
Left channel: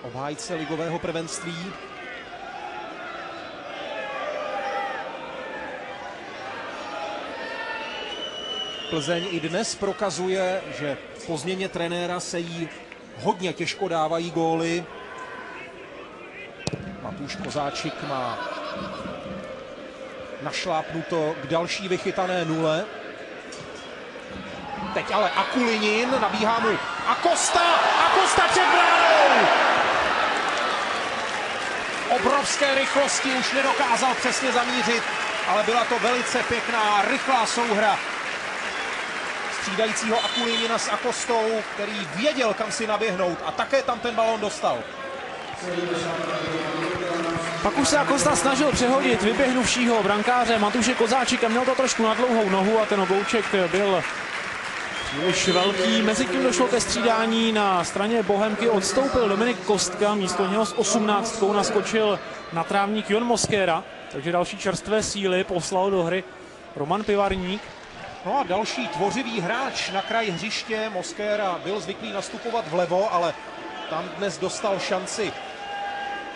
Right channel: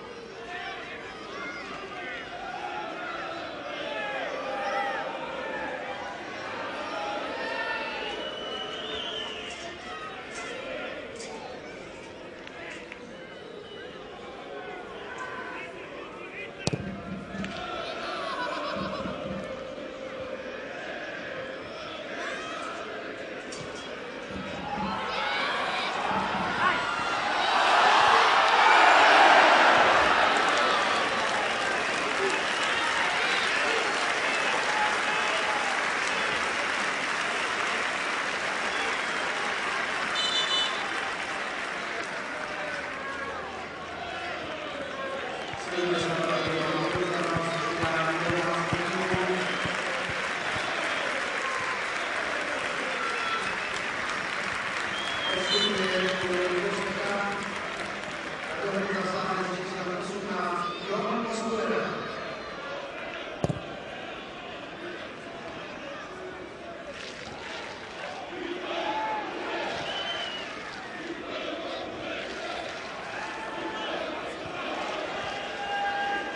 obhájce ligového prvenství. Plzeň i dnes prokazuje, že po změně trenéra se jí hodně těžko dávají góly. Matuš Kozáčik má našlápnuto k další vychytané nule. Teď ale Akulinin, nabíhá mu Acosta před obrovské rychlosti, už nedokázal přesně zamířit, ale byla to velice pěkná, rychlá souhra střídajícího Akulinina s Akostou, který věděl, kam si naběhnout a také tam ten balón dostal. Pak už se Acosta snažil přehodit vyběhnuvšího brankáře Matuše Kozáčika, měl to trošku na dlouhou nohu a ten oblouček byl už velký. Mezitím došlo ke střídání na straně Bohemky, odstoupil Dominik Kostka, místo něho s 18 naskočil na trávník Jon Mosquera, takže další čerstvé síly poslal do hry Roman Pivarník. No a další tvořivý hráč na kraji hřiště. Mosquera byl zvyklý nastupovat vlevo, ale tam dnes dostal šanci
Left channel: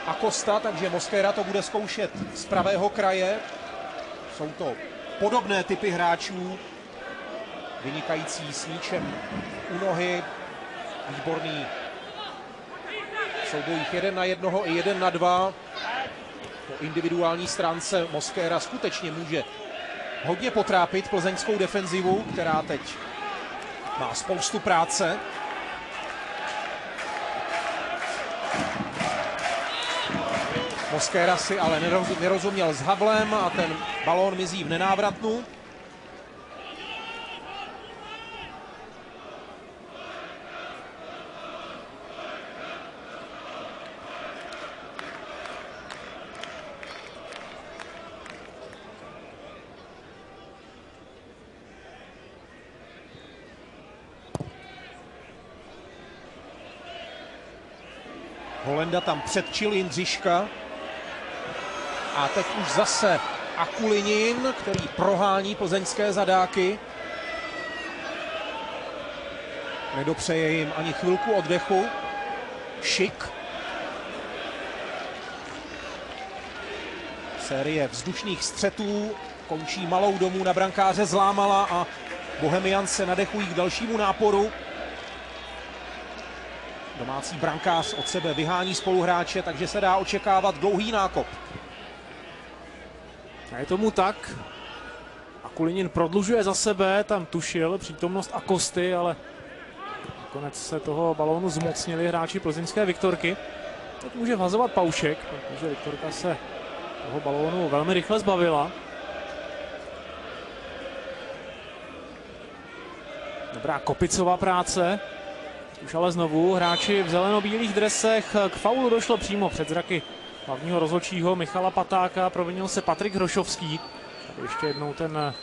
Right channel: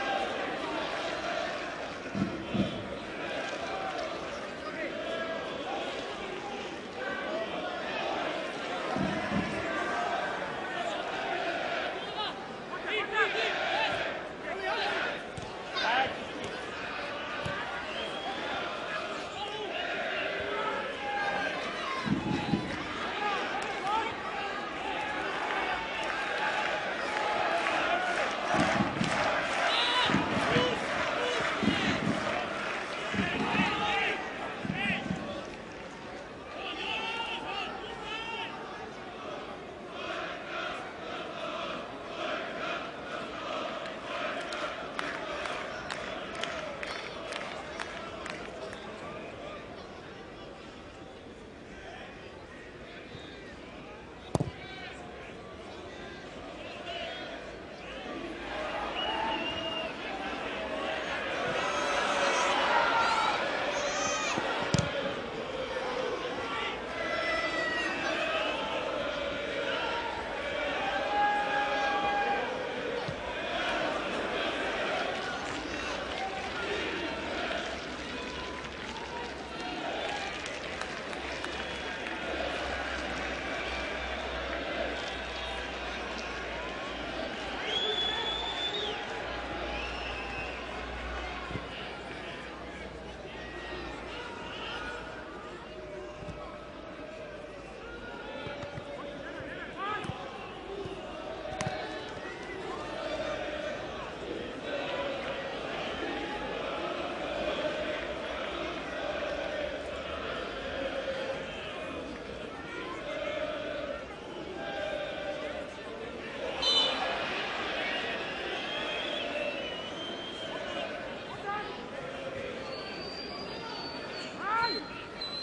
Acosta, takže Mosquera to bude zkoušet z pravého kraje. Jsou to podobné typy hráčů, vynikající s míčem u nohy, výborný souboj 1 na 1 i 1 na 2. Individuální stránce Mosquera skutečně může hodně potrápit plzeňskou defenzivu, která teď má spoustu práce. Mosquera si ale nerozuměl s Havlem a ten balón mizí v nenávratnu. Holenda tam předčil Jindřiška. A teď už zase Akulinin, který prohání plzeňské zadáky. Nedopřeje jim ani chvilku oddechu. Šik. Série vzdušných střetů končí malou domů na brankáře Zlámala a Bohemians se nadechují k dalšímu náporu. Domácí brankář od sebe vyhání spoluhráče, takže se dá očekávat dlouhý nákop. A je tomu tak. Akulinin prodlužuje za sebe, tam tušil přítomnost Akosty, ale nakonec se toho balónu zmocnili hráči plzeňské Viktorky. Tak může vhazovat Paušek, protože Viktorka se toho balónu velmi rychle zbavila. Dobrá kopicová práce. Už ale znovu hráči v zeleno-bílých dresech. K faulu došlo přímo před zraky hlavního rozhodčího Michala Patáka. Provinil se Patrik Hrošovský. Ještě jednou ten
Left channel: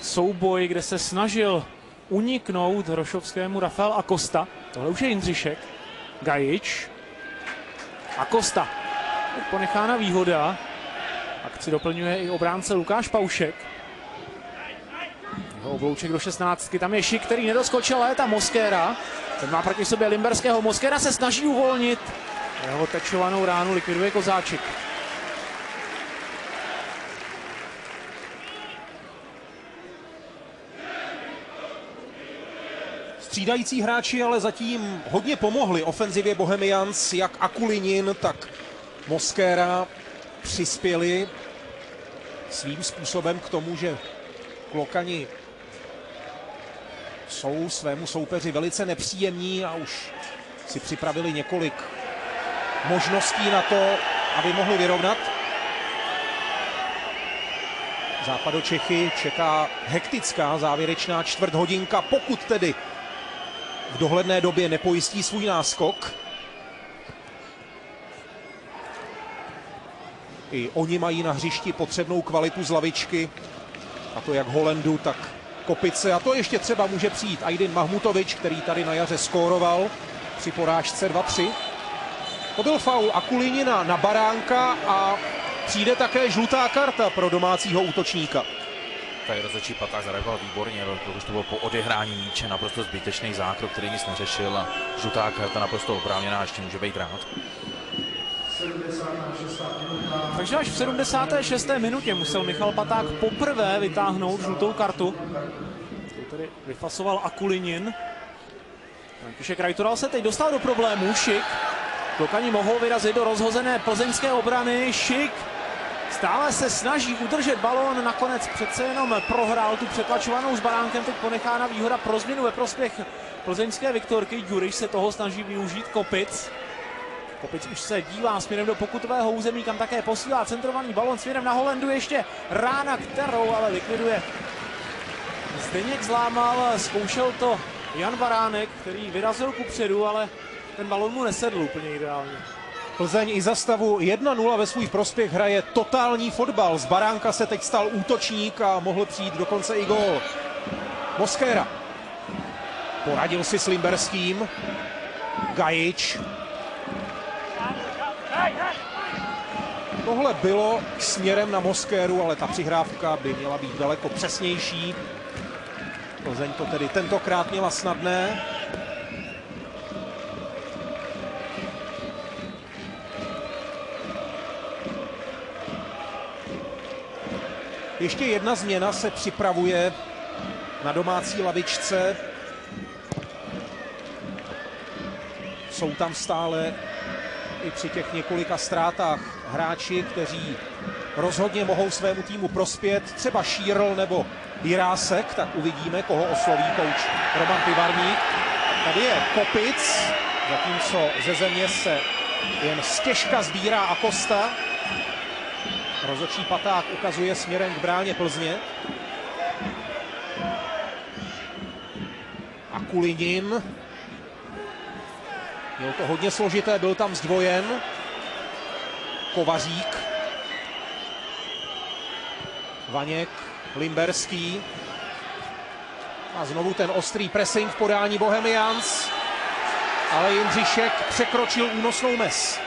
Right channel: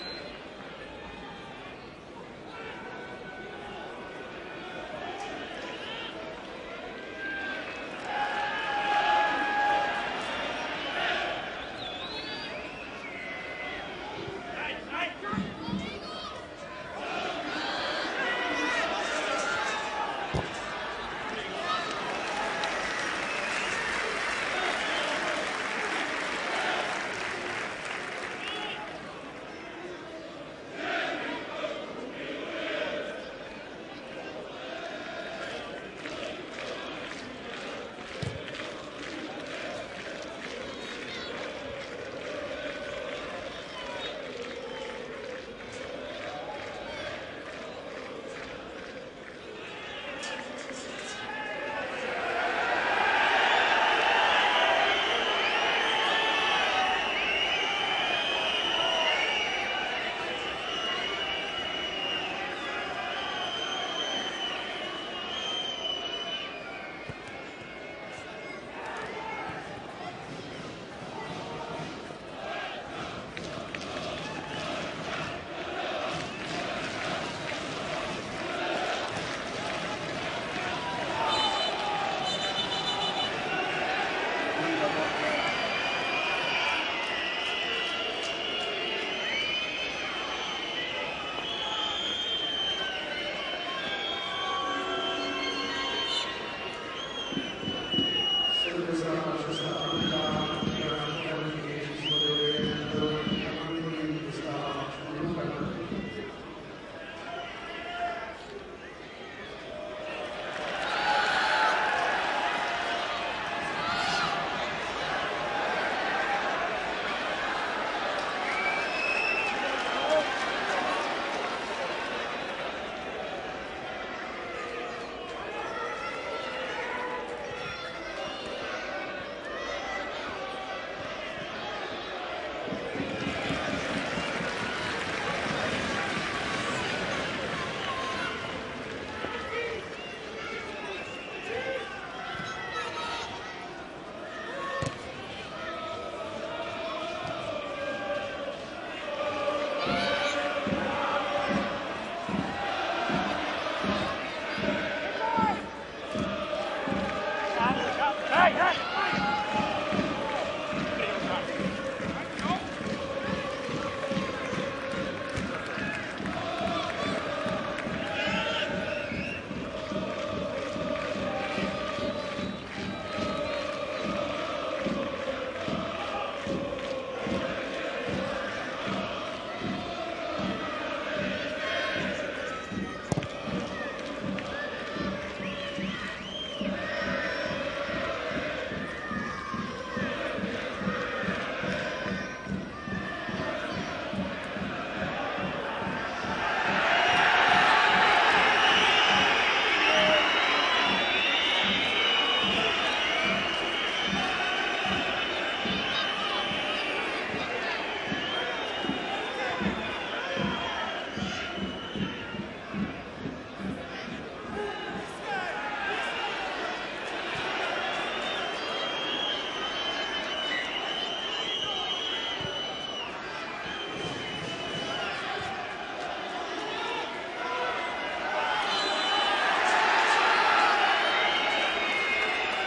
souboj, kde se snažil uniknout Hrošovskému Rafael Acosta. Tohle už je Jindřišek. Gajič. Acosta. Ponechána výhoda. Akci doplňuje i obránce Lukáš Paušek. Oblouček do 16. Tam je Šik, který nedoskočil, ale je tam Mosquera. Ten má proti sobě Limberského. Mosquera se snaží uvolnit. Jeho tečovanou ránu likviduje Kozáčik. Střídající hráči ale zatím hodně pomohli ofenzivě Bohemians, jak Akulinin, tak Mosquera přispěli svým způsobem k tomu, že Klokani jsou svému soupeři velice nepříjemní a už si připravili několik možností na to, aby mohli vyrovnat. Západočechy čeká hektická závěrečná čtvrthodinka, pokud tedy v dohledné době nepojistí svůj náskok. I oni mají na hřišti potřebnou kvalitu z lavičky, a to jak Holendu, tak Kopice. A to ještě třeba může přijít Aydin Mahmutovič, který tady na jaře skóroval při porážce 2-3. To byl faul Akulinina na Baránka a přijde také žlutá karta pro domácího útočníka. Tady rozhodčí Paták zareagoval výborně, protože to bylo po odehrání míče naprosto zbytečný zákrok, který nic neřešil a žlutá karta naprosto oprávněná, ještě může být grát. Takže až v 76. minutě musel Michal Paták poprvé vytáhnout žlutou kartu. Vyfasoval Akulinin. Píšek Rajtural se teď dostal do problémů. Šik. Klokani mohou vyrazit do rozhozené plzeňské obrany. Šik stále se snaží udržet balón, nakonec přece jenom prohrál tu přetlačovanou s Baránkem, teď ponechána výhoda pro změnu ve prospěch plzeňské Viktorky. Ďuriš se toho snaží využít, Kopic. Kopic už se dívá směrem do pokutového území, kam také posílá centrovaný balon směrem na Holendu, ještě rána, kterou ale likviduje. Zdeněk Zlámal, zkoušel to Jan Varánek, který vyrazil kupředu, ale ten balon mu nesedl úplně ideálně. Plzeň i za stavu 1-0 ve svůj prospěch hraje totální fotbal. Z Baránka se teď stal útočník a mohl přijít dokonce i gól. Mosquera poradil si s Limberským. Gajič. Tohle bylo směrem na Mosqueru, ale ta přihrávka by měla být daleko přesnější. Plzeň to tedy tentokrát měla snadné. Ještě jedna změna se připravuje na domácí lavičce. Jsou tam stále i při těch několika ztrátách hráči, kteří rozhodně mohou svému týmu prospět. Třeba Šírl nebo Jirásek, tak uvidíme, koho osloví kouč Roman Pivarník. Tady je Kopic, zatímco ze země se jen stěžka sbírá Acosta. Rozhodčí paták ukazuje směrem k bráně Plzně. A Kulinin. Bylo to hodně složité, byl tam zdvojen. Kovařík. Vaněk, Limberský. A znovu ten ostrý pressing v podání Bohemians. Ale Jindřišek překročil únosnou mez.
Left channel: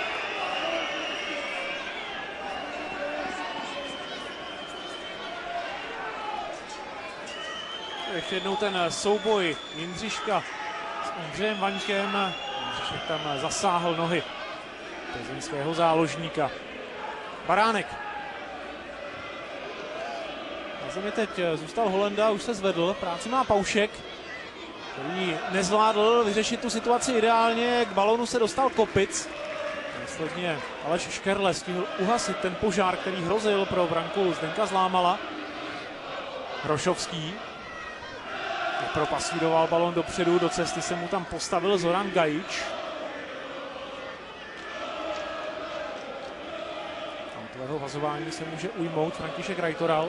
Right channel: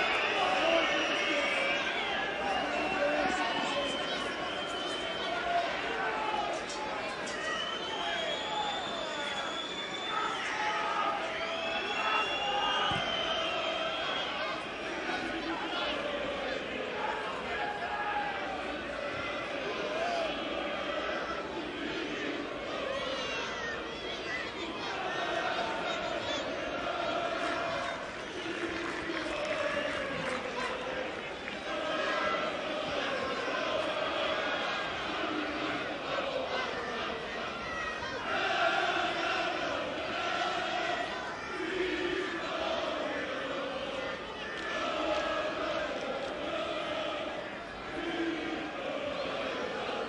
Ještě jednou ten souboj Jindřiška s Ondřejem Vaňkem, tam zasáhl nohy svého záložníka. Baránek. Zemi teď zůstal Holenda, už se zvedl, práci má Paušek. Který nezvládl vyřešit tu situaci ideálně, k balonu se dostal Kopic. Sledně Aleš Škerle s tím uhasit ten požár, který hrozil pro branku Zdenka Zlámala. Hrošovský propasíroval balon dopředu, do cesty se mu tam postavil Zoran Gajič. Jeho vazování se může ujmout František Rajtoral.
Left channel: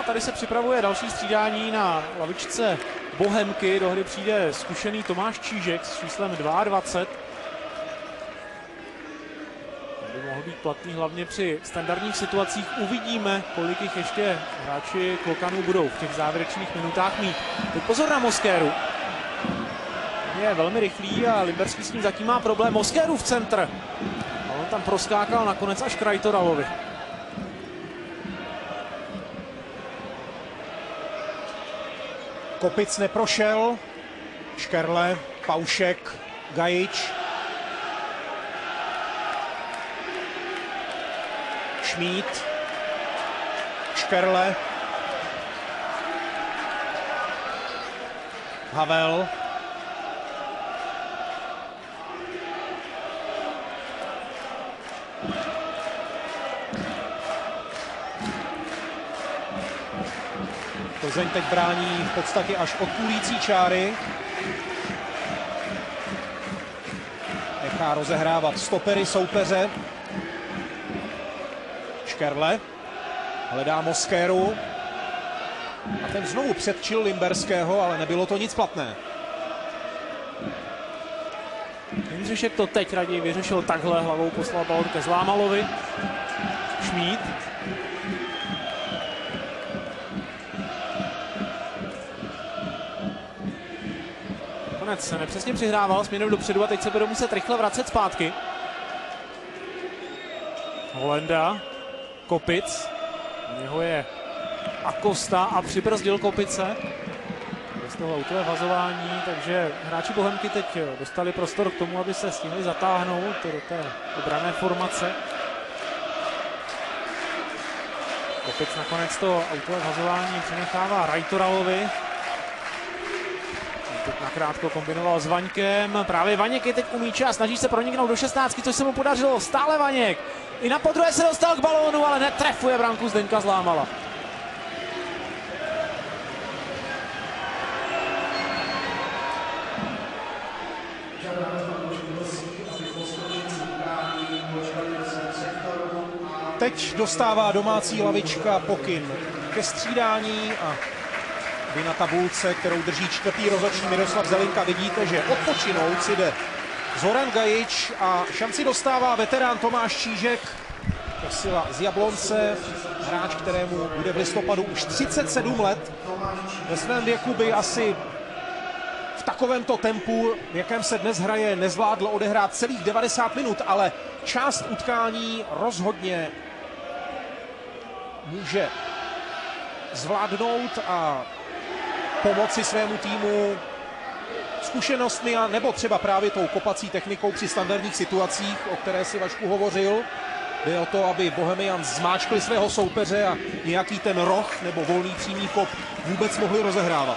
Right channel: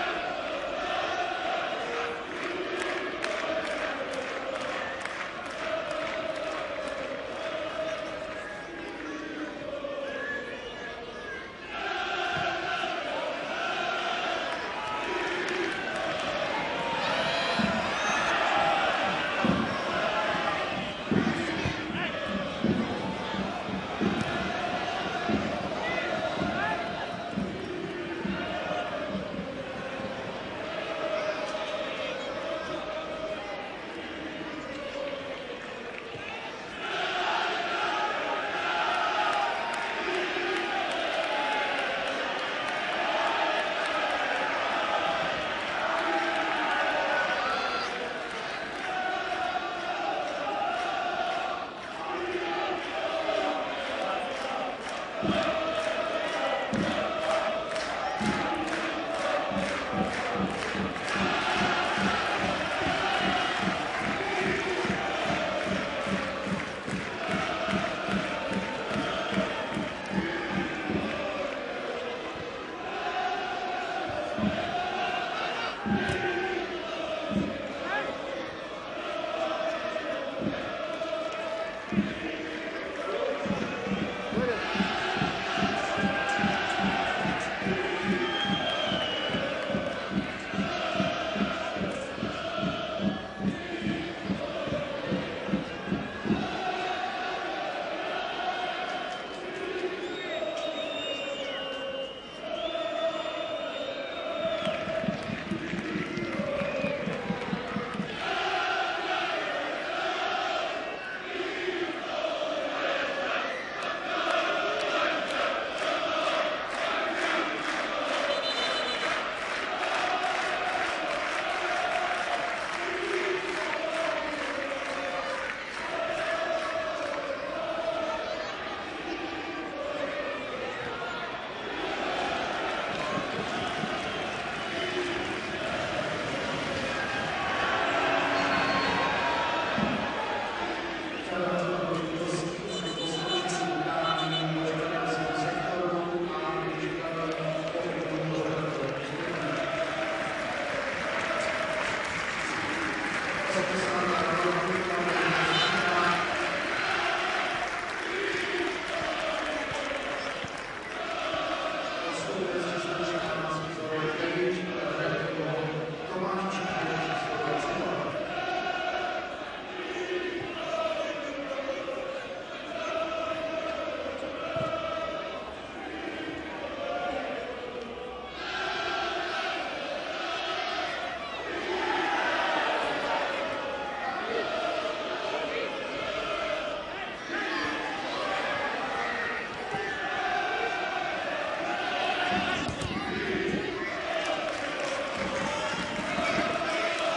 A tady se připravuje další střídání na lavičce Bohemky. Do hry přijde zkušený Tomáš Čížek s číslem 22. Platný hlavně při standardních situacích. Uvidíme, kolik jich ještě hráči Klokanů budou v těch závěrečných minutách mít. Pozor na Mosqueru. Je velmi rychlý a Limberský s ním zatím má problém. Mosqueru v centr. On tam proskákal nakonec až k Rajtoralovi. Kopic neprošel. Škerle, Paušek, Gajič. Šmíd, Škerle, Havel, Plzeň teď brání v podstatě až konkurující čáry. Nechá rozehrávat stopery soupeře. Škerle hledá Mosqueru. Ten znovu předčil Limberského, ale nebylo to nic platné. Jindřišek to teď raději vyřešil takhle, hlavou poslal balon ke Zlámalovi. Šmíd. Konec se nepřesně přihrával směrem dopředu a teď se bude muset rychle vracet zpátky. Holenda. Kopic, jeho je Acosta a přibrzdil Kopice. Znovu to je vazování, takže hráči Bohemky teď dostali prostor k tomu, aby se s nimi zatáhnout do té obranné formace. Kopic nakonec to vazování přenechává Rajtoralovi. Krátko kombinoval s Vaňkem, právě Vaněk je teď u míče a snaží se proniknout do 16, což se mu podařilo, stále Vaněk. I na podruhé se dostal k balónu, ale netrefuje branku Zdenka Zlámala. dostává domácí lavička pokyn ke střídání a vy na tabulce, kterou drží čtvrtý rozhodčí Miroslav Zavilka, vidí to, že odpočinou si jde Zoran Gajič a šanci dostává veterán Tomáš Čížek, posila z Jablonce, Čížek, kterému bude v listopadu už 37 let. Ve svém věku by asi v takovémto tempu, v jakém se dnes hraje, nezvládl odehrát celých 90 minut, ale část utkání rozhodně může zvládnout a pomoci svému týmu zkušenostmi a nebo třeba právě tou kopací technikou při standardních situacích, o které si Vašku hovořil. Jde o to, aby Bohemians zmáčkli svého soupeře a nějaký ten roh nebo volný přímý pop vůbec mohli rozehrávat.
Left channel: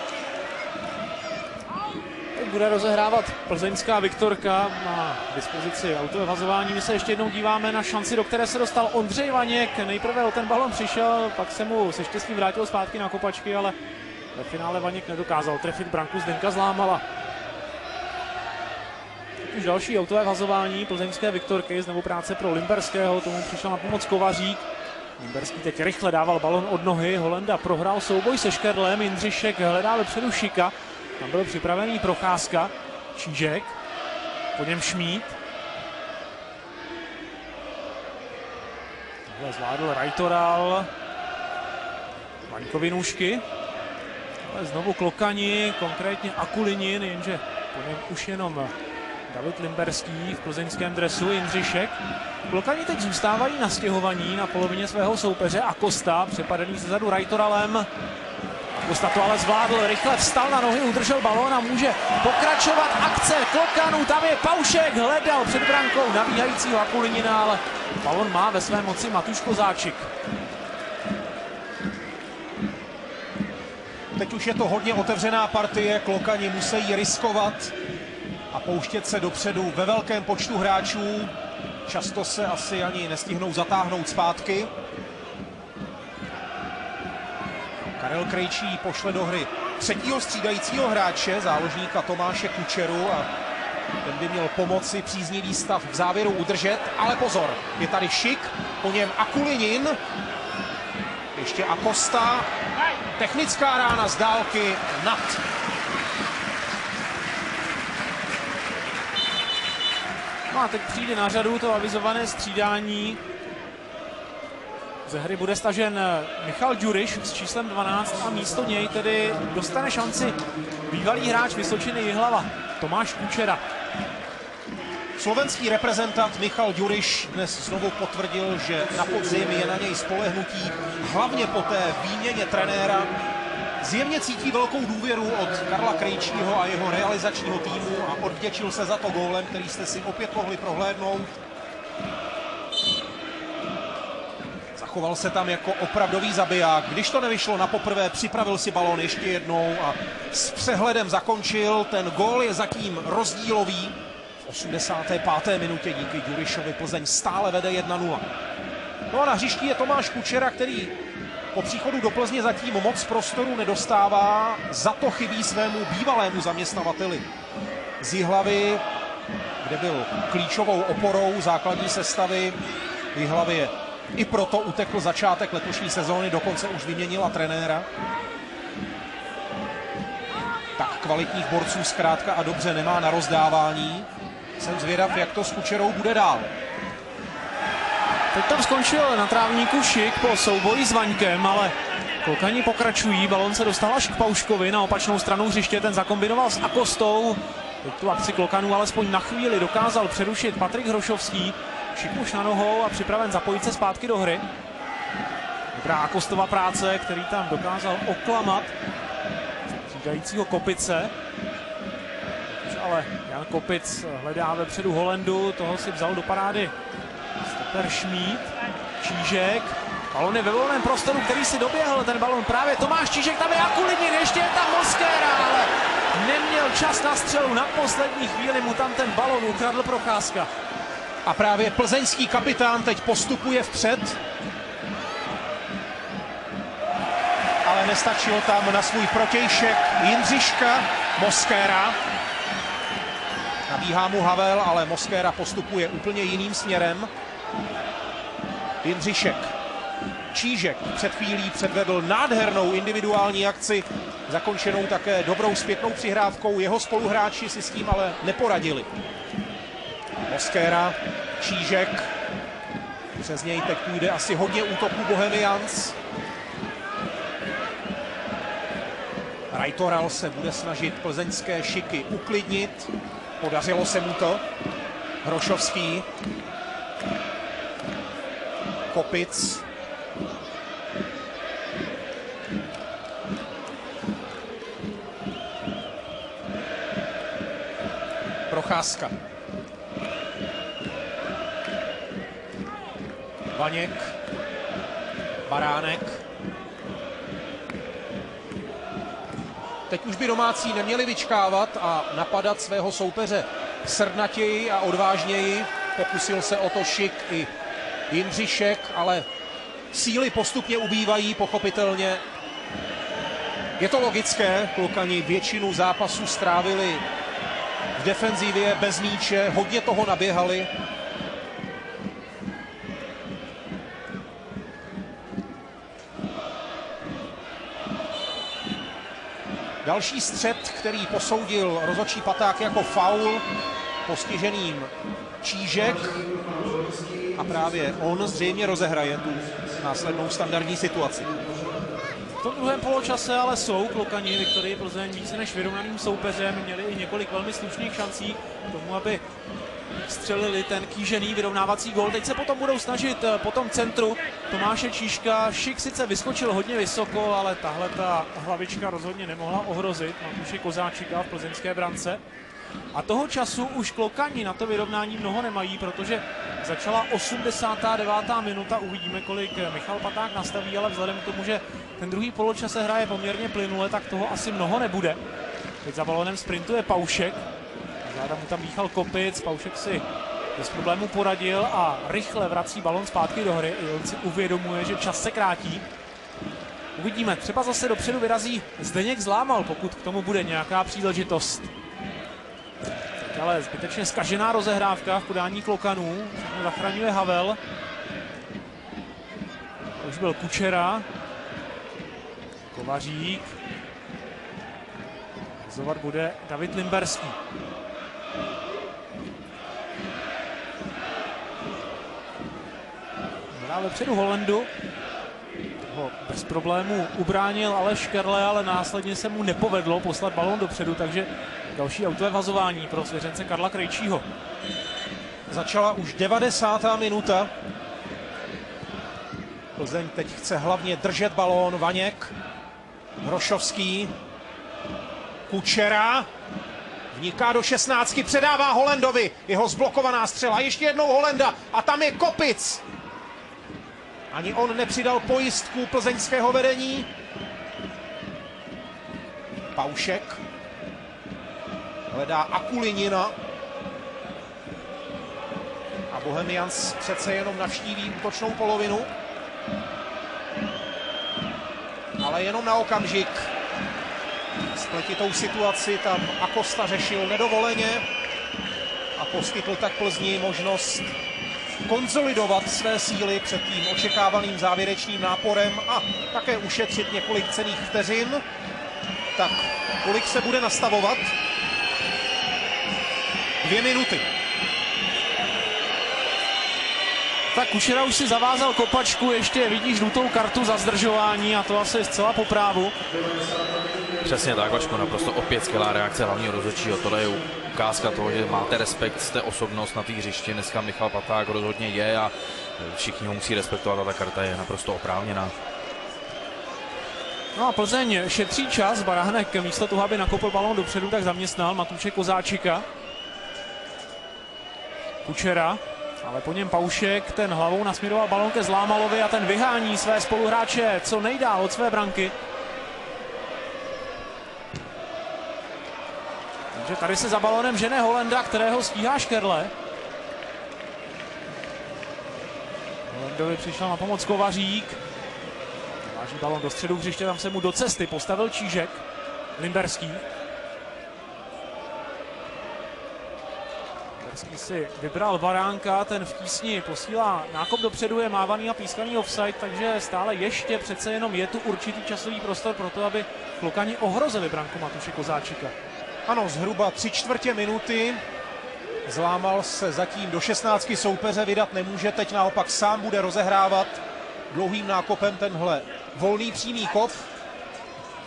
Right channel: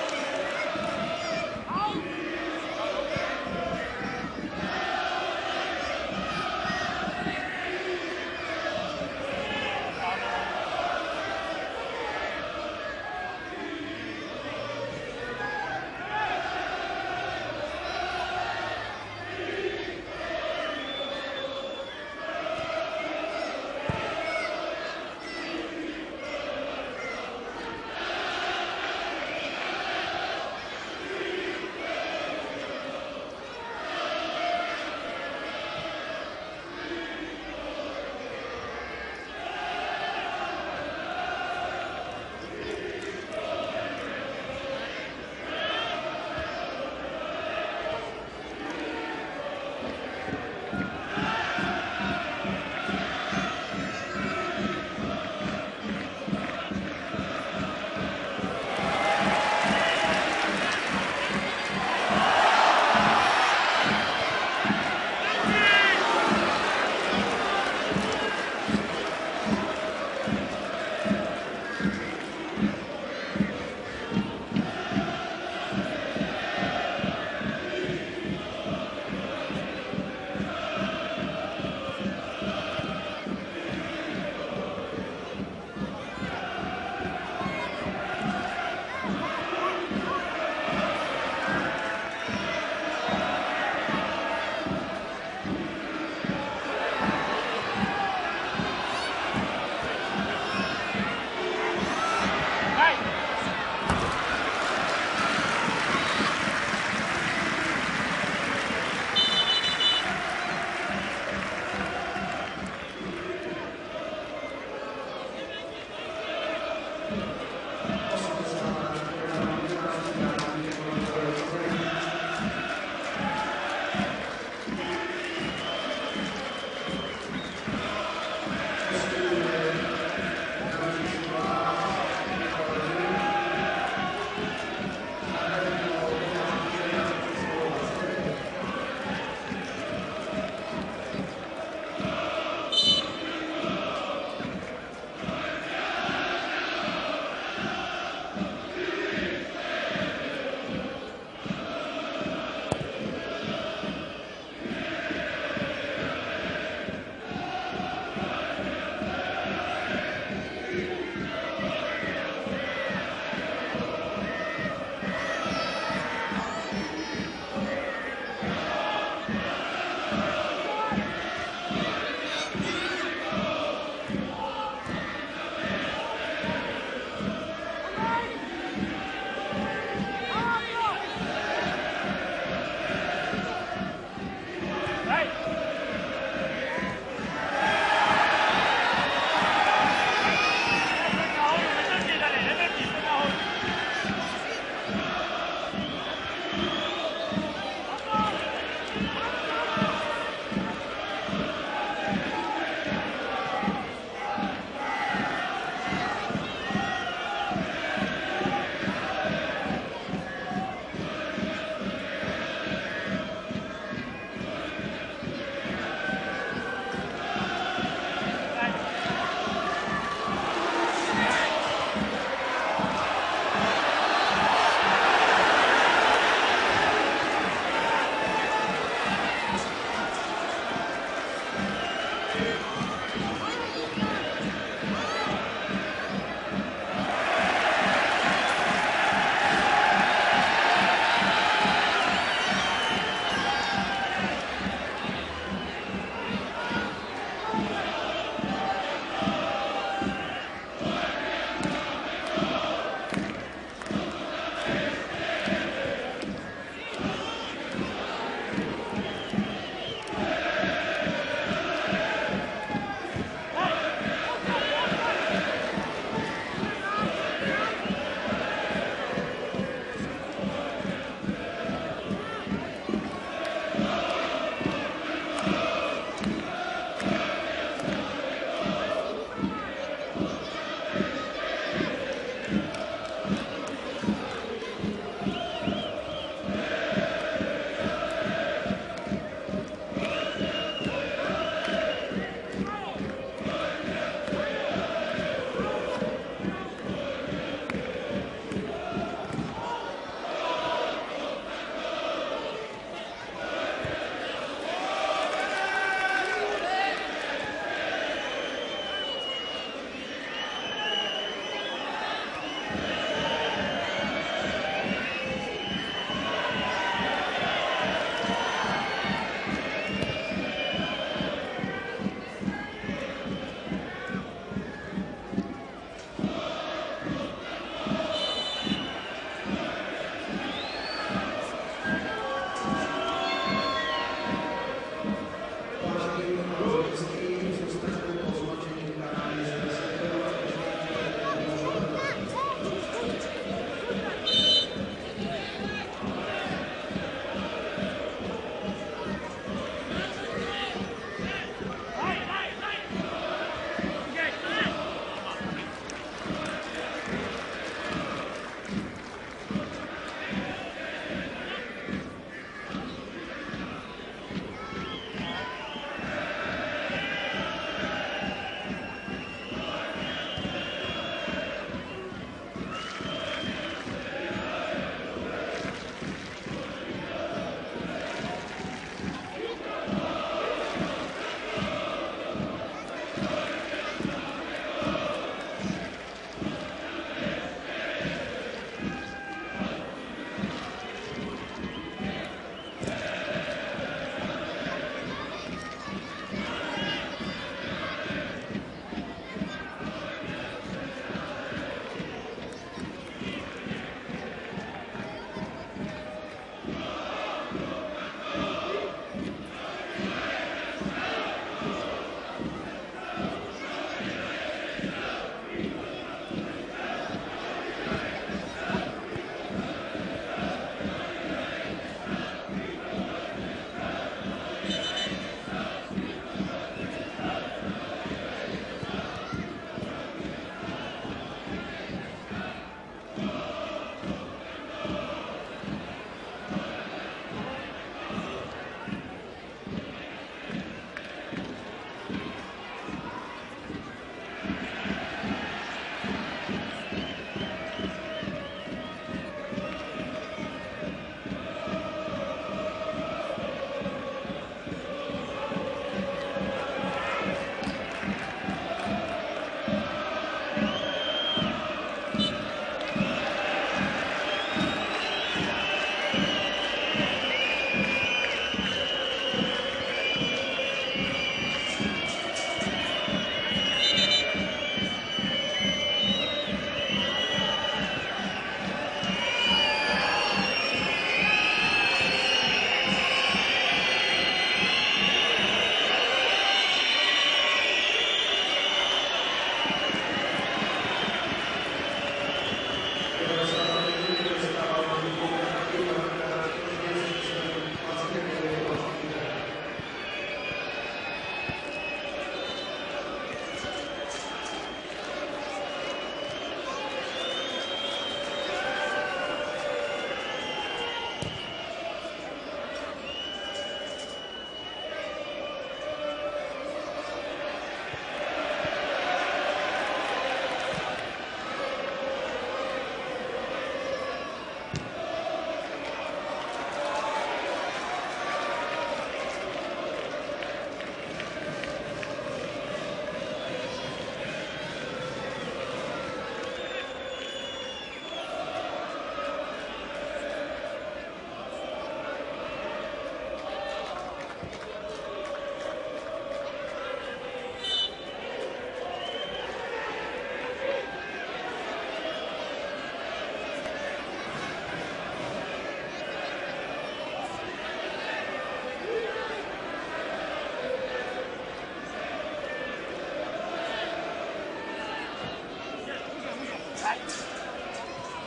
Bude rozehrávat plzeňská Viktorka na dispozici autovazování. My se ještě jednou díváme na šanci, do které se dostal Ondřej Vaněk. Nejprve o ten balon přišel, pak se mu se štěstím vrátil zpátky na kopačky, ale v finále Vaněk nedokázal trefit branku, Zdenka Zlámala. Už další autové vazování plzeňské Viktorky, znovu práce pro Limberského, tomu přišel na pomoc Kovařík. Limberský teď rychle dával balon od nohy, Holenda prohrál souboj se Škerlem, Jindřišek hledá dopředu Šika. Byl připravený Procházka, Čížek, po něm Šmíd. Zvládl Rajtoral, Majkovi nůžky. Znovu Klokani, konkrétně Akulini, jenže už jenom David Limberský v plzeňském dresu, Jindřišek. Klokani teď zůstávají na stěhovaní na polovině svého soupeře a Kosta, přepadený zezadu Rajtoralem. Kosta to ale zvládl, rychle vstal na nohu, udržel balón a může pokračovat akce Klokanů, tam je Paušek, hledal před brankou nabíhajícího Akulinina, ale balón má ve své moci Matuš Kozáček. Teď už je to hodně otevřená partie, Klokani musí riskovat a pouštět se dopředu ve velkém počtu hráčů. Často se asi ani nestihnou zatáhnout zpátky. Krejčí pošle do hry třetího střídajícího hráče, záložníka Tomáše Kučeru, a by měl pomoci příznivý stav v závěru udržet, ale pozor, je tady Šik, po něm Akulinin, ještě Acosta, technická rána z dálky nad. A teď přijde na řadu to avizované střídání. Ze hry bude stažen Michal Ďuriš s číslem 12 a místo něj tedy dostane šanci bývalý hráč Vysočiny Jihlava Tomáš Kučera. Slovenský reprezentant Michal Ďuriš dnes znovu potvrdil, že na podzim je na něj spolehnutí, hlavně po té výměně trenéra. Zjevně cítí velkou důvěru od Karla Krejčího a jeho realizačního týmu a odvděčil se za to gólem, který jste si opět mohli prohlédnout. Zachoval se tam jako opravdový zabiják. Když to nevyšlo na poprvé, připravil si balón ještě jednou a s přehledem zakončil. Ten gól je zatím rozdílový. V 65. minutě díky Ďurišovi Plzeň stále vede 1-0. No a na hřišti je Tomáš Kučera, který po příchodu do Plzně zatím moc prostoru nedostává. Za to chybí svému bývalému zaměstnavateli z Jihlavy, kde byl klíčovou oporou základní sestavy v Jihlavě. I proto utekl začátek letošní sezóny, dokonce už vyměnila trenéra. Tak kvalitních borců zkrátka a dobře nemá na rozdávání. Jsem zvědav, jak to s Kučerou bude dál. Teď tam skončil na trávníku Šik po souboji s Vaňkem, ale Klokani pokračují. Balon se dostal až k Pauškovi na opačnou stranu hřiště, ten zakombinoval s Akostou. Teď tu akci Klokanů alespoň na chvíli dokázal přerušit Patrik Hrošovský. Šik už na nohou a připraven zapojit se zpátky do hry. Dobrá Akostova práce, který tam dokázal oklamat říkajícího Kopice. Ale Jan Kopic hledá vepředu Holendu, toho si vzal do parády Šmíd, Čížek, balon je ve volném prostoru, který si doběhl ten balon právě Tomáš Čížek, tam je Akulinin, ještě jedna hoska. Neměl čas na střelu, na poslední chvíli mu tam ten balon ukradl Procházka. A právě plzeňský kapitán teď postupuje vpřed. Ale nestačilo tam na svůj protějšek Jindřiška Moskéra. Nabíhá mu Havel, ale Moskéra postupuje úplně jiným směrem. Jindřišek Čížek před chvílí předvedl nádhernou individuální akci, zakončenou také dobrou zpětnou přihrávkou. Jeho spoluhráči si s tím ale neporadili. Mosquera, Čížek, přes něj teď půjde asi hodně útoků Bohemians. Rajtoral se bude snažit plzeňské šiky uklidnit. Podařilo se mu to. Hrošovský. Kopic. Procházka. Vaněk. Baránek. Teď už by domácí neměli vyčkávat a napadat svého soupeře srdnatěji a odvážněji. Pokusil se o to Šik i Jindřišek, ale síly postupně ubývají, pochopitelně. Je to logické, klukani většinu zápasů strávili v defenzivě bez míče, hodně toho naběhali. Další střet, který posoudil rozhodčí Paták jako faul, postižený Čížek. A právě on zřejmě rozehraje následnou standardní situaci. Po druhém poločase ale jsou klukani Viktorii Plzeň více než vyrovnaným soupeřem. Měli i několik velmi slušných šancí, aby střelili ten kýžený vyrovnávací gól. Teď se potom budou snažit po tom centru Tomáše Čížka. Šik sice vyskočil hodně vysoko, ale tahle ta hlavička rozhodně nemohla ohrozit Matouše Kozáčika v plzeňské brance. A toho času už klokani na to vyrovnání mnoho nemají, protože začala 89. minuta. Uvidíme, kolik Michal Paták nastaví, ale vzhledem k tomu, že ten druhý poločas se hraje poměrně plynule, tak toho asi mnoho nebude. Teď za balonem sprintuje Paušek. Tam Michal Kopic, Paušek si bez problému poradil a rychle vrací balon zpátky do hry. Si uvědomuje, že čas se krátí. Uvidíme, třeba zase dopředu vyrazí Zdeněk Zlámal, pokud k tomu bude nějaká příležitost. Ale skutečně zkažená rozehrávka v podání klokanů. Zachraňuje Havel. To už byl Kučera. Kovařík. Zovat bude David Limberský. A dopředu Holendu. Bez problémů ubránil Aleš Škerle, ale následně se mu nepovedlo poslat balón dopředu, takže další autovazování pro svěřence Karla Krejčího. Začala už 90. minuta. Plzeň teď chce hlavně držet balón. Vaněk, Hrošovský, Kučera. Vniká do 16, předává Holendovi. Jeho zblokovaná střela. Ještě jednou Holenda a tam je Kopic. Ani on nepřidal pojistku plzeňského vedení. Paušek. Hledá Akulinina. A Bohemians přece jenom navštíví útočnou polovinu. Ale jenom na okamžik. Tou situaci tam Acosta řešil nedovoleně a poskytl tak Plzni možnost konsolidovat své síly před tím očekávaným závěrečným náporem a také ušetřit několik cenných vteřin. Tak kolik se bude nastavovat? 2 minuty. Tak Kučera už si zavázal kopačku, ještě vidí žlutou kartu za zdržování a to asi zcela po právu. Přesně tak, Vašku, naprosto opět skvělá reakce hlavního rozhodčího. Tohle je ukázka toho, že máte respekt, jste osobnost na té hřišti. Dneska Michal Paták rozhodně je a všichni musí respektovat a ta karta je naprosto oprávněná. No a Plzeň šetří čas, Baránek místo toho, aby nakopl balón dopředu, tak zaměstnal Matouše Kozáčika. Kučera, ale po něm Paušek, ten hlavou nasměroval balón ke Zlámalovi a ten vyhání své spoluhráče co nejdál od své branky. Takže tady se za balonem žene Holenda, kterého stíhá Škerle. Holendovi přišel na pomoc Kovařík. Balón do středu hřiště, tam se mu do cesty postavil Čížek. Limberský. si vybral Baránka, ten v tísni posílá nákop dopředu, je mávaný a pískaný offside, takže stále ještě přece jenom je tu určitý časový prostor pro to, aby Klukani ohrozili branku Matuše Kozáčika. Ano, zhruba 3/4 minuty. Zlámal se zatím do 16 soupeře, vydat nemůže, teď naopak sám bude rozehrávat dlouhým nákopem tenhle volný přímý kop.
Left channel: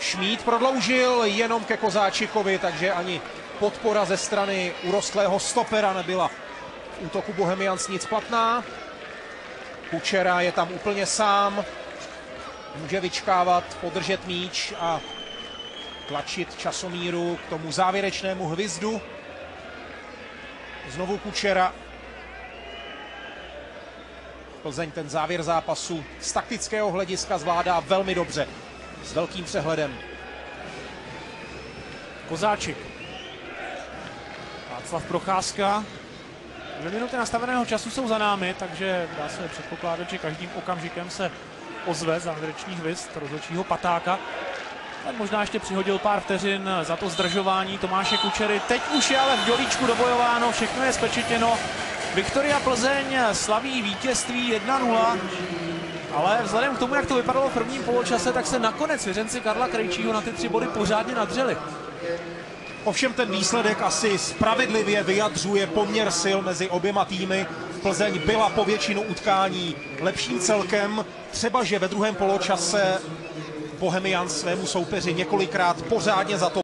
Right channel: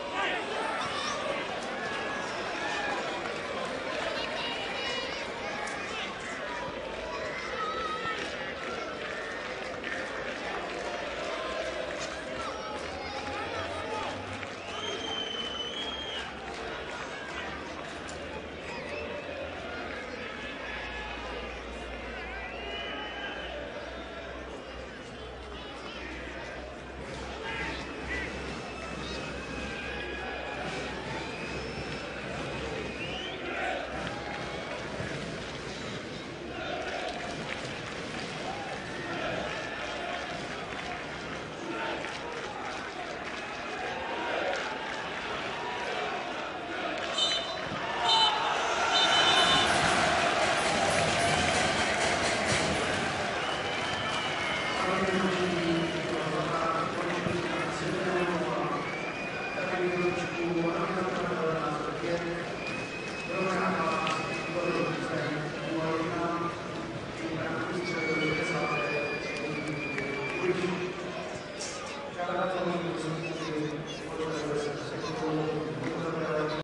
Šmíd prodloužil jenom ke Kozáčikovi, takže ani podpora ze strany urostlého stopera nebyla v útoku Bohemians nic platná. Kučera je tam úplně sám, může vyčkávat, podržet míč a tlačit časomíru k tomu závěrečnému hvizdu. Znovu Kučera. Plzeň ten závěr zápasu z taktického hlediska zvládá velmi dobře. S velkým přehledem. Kozáčik. Václav Procházka. 2 minuty nastaveného času jsou za námi, takže vlastně předpokládám, že každým okamžikem se ozve závěrečný hvizd rozhodčího Patáka. Tak možná ještě přihodil pár vteřin za to zdržování Tomáše Kučery. Teď už je ale v děličku dobojováno, všechno je spečetěno. Viktoria Plzeň slaví vítězství 1-0. Ale vzhledem k tomu, jak to vypadalo v prvním poločase, tak se nakonec svěřenci Karla Krejčího na ty 3 body pořádně nadřeli. Ovšem ten výsledek asi spravedlivě vyjadřuje poměr sil mezi oběma týmy. Plzeň byla po většinu utkání lepším celkem. Třeba, že ve druhém poločase Bohemians svému soupeři několikrát pořádně za to